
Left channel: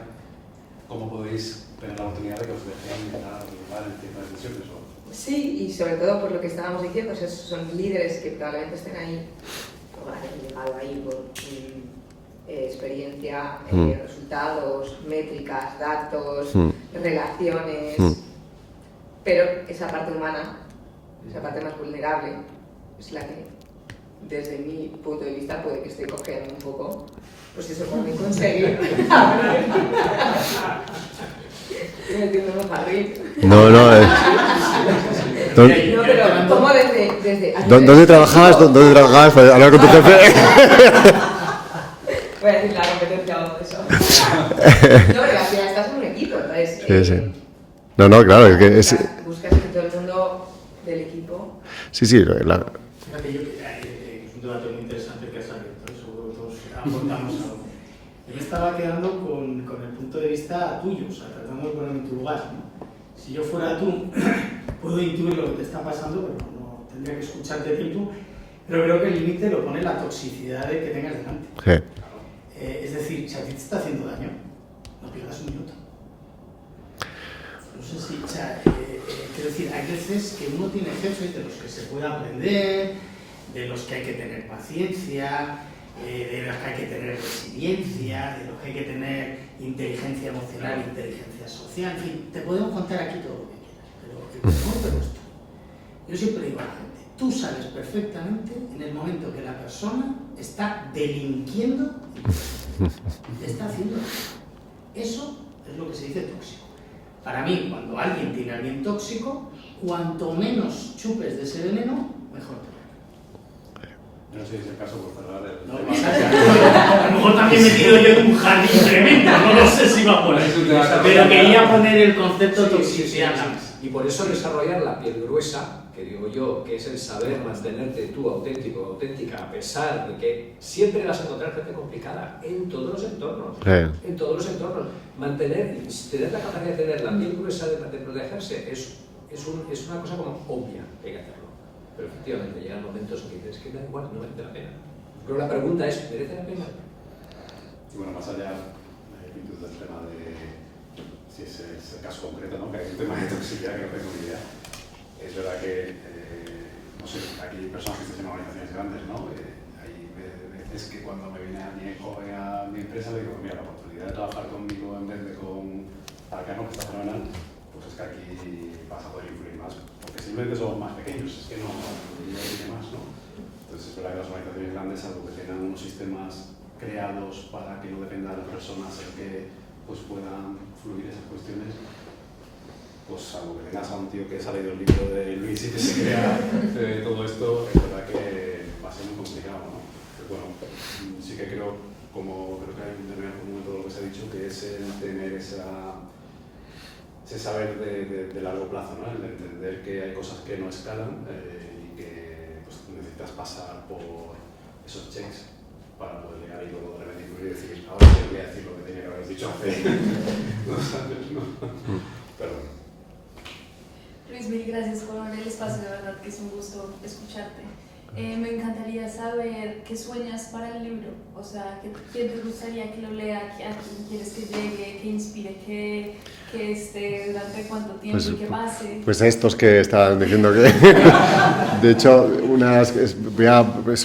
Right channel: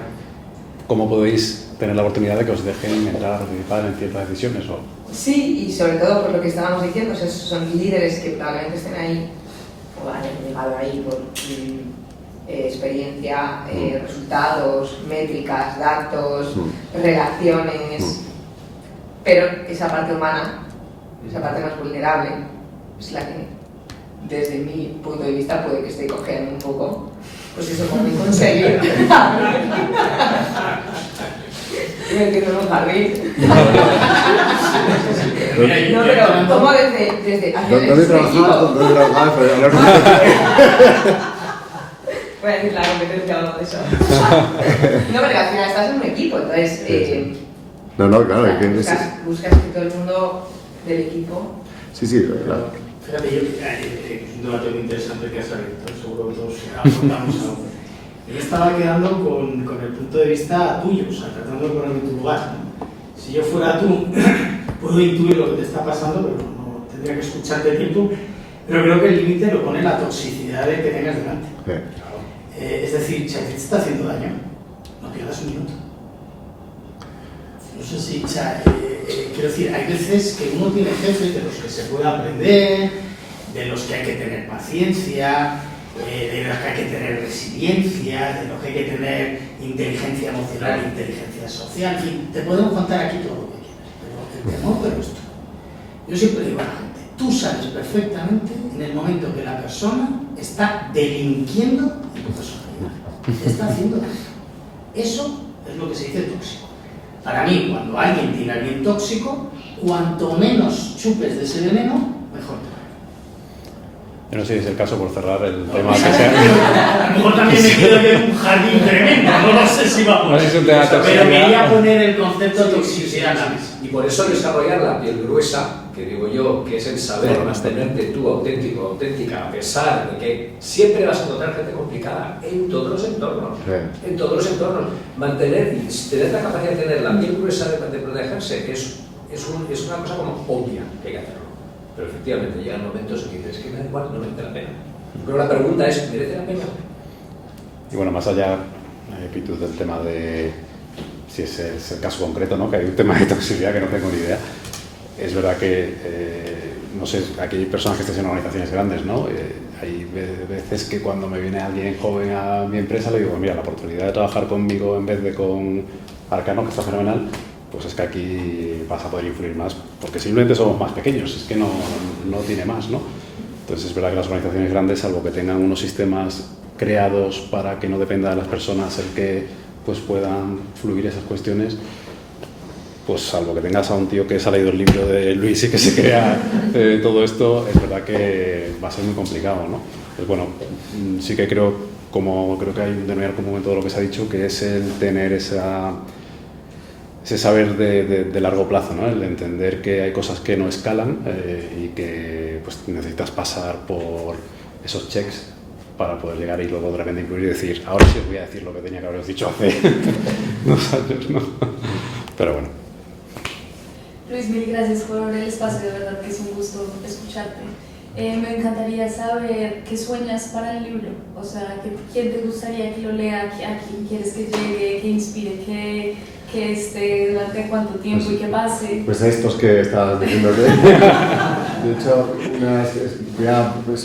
¿Cómo podéis tener la oportunidad de que os dejen entrar a participar en ciertas decisiones? Sí, y sobre todo por lo que estábamos diciendo, o sea, son líderes que probablemente estén ahí o hayan llegado ahí por experiencia, resultados, métricas, datos, relaciones, pero esa parte humana, esa parte más vulnerable, es la que desde mi punto de vista puede que esté cojeando un poco. Pues eso, como conseguir. Me entiendo un jardín. No, pero ¿cómo desde ¿Dónde trabajabas? ¿Dónde trabajabas? Para hablar con tu jefe. Voy a decir la competencia o algo de eso. No, pero al final estás en un equipo, entonces... Sí. No, claro. Es que buscas que todo el mundo del equipo... Sí, claro. Fíjate, es un debate muy interesante que has abierto, seguro que todos aportamos algo. Yo estaba quedando con el punto de vista tuyo, o sea, tratando de ponerme en tu lugar, ¿no? Si yo fuera tú, puedo intuir lo que te está pasando, pero no tendría que escucharte tiempo, pero creo que el límite lo pone la toxicidad de que tengas delante. Sí. Es decir, si a ti te está haciendo daño, no pierdas un minuto. No sé si, quiero decir, hay veces que uno tiene jefes de los que se puede aprender, de los que hay que tener paciencia, de los que hay que tener resiliencia, de los que hay que tener inteligencia emocional, inteligencia social, en fin, te podemos contar aquí todo lo que quieras, pero esto. Yo siempre digo a la gente, tú sabes perfectamente en el momento que la persona está delinquiendo en tu personalidad, te está haciendo daño. Eso es lo que se dice tóxico. Para mí, cuando alguien tiene a alguien tóxico, cuanto menos chupes de ese veneno, mejor te va. Yo no sé si es el caso por cerrar el tema. A lo mejor también me quedo en un jardín tremendo, no sé si va por ahí. Pero quería poner el concepto de toxicidad en la mesa. Y por eso desarrollar la piel gruesa, que digo yo, que es el saber mantenerte tú auténtico, auténtica, a pesar de que siempre vas a encontrar gente complicada en todos los entornos. Sí. En todos los entornos. Tener la capacidad de tener la piel gruesa de protegerse es una cosa como obvia que hay que hacerlo. Pero efectivamente llegan momentos en que dices que me da igual, no merece la pena. Pero la pregunta es, ¿merece la pena? Y bueno, más allá, Pitu, del tema de si es el caso concreto, ¿no? Que hay un tema de toxicidad que no tengo ni idea. Es verdad que, no sé, aquí hay personas que están en organizaciones grandes, ¿no? Hay veces que cuando me viene alguien joven a mi empresa le digo, mira, la oportunidad de trabajar conmigo en vez de con Arcano, que está fenomenal, pues es que aquí vas a poder influir más, porque simplemente somos más pequeños, es que no tiene más, ¿no? Entonces es verdad que las organizaciones grandes, salvo que tengan unos sistemas creados para que no dependa de las personas el que pues puedan fluir esas cuestiones, pues salvo que tengas a un tío que se ha leído el libro de Luis y que se crea todo esto, es verdad que va a ser muy complicado, ¿no? Pues bueno, sí que creo que hay un denominador común en todo lo que se ha dicho, que es el tener ese saber de largo plazo, ¿no? El entender que hay cosas que no escalan y que pues, necesitas pasar por esos checks para poder llegar y luego de repente incluir y decir, ahora sí os voy a decir lo que tenía que haberos dicho hace 2 años, ¿no? Pero bueno. Luis, mil gracias por el espacio, de verdad que es un gusto escucharte. Me encantaría saber qué sueñas para el libro, o sea, quién te gustaría que lo lea, a quién quieres que llegue, que inspire, que esté durante cuánto tiempo pues, y que pase. Pues a estos que estaban diciendo que... De hecho,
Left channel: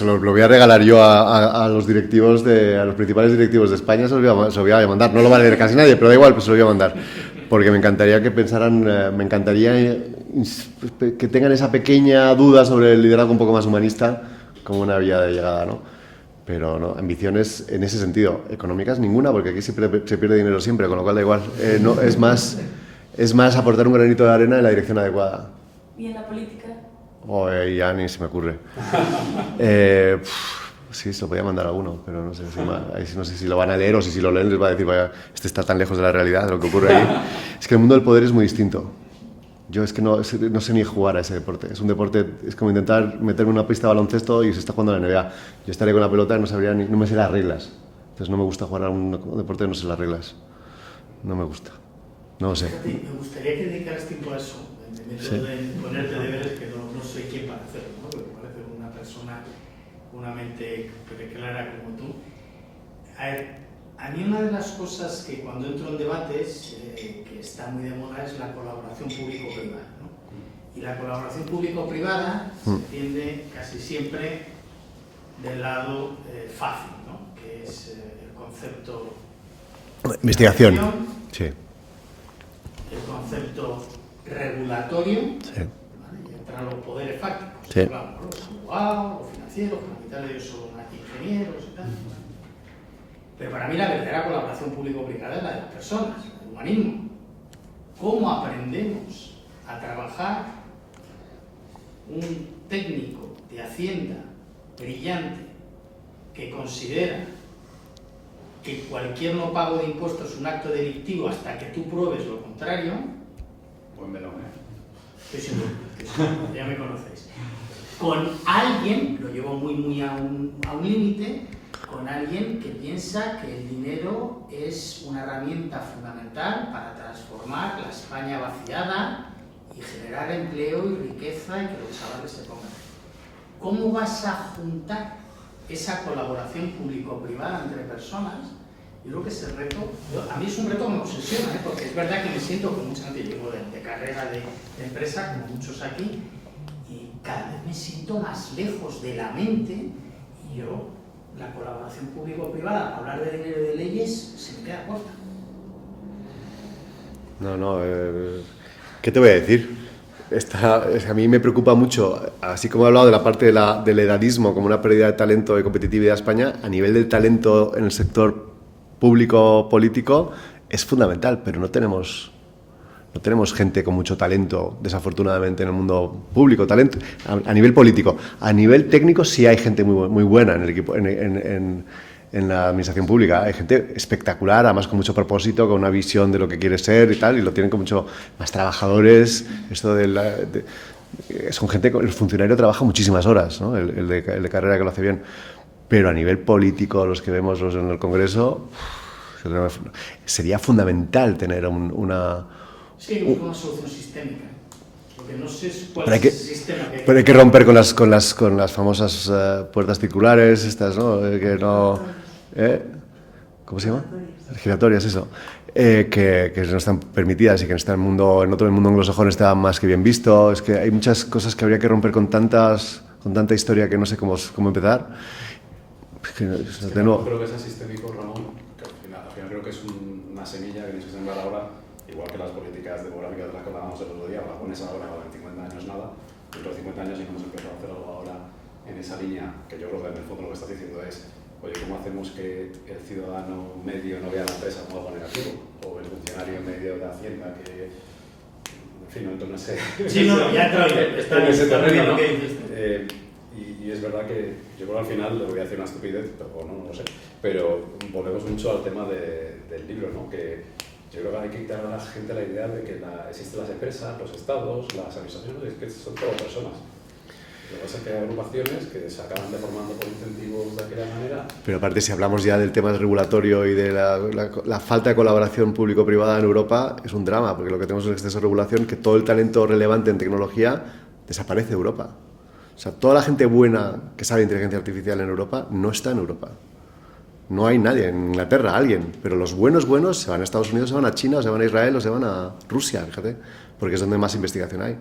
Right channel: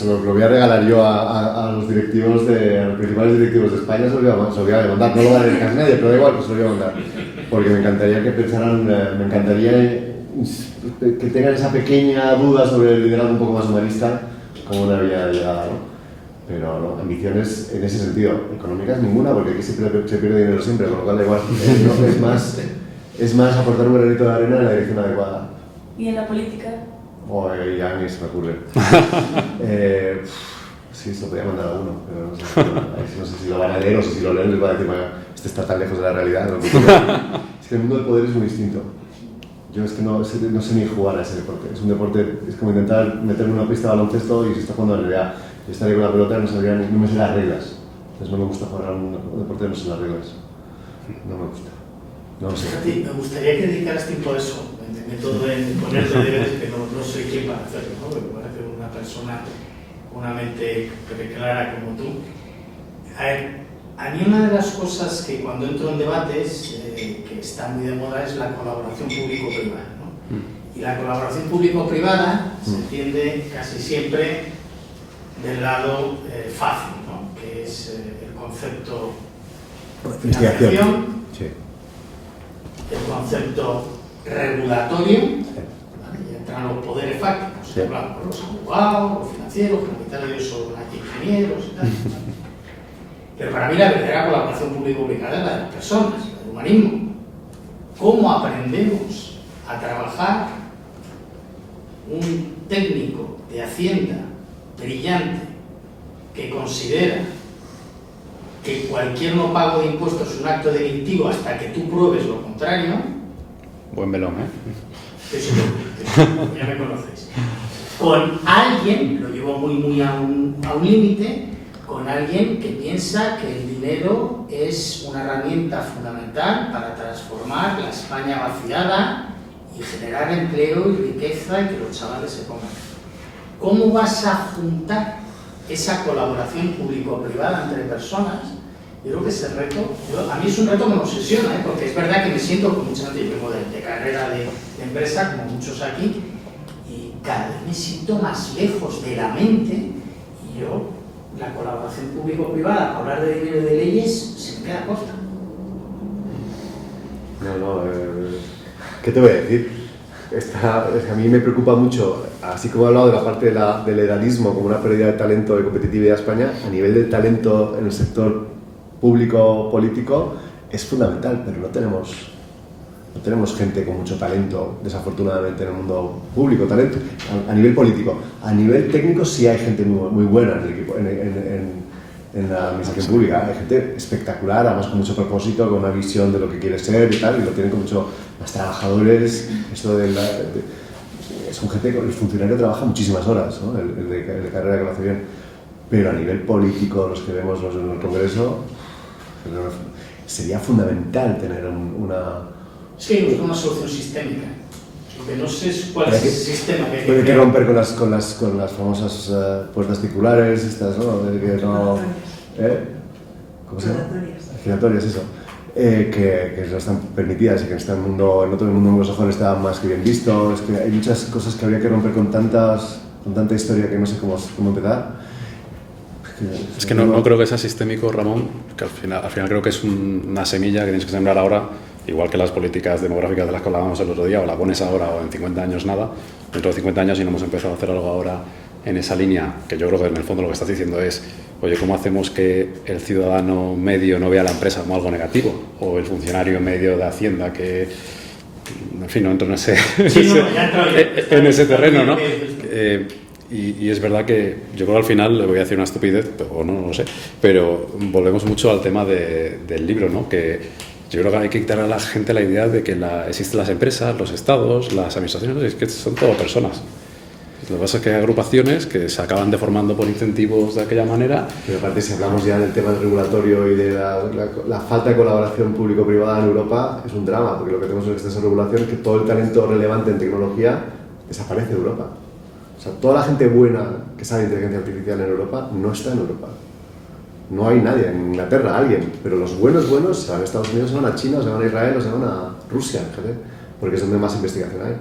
lo voy a regalar yo a los directivos, a los principales directivos de España, se lo voy a mandar. No lo va a leer casi nadie, pero da igual, pues se lo voy a mandar. Porque me encantaría que pensaran, me encantaría que tengan esa pequeña duda sobre el liderazgo un poco más humanista como una vía de llegada, ¿no? Pero no, ambiciones en ese sentido, económicas ninguna, porque aquí se pierde dinero siempre, con lo cual da igual. No, es más aportar un granito de arena en la dirección adecuada. ¿Y en la política? Ya ni se me ocurre. Sí, se lo podía mandar a uno, pero no sé si lo van a leer o si lo leen les va a decir, vaya, este está tan lejos de la realidad de lo que ocurre. Es que el mundo del poder es muy distinto. Yo es que no sé ni jugar a ese deporte. Es un deporte, es como intentar meterme una pista de baloncesto y se está jugando en la NBA. Yo estaré con la pelota y no me sé las reglas. Entonces no me gusta jugar a un deporte que no sé las reglas. No me gusta. No lo sé. Me gustaría que dedicaras tiempo a eso. En ponerte deberes que no soy quien para hacerlo, ¿no? Porque parece una persona con una mente clara como tú. A mí una de las cosas que cuando entro en debates, que está muy de moda, es la colaboración público-privada, ¿no? Y la colaboración público-privada se tiende casi siempre del lado fácil, ¿no? Que es el concepto investigación, sí. El concepto regulatorio, sí. ¿Vale? Y entran los poderes fácticos, sí. Hablamos de los abogados, los financieros, que la mitad de ellos son ingenieros y tal. ¿Vale? Pero para mí la verdadera colaboración público-privada es la de las personas, el humanismo. ¿Cómo aprendemos a trabajar un técnico de Hacienda brillante que considera que cualquier no pago de impuestos es un acto delictivo hasta que tú pruebes lo contrario? Buen melón, ¿eh? Eso ya me conocéis. Con alguien, lo llevo muy a un límite, con alguien que piensa que el dinero es una herramienta fundamental para transformar la España vaciada y generar empleo y riqueza y que los chavales se pongan. ¿Cómo vas a juntar esa colaboración público-privada entre personas? Yo creo que ese reto, a mí es un reto que me obsesiona, porque es verdad que me siento con mucha gente, yo vengo de carrera de empresa, como muchos aquí, y cada vez me siento más lejos de la mente, y yo, la colaboración público-privada, hablar de dinero y de leyes, se me queda corta. ¿Qué te voy a decir? A mí me preocupa mucho, así como he hablado de la parte del edadismo como una pérdida de talento de competitividad de España, a nivel de talento en el sector público político es fundamental, pero no tenemos gente con mucho talento, desafortunadamente, en el mundo público, talento a nivel político. A nivel técnico sí hay gente muy buena en el equipo, en la administración pública. Hay gente espectacular, además con mucho propósito, con una visión de lo que quiere ser y tal, y lo tienen con mucho más trabajadores. Esto es con gente, el funcionario trabaja muchísimas horas, ¿no? el de carrera que lo hace bien. Pero a nivel político, los que vemos en el Congreso, sería fundamental tener Sí, buscar una solución sistémica. Lo que no sé es cuál es el sistema que hay. Pero hay que romper con las famosas puertas circulares, estas, ¿no? ¿Cómo se llama? Giratorias, eso. Que no están permitidas y que en otro mundo anglosajón está más que bien visto. Es que hay muchas cosas que habría que romper con tanta historia que no sé cómo empezar. Es que no creo que sea sistémico, Ramón, que al final creo que es una semilla que tienes que sembrar ahora, igual que las políticas demográficas de las que hablábamos el otro día, o la pones ahora o en 50 años nada. Dentro de 50 años, si no hemos empezado a hacer algo ahora en esa línea, que yo creo que en el fondo lo que estás diciendo es, oye, ¿cómo hacemos que el ciudadano medio no vea la empresa como algo negativo? O el funcionario medio de Hacienda que, en fin, no entro en ese, en ese terreno, ¿no? Y es verdad que yo creo que al final, le voy a decir una estupidez, o no lo sé, pero volvemos mucho al tema del libro, ¿no? Que yo creo que hay que quitar a la gente la idea de que existen las empresas, los estados, las administraciones, es que son todo personas. Lo que pasa es que hay agrupaciones que se acaban deformando por incentivos de aquella manera. Pero aparte, si hablamos ya del tema regulatorio y de la falta de colaboración público-privada en Europa, es un drama, porque lo que tenemos en exceso de regulación es que todo el talento relevante en tecnología desaparece de Europa. O sea, toda la gente buena que sabe inteligencia artificial en Europa no está en Europa. No hay nadie, en Inglaterra alguien, pero los buenos se van a Estados Unidos, se van a China, se van a Israel o se van a Rusia, fíjate, porque es donde más investigación hay.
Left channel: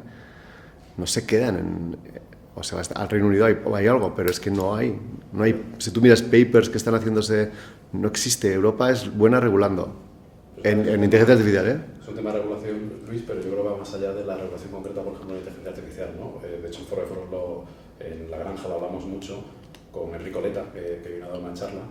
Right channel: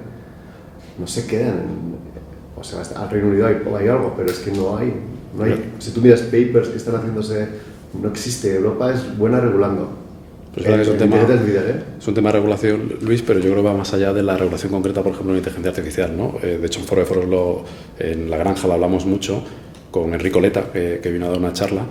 No se quedan o sea, al Reino Unido hay algo, pero es que no hay. Si tú miras papers que están haciéndose, no existe. Europa es buena regulando. Pues es un tema de regulación, Luis, pero yo creo que va más allá de la regulación concreta, por ejemplo, en inteligencia artificial, ¿no? De hecho, en Foro de Foros en La Granja lo hablamos mucho con Enrico Leta, que vino a dar una charla,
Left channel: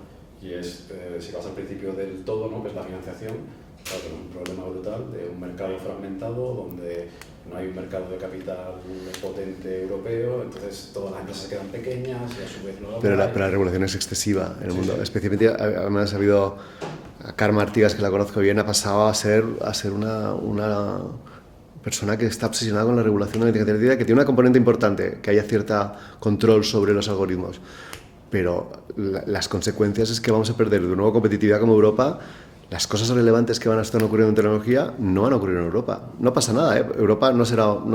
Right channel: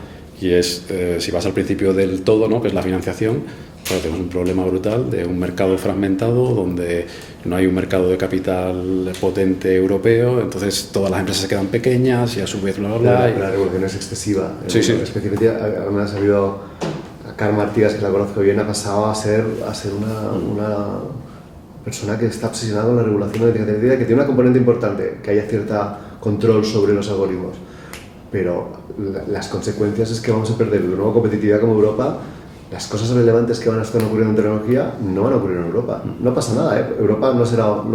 y es, si vas al principio del todo, ¿no? Que es la financiación, pues tenemos un problema brutal de un mercado fragmentado, donde no hay un mercado de capital potente europeo, entonces todas las empresas se quedan pequeñas y a su vez la regulación es excesiva. Sí. Especialmente, además ha habido a Carmen Artigas, que la conozco bien, ha pasado a ser una persona que está obsesionada con la regulación de la inteligencia artificial, que tiene una componente importante, que haya cierto control sobre los algoritmos. Pero las consecuencias es que vamos a perder de nuevo competitividad como Europa. Las cosas relevantes que van a estar ocurriendo en tecnología no van a ocurrir en Europa. No pasa nada, ¿eh? Europa no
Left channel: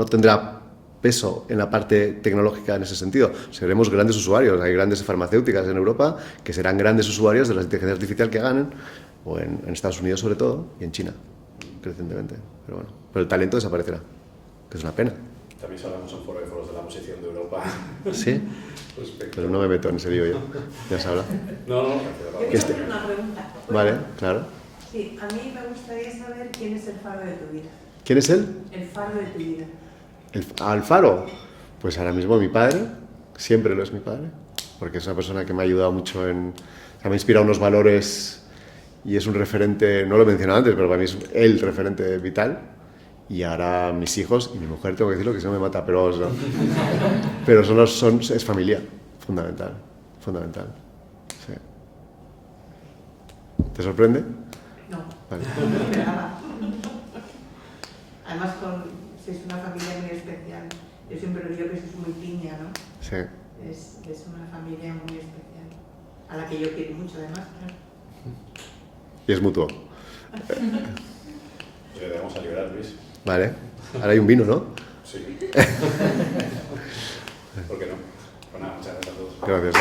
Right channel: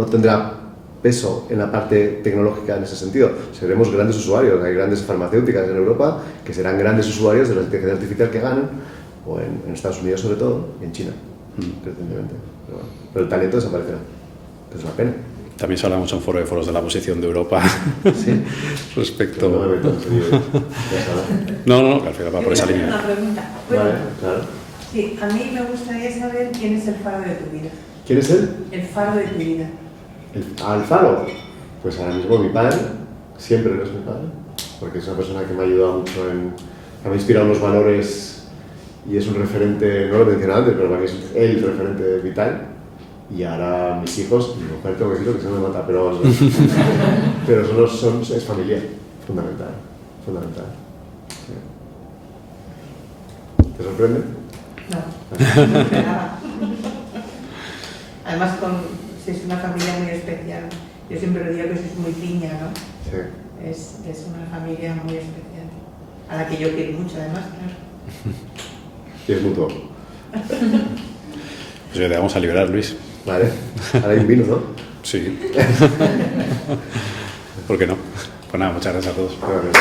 tendrá peso en la parte tecnológica en ese sentido. Seremos grandes usuarios. Hay grandes farmacéuticas en Europa que serán grandes usuarios de la inteligencia artificial que ganan, o en Estados Unidos sobre todo, y en China, crecientemente. Pero el talento desaparecerá, que es una pena. También se habla mucho en Foro de Foros de la posición de Europa. ¿Sí? Respecto... Pero no me meto en serio. Ya sabes. No, al final va por esa línea. Una pregunta. Vale, claro. Sí, a mí me gustaría saber quién es el faro de tu vida. ¿Quién es él? El faro de tu vida. ¿El faro? Pues ahora mismo mi padre. Siempre no es mi padre. Porque es una persona que me ha ayudado mucho me ha inspirado unos valores y es un referente, no lo he mencionado antes, pero para mí es el referente vital. Y ahora mis hijos, mi mujer, tengo que decirlo que se me mata, pero es familia, fundamental. Sí. ¿Te sorprende? No, no de nada. Además, si es una familia muy especial. Yo siempre lo digo que sois muy piña, ¿no? Sí. Es una familia muy especial, a la que yo quiero mucho, además, claro. Y es mutuo. Pues te vamos a liberar, Luis. Vale. Ahora hay un vino, ¿no? Sí. ¿Por qué no? Pues nada, muchas gracias a todos. Gracias.